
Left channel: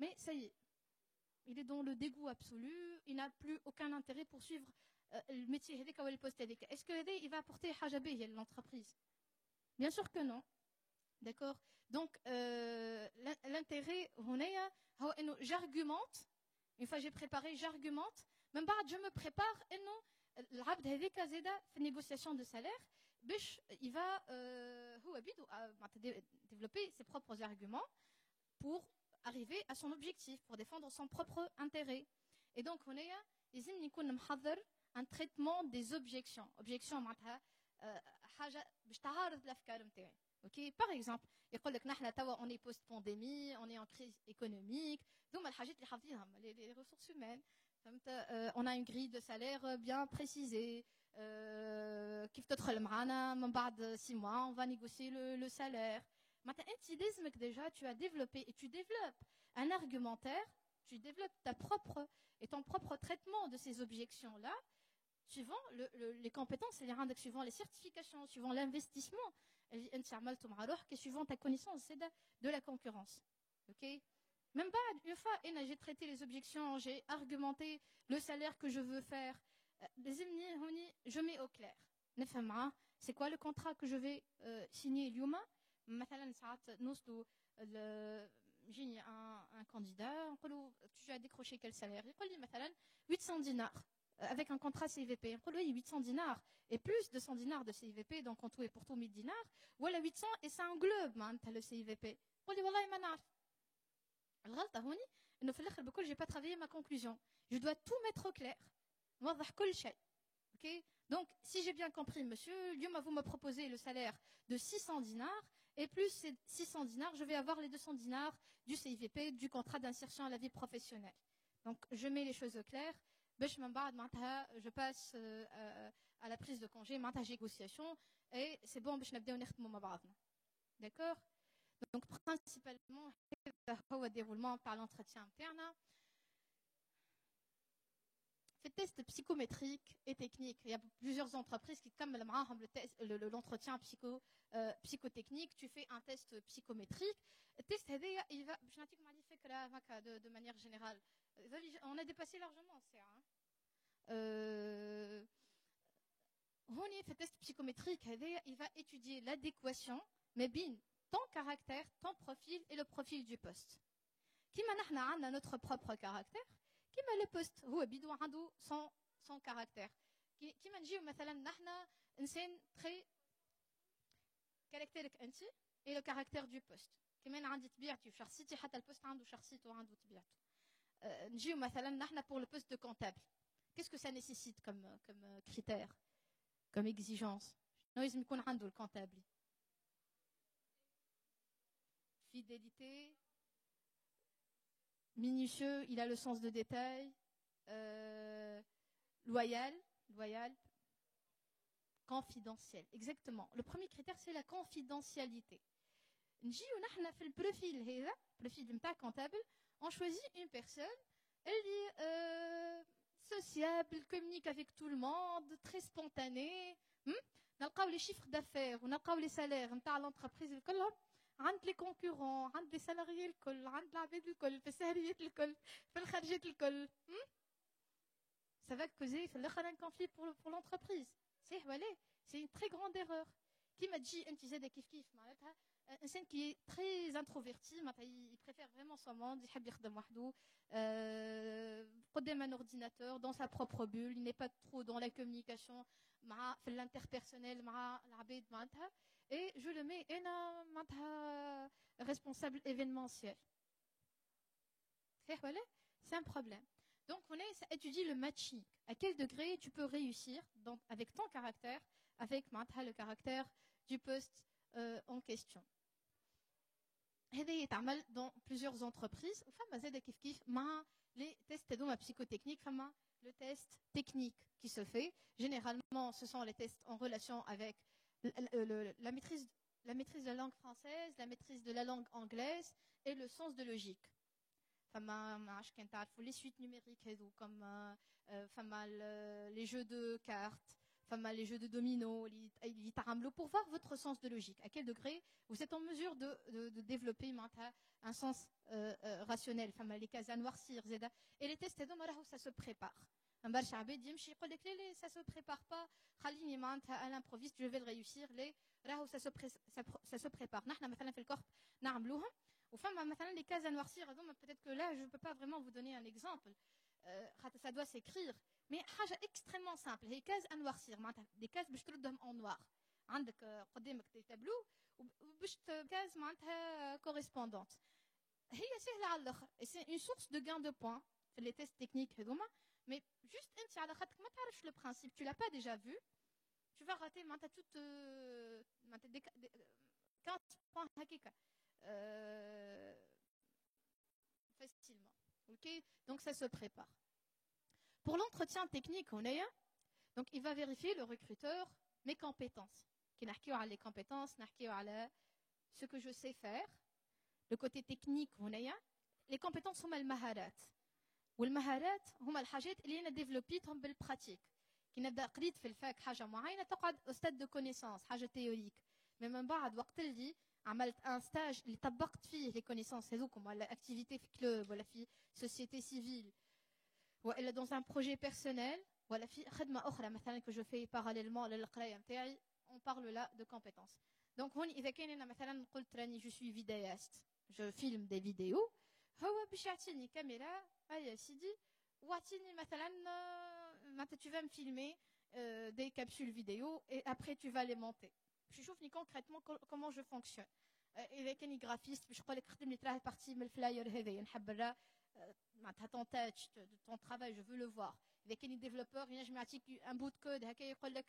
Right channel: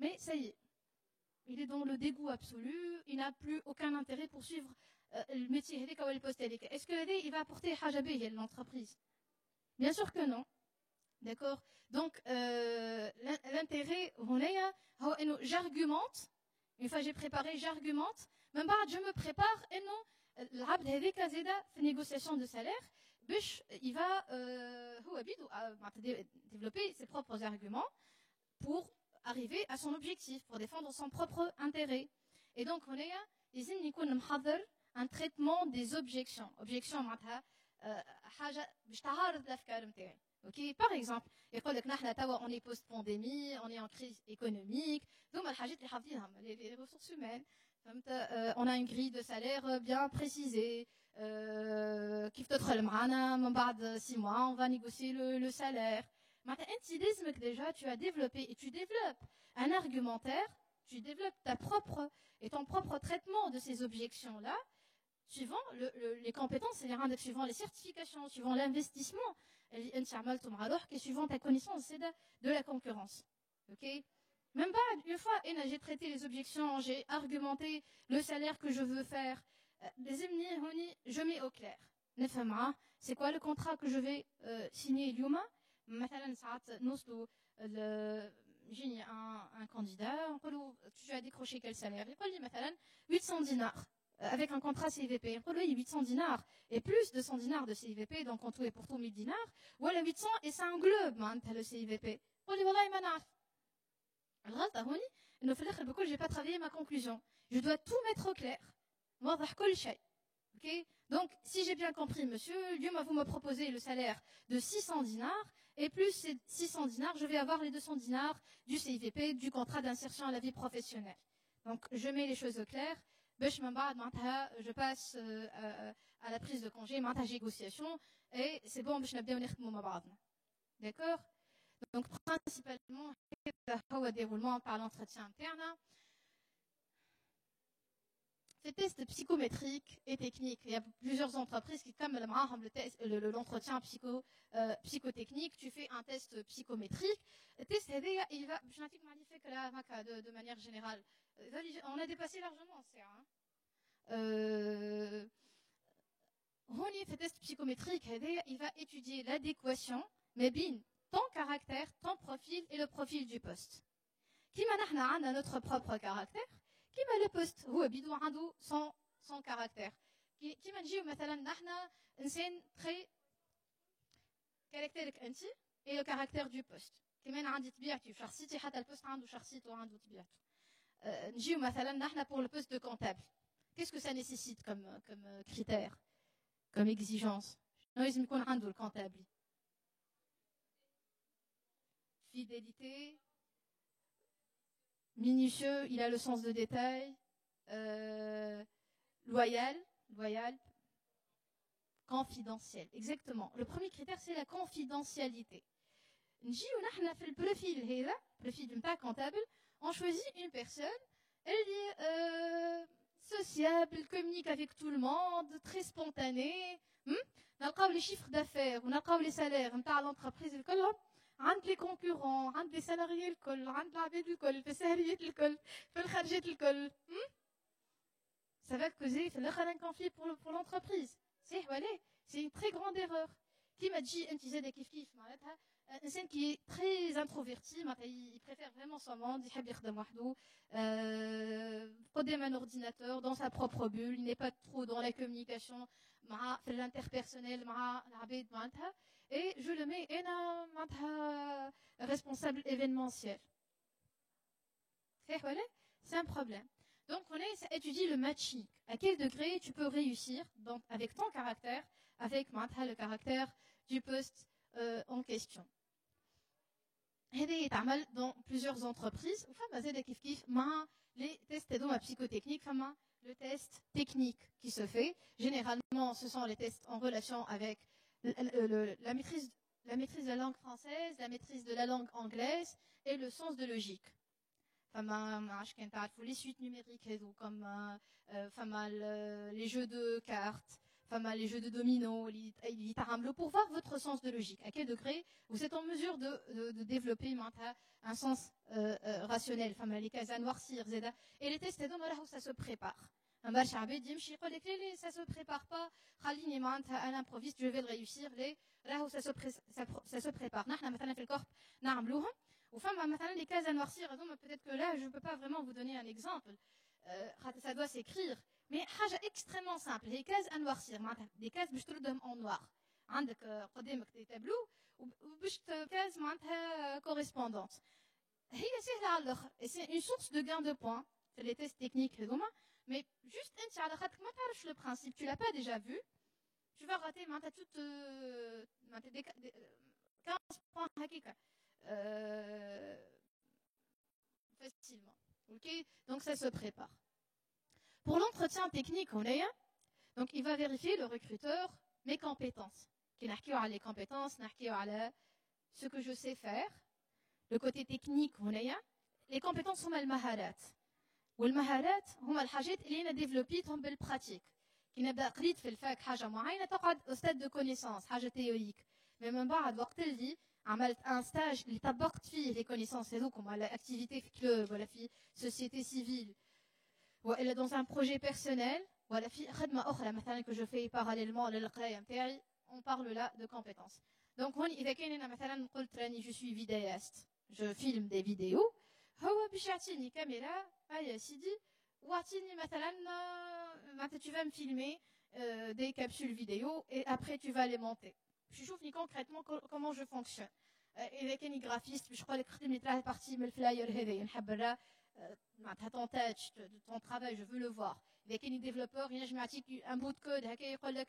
mais ça y est, il est dans le dégoût absolu, il n'a plus aucun intérêt pour suivre le métier. Est-ce que il va apporter hajabé à l'entreprise? Bien sûr que non. D'accord. Donc l'intérêt, j'argumente. Une fois j'ai préparé, j'argumente. Même pas, je me prépare et non. العبد هذيك زاده في النيغوسياسيون دو سالير باش il va هو بيدو développer ses propres arguments pour arriver à son objectif, pour défendre son propre intérêt. Et donc هنايا لازم يكون محضر un traitement des objections. Objection معناتها حاجه باش تعارض الافكار نتاعي. OK, par exemple يقول لك نحن توا on est post pandémie, on est en crise économique, donc الحاجات اللي حافظينهم les ressources humaines. On a une grille de salaire bien précisée. Qui de 6 mois, on va négocier le salaire. Déjà, tu as développé et tu développes un argumentaire, tu développes ton propre traitement de ces objections-là, suivant les compétences, suivant les certifications, suivant l'investissement, et suivant ta connaissance de la concurrence. Ok? Même pas une fois, j'ai traité les objections, j'ai argumenté le salaire que je veux faire. Je mets au clair. C'est quoi le contrat que je vais signer اليوم؟ مثلا ساعات نوصلوا يجيني un candidat, tu as décroché quel salaire؟ يقول لي مثلا 800 dinars avec un contrat CVP. يقول لي 800 dinars et plus de 100 dinars de CVP, donc en tout et pour tout 1000 dinars. ولا 800 et ça englobe le CVP. يقول لي والله ما نعرف. الغلطة هوني إنه في الآخر بقول j'ai pas travaillé ma conclusion. Je dois tout mettre au clair. نوضح كل شيء. Ok? Donc si j'ai bien compris, monsieur, vous me proposez le salaire de 600 dinars et plus ces 600 dinars, je vais avoir les 200 dinars du CIVP, du contrat d'insertion à la vie professionnelle. Donc je mets les choses au clair. Je passe à la prise de congé, à la négociation et c'est bon, je n'ai pas d'accord? Donc principalement au déroulement par l'entretien interne. Ces tests psychométriques et techniques, il y a plusieurs entreprises qui, comme l'entretien psychotechnique, tu fais un test psychométrique. Le test, il va, de manière générale, on a dépassé largement ça. Le test psychométrique, il va étudier l'adéquation, mais bien ton caractère, ton profil et le profil du poste. Qui m'a notre propre caractère, qui m'a le poste, هو بيدو عنده son caractère. qui m'a dit مثلا نحن إنسان très caractérique أنت et le caractère du poste. كمان عندي طبيعتي وشخصيتي حتى البوست عنده شخصيته وعنده طبيعته. نجيو مثلا نحن pour le poste de comptable. Qu'est-ce que ça nécessite comme critère, comme exigence? لازم يكون عنده الكونتابل. Fidélité, minutieux, il a le sens de détail, loyal, confidentiel. Exactement. Le premier critère, c'est la confidentialité. Le profil d'un comptable, on choisit une personne, elle dit sociable, communique avec tout le monde, très spontané. نلقاو les chiffres d'affaires ونلقاو les salaires نتاع l'entreprise الكلهم عند les concurrents عند les salariés الكل عند العباد الكل في السهريات الكل في الخرجات الكل. Ça va causer un conflit pour l'entreprise. C'est une très grande erreur. Qui m'a dit un insan qui est très introverti, il préfère vraiment son monde, il يخدم قدام un ordinateur dans sa propre bulle, il n'est pas trop dans la communication مع l'interpersonnel مع العباد معناتها, et je le mets معناتها responsable événementiel. C'est un problème. Donc on étudie le matching. À quel degré tu peux réussir donc, avec ton caractère, avec le caractère du poste en question. هذا يتعمل dans plusieurs entreprises. وفما زاد كيف كيف مع les tests psychotechniques, فما le test technique qui se fait. Généralement, ce sont les tests en relation avec la maîtrise de la langue française, la maîtrise de la langue anglaise et le sens de logique. Les suites numériques comme les jeux de cartes, les jeux de domino, pour voir votre sens de logique. À quel degré vous êtes en mesure de développer un sens rationnel. Les cases à noircir. Et les tests, ça se prépare. Ça se prépare pas. À l'improviste, je vais le réussir. Ça se prépare. Les cases à noircir, peut-être que là, je ne peux pas vraiment vous donner un exemple. Ça doit s'écrire. Mais chose extrêmement simple. Les cases à noircir, des cases باش تردهم en noir. عندك قدامك des tableaux وباش cases معناتها correspondantes. هي سهلة على الآخر. Et c'est une source de gain de points. C'est les tests techniques هذوما. Mais juste انت على خاطرك ما تعرفش le principe, tu l'as pas déjà vu. Tu vas rater معناتها toute 15 points هكاك. Facilement. Ok, donc ça se prépare. Pour l'entretien technique, donc il va vérifier le recruteur mes compétences. Les compétences, ce que je sais faire. Le côté technique, les compétences sont les maharat. والمهارات هما الحاجات اللي انا ديفلوبيتهم بالبراتيك. كي نبدا قريت في الفاك حاجه معينه تقعد استاذ دو كونيسانس حاجه تيوريك. مي من بعد وقت اللي عملت ان ستاج اللي طبقت فيه لي كونيسانس هذوك ولا اكتيفيتي في كلوب ولا في سوسيتي سيفيل ولا dans un projet personnel ولا في خدمه اخرى مثلا que je fais parallèlement للقرايه نتاعي, on parle là de compétences. Donc هون اذا كان انا مثلا قلت راني je suis vidéaste, je filme des vidéos, هو باش يعطيني كاميرا يا سيدي واعطيني مثلا tu vas me filmer des capsules vidéo et après tu vas les monter. Je trouve concrètement comment je fonctionne. إذا كاني graphiste باش نقول لك خدم لي تراه partie من الفلاير هذايا نحب نرى معناتها ton touch ton travail je veux le voir. إذا كاني développeur ينجم يعطيك un bout de code هكا يقول لك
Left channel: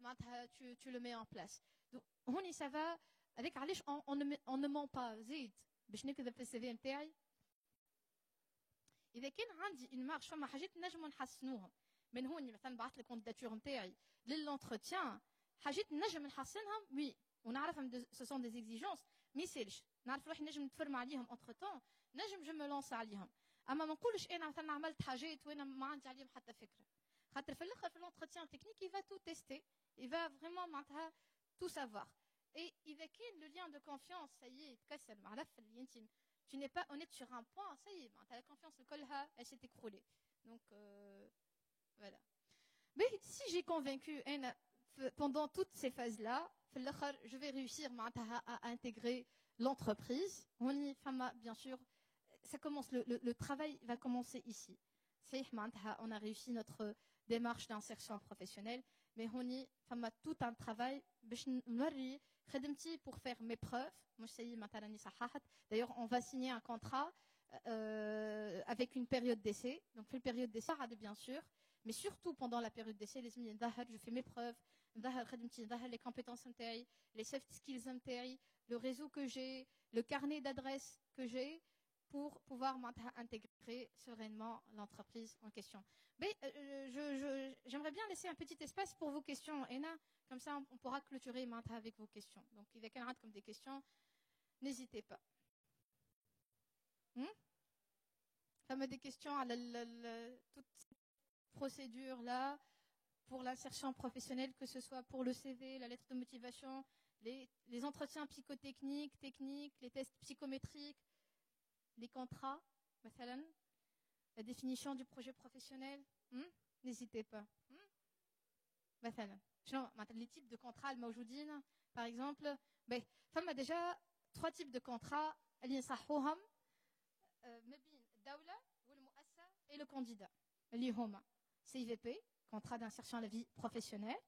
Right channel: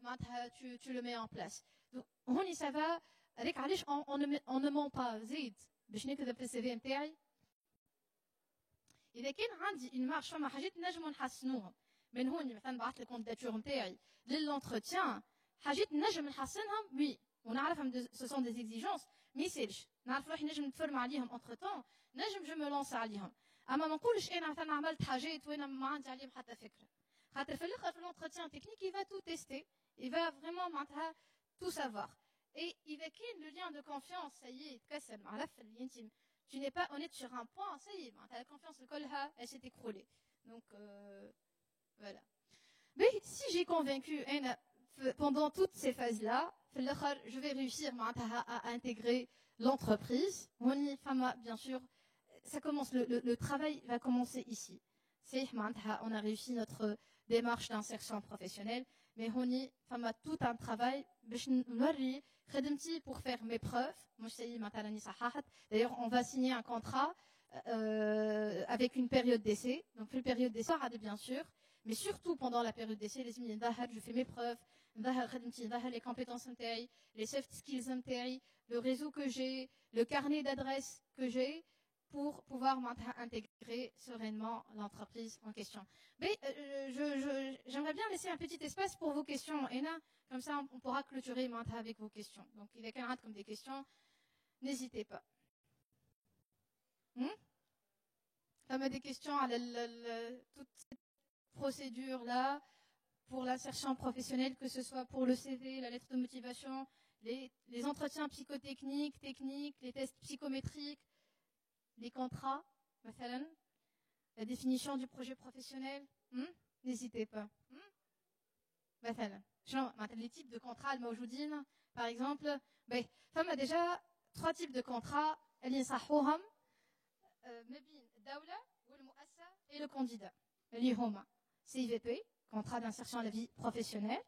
معناتها tu le mets en place. Donc هوني ça va هذاك علاش on ne ment pas زيد باش نكذب في السي في نتاعي. إذا كان عندي une marche فما حاجات نجمو نحسنوهم من هون مثلا بعثت الكونديداتور نتاعي للانتروتيان حاجات نجم نحسنهم وي ونعرفهم ce sont des exigences ما يسالش نعرف روحي نجم نتفرم عليهم entre temps نجم جو مو لونس عليهم. اما ما نقولش انا مثلا عملت حاجات وانا ما عندي عليهم حتى فكره خاطر في الاخر في l'entretien technique il va tout tester, il va vraiment معناتها tout savoir. Et إذا كان le lien de confiance ça y est يتكسر مع لف الانتيم tu n'es pas honnête sur un point, ça y est, la confiance de Kolha, elle s'est écroulée. Donc, voilà. Mais si j'ai convaincu pendant toutes ces phases-là, je vais réussir à intégrer l'entreprise. Bien sûr, ça commence, le travail va commencer ici. On a réussi notre démarche d'insertion professionnelle, mais on y a tout un travail pour faire mes preuves. D'ailleurs, on va signer un contrat avec une période d'essai. Donc, une période d'essai, bien sûr, mais surtout pendant la période d'essai, je fais mes preuves, les compétences, les soft skills, le réseau que j'ai, le carnet d'adresses que j'ai pour pouvoir intégrer sereinement l'entreprise en question. Mais j'aimerais bien laisser un petit espace pour vos questions, Ena. Comme ça, on pourra clôturer avec vos questions. Donc, il y a quelqu'un comme des questions, n'hésitez pas. Ça met des questions à toute cette procédures-là pour l'insertion professionnelle, que ce soit pour le CV, la lettre de motivation, les entretiens psychotechniques, techniques, les tests psychométriques, les contrats, مثلاً, la définition du projet professionnel. N'hésitez pas. مثلاً, les types de contrats الموجودين, par exemple, فما déjà 3 types de contrats اللي نصحوهم ما بين الدولة والمؤسسة et le candidat. اللي هما CVP, contrat d'insertion à la vie professionnelle,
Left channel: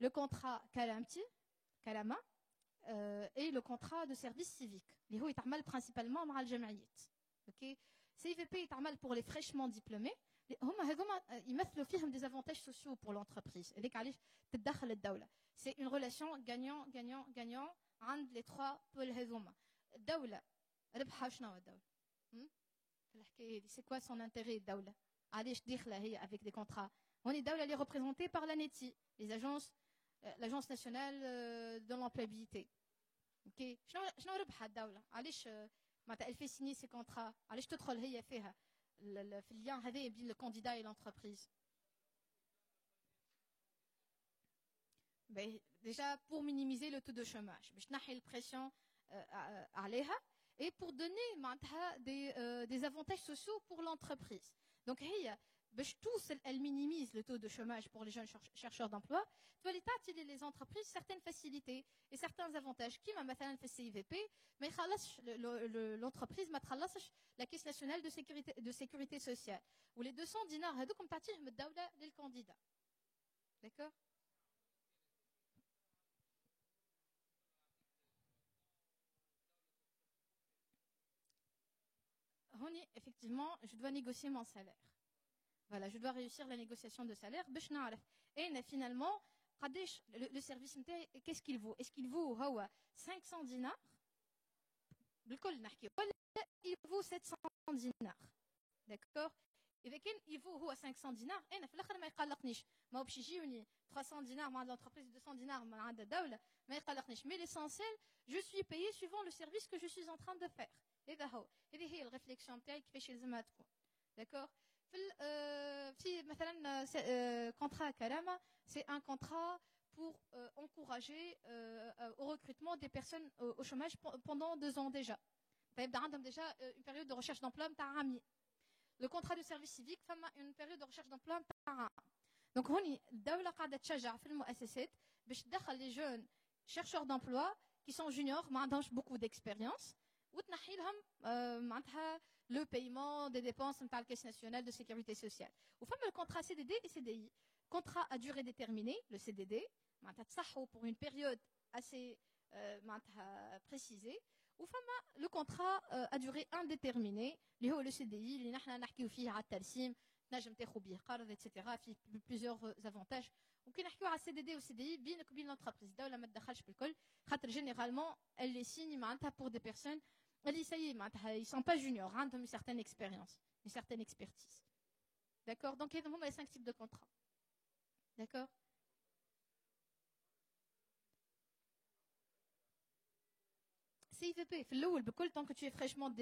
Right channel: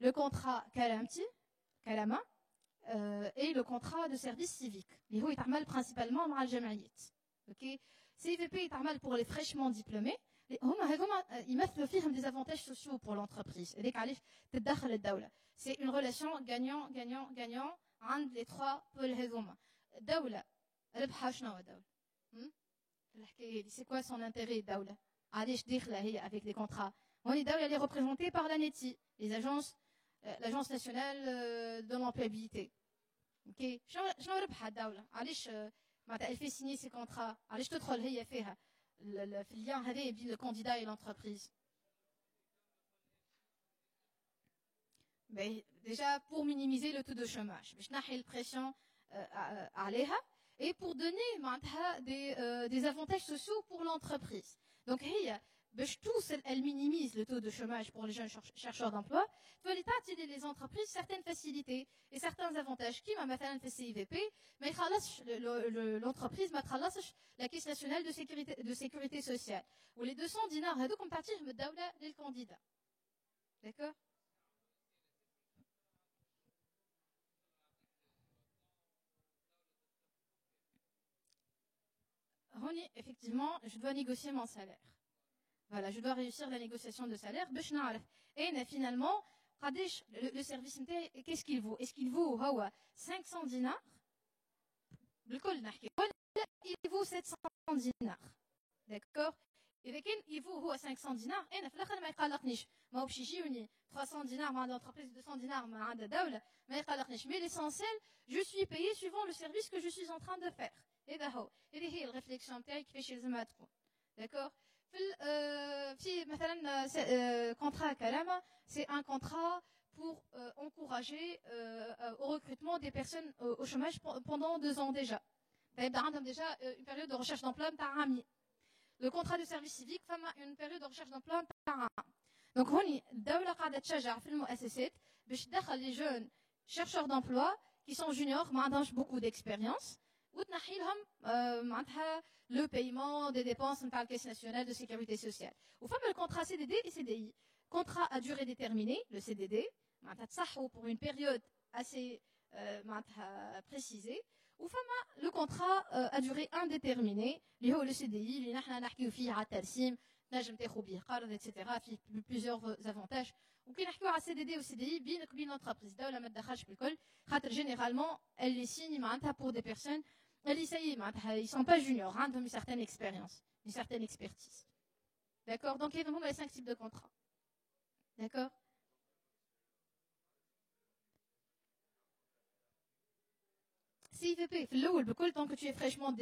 le contrat كلامة, et le contrat de service civique. اللي هو يتعمل principalement مع الجمعيات. OK. CVP يتعمل pour les fraîchement diplômés. هما يمثلوا فيهم des avantages sociaux pour l'entreprise. هذيك علاش تتدخل الدولة. C'est une relation gagnant-gagnant-gagnant عند les 3 pôles هذوما. الدولة ربحها شنو هو الدولة؟ الحكاية دي c'est quoi son intérêt الدولة؟ علاش داخلة هي avec des contrats؟ هوني الدولة اللي est représentée par l'ANETI, les agences, l'agence nationale de l'employabilité. OK. شنو ربحها الدولة؟ علاش معناتها elle fait signer ces contrats؟ علاش تدخل هي فيها؟ في اللien هذا بين le candidat et l'entreprise. Déjà pour minimiser le taux de chômage, باش نحي البريسيون عليها et pour donner des avantages sociaux pour l'entreprise. Donc هي باش elle minimise le taux de chômage pour les jeunes chercheurs d'emploi, تولي تعطي les entreprises certaines facilités et certains avantages كيما مثلا في CIVP ما يخلصش l'entreprise ما تخلصش la caisse nationale de sécurité sociale و les 200 dinars هذوكم تعطيهم الدولة للكانديدا. D'accord. Honi, effectivement, je dois négocier mon salaire. Voilà, je dois réussir la négociation de salaire. Et finalement, le service, qu'est-ce qu'il vaut? Est-ce qu'il vaut 500 dinars? Il vaut 700 dinars. D'accord? Et il vaut 500 dinars. Et ما هو باش يجيوني 300 dinars مع l'entreprise, 200 dinars مع الدولة ما يقلقنيش. Mais l'essentiel, je suis payé suivant le service que je suis en train de faire. هذا هو. هذه هي الريفليكسيون تاعي كيفاش لازمها تكون. D'accord. في مثلا contrat كلامة, c'est un contrat pour encourager au recrutement des personnes au chômage pendant 2 ans déjà. عندهم déjà une période de recherche d'emploi نتاع عامين. Le contrat de service civique فما une période de recherche d'emploi نتاع عام. Donc هوني الدولة قاعدة تشجع في المؤسسات باش تدخل les jeunes chercheurs d'emploi qui sont juniors ما عندهمش beaucoup d'expérience وتنحي لهم معناتها le paiement des dépenses نتاع الكاس nationale de sécurité sociale. وفما le contrat CDD et CDI. Contrat à durée déterminée, le CDD, معناتها تصحوا pour une période assez معناتها précisée. وفما le contrat à durée indéterminée اللي هو le CDI اللي نحنا نحكيو فيه على الترسيم نجم تاخذ به قرض etc. فيه plusieurs avantages. وكي نحكيو على CDD و CDI بينك وبين l'entreprise الدولة ما تدخلش بالكل خاطر généralement elle les signe معناتها pour des personnes اللي سي معناتها ils sont pas juniors عندهم une certaine expérience, une certaine expertise. D'accord. Donc هذو هما les 5 types de contrats. D'accord. CIVP, في الأول بكل tant que tu es fraîchement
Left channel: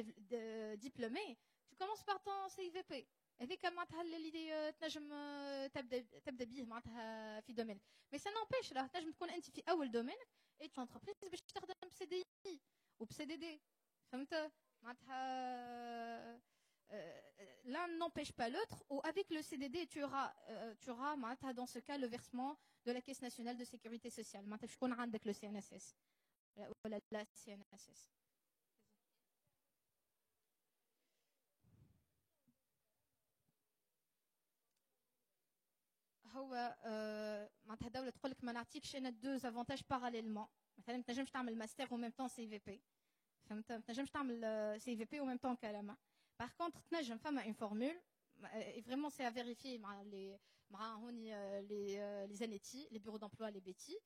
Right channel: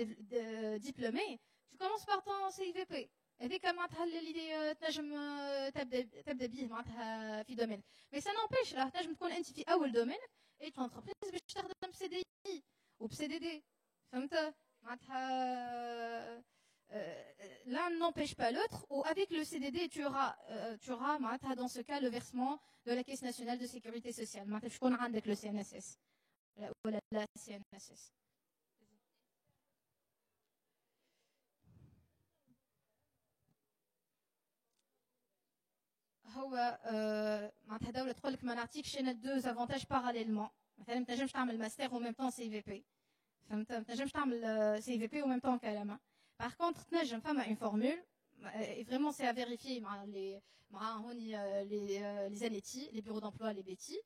diplômé, tu commences par ton CIVP. هذيك معناتها اللي تنجم تبدا به معناتها في دومين. Mais ça n'empêche là تنجم تكون انت في اول دومين et ton entreprise باش تخدم CDI ou CDD. فهمت معناتها l'un n'empêche pas l'autre ou avec le CDD tu auras معناتها dans ce cas le versement de la caisse nationale de sécurité sociale. معناتها شكون عندك le CNSS ولا la CNSS. هو معناتها الدولة تقول لك ما نعطيكش انا 2 avantages parallèlement. مثلا ما تنجمش تعمل ماستر و ميم طون CVP. فهمت. ما تنجمش تعمل CVP و ميم طون كلامة. Par contre تنجم فما une formule et vraiment c'est à vérifier مع هوني les ANETI, les bureaux d'emploi, les BETI.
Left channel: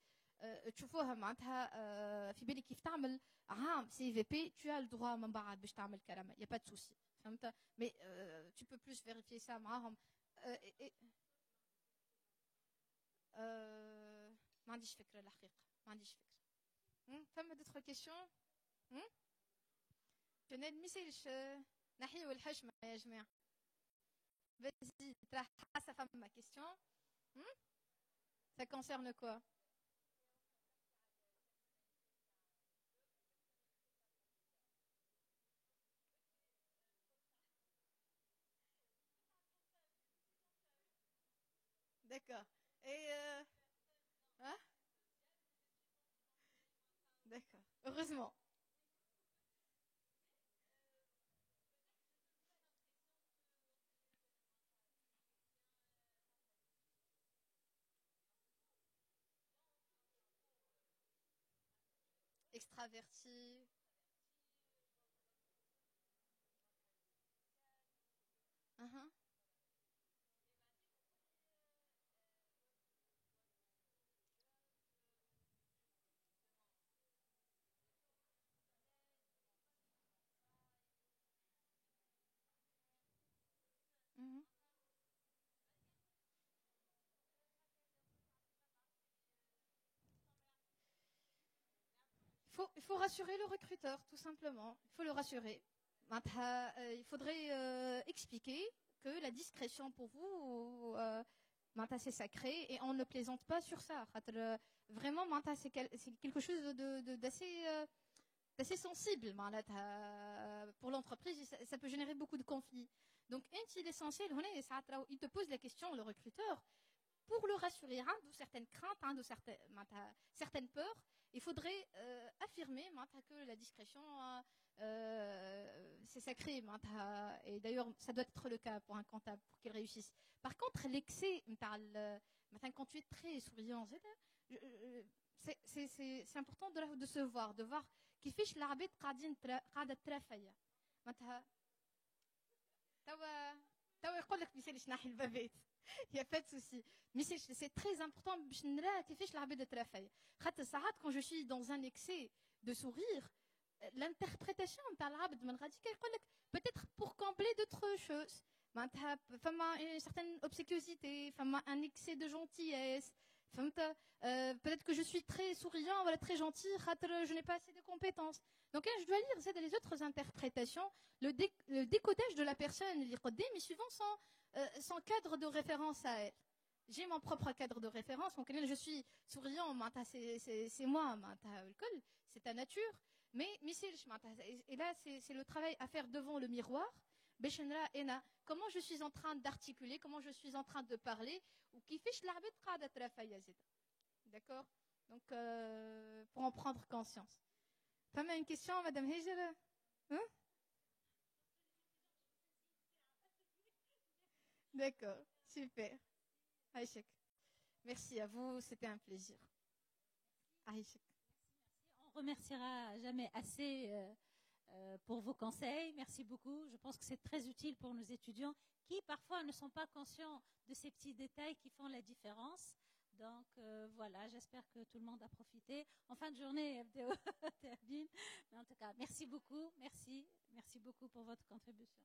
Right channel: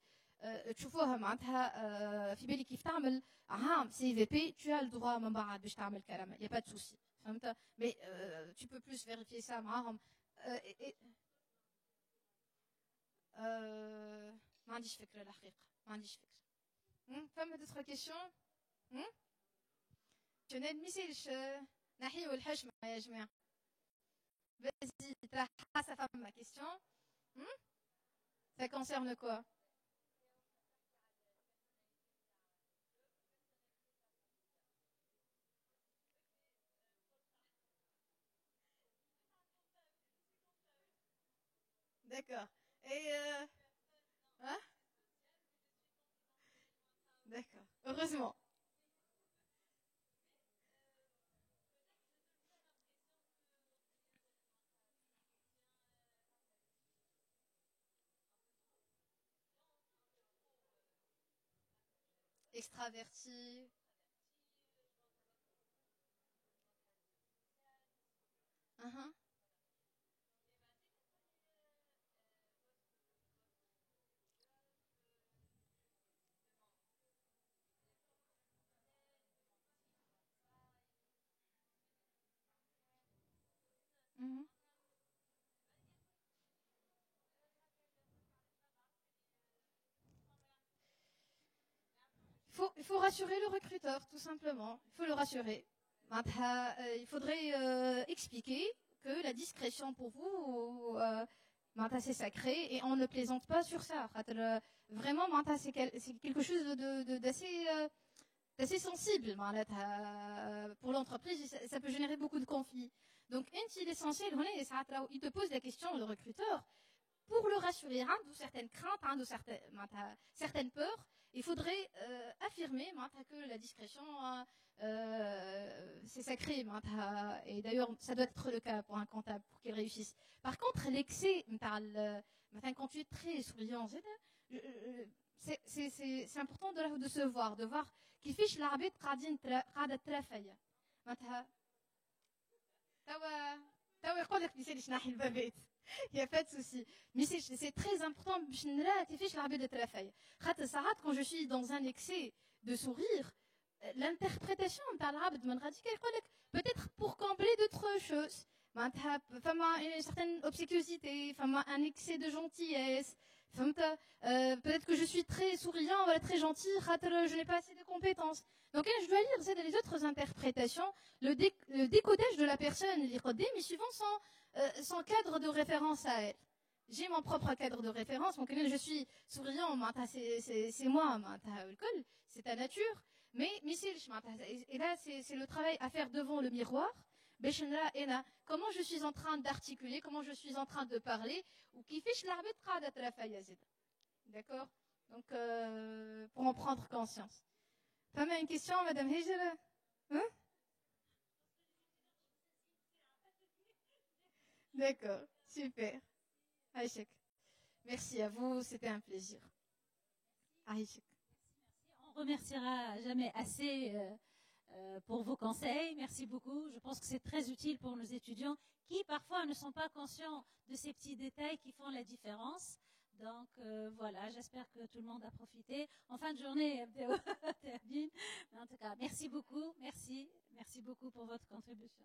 تشوفوها معناتها في بالي كيف تعمل عام CVP tu as le droit من بعد باش تعمل كلامة. Il y a pas de souci. فهمت. Mais tu peux plus vérifier ça معاهم. ما عنديش فكرة الحقيقة. ما عنديش فكرة. فما d'autres questions؟ je n'admissais نحيو الحشمة يا جماعة. Vas-y, ça femme ma question. Ça concerne quoi? D'accord. Et hein? D'accord. Heureusement. Extraverti. Mhm. Mhm. Il faut rassurer le recruteur, tout simplement. Il faut le rassurer. Il faudrait expliquer que la discrétion pour vous, c'est sacré et on ne plaisante pas sur ça. Vraiment, c'est quelque chose d'assez sensible pour l'entreprise et ça peut générer beaucoup de conflits. Donc, l'essentiel, il te pose la question, le recruteur, pour le rassurer de certaines craintes, de certaines peurs, il faudrait affirmer que la discrétion, c'est sacré. Et d'ailleurs, ça doit être le cas pour un comptable, pour qu'il réussisse. Par contre, l'excès, quand tu es très souriant, c'est important de se voir, de voir كيفاش العباد قاعده ترافيا معناتها توا يقول لك مثال نحي البابات. Il n'y a pas de souci. Mais c'est très important. Quand je suis dans un excès de sourire, l'interprétation peut-être pour combler d'autres choses. Une certaine obséquiosité, un excès de gentillesse. Peut-être que je suis très souriant, très gentil, je n'ai pas assez de compétences. Donc je dois lire les autres interprétations, le décodage de la personne, mais suivant son cadre de référence à elle. J'ai mon propre cadre de référence, donc je suis souriant, c'est moi, c'est ta nature. Mais et là, c'est le travail à faire devant le miroir. Comment je suis en train d'articuler, comment je suis en train de parler, ou qui fiche l'arbitre de la faillite. D'accord? Donc, pour en prendre conscience. Femme a une question, Madame Hegel? Hein? D'accord, super. Aïchek. Merci à vous, c'était un plaisir. Aïchek. On remerciera jamais assez pour vos conseils. Merci beaucoup. Je pense que c'est très utile pour nos étudiants qui parfois ne sont pas conscients de ces petits détails qui font la différence. Donc voilà, j'espère que tout le monde a profité. En fin de journée, en tout cas, merci beaucoup. Merci beaucoup pour votre contribution.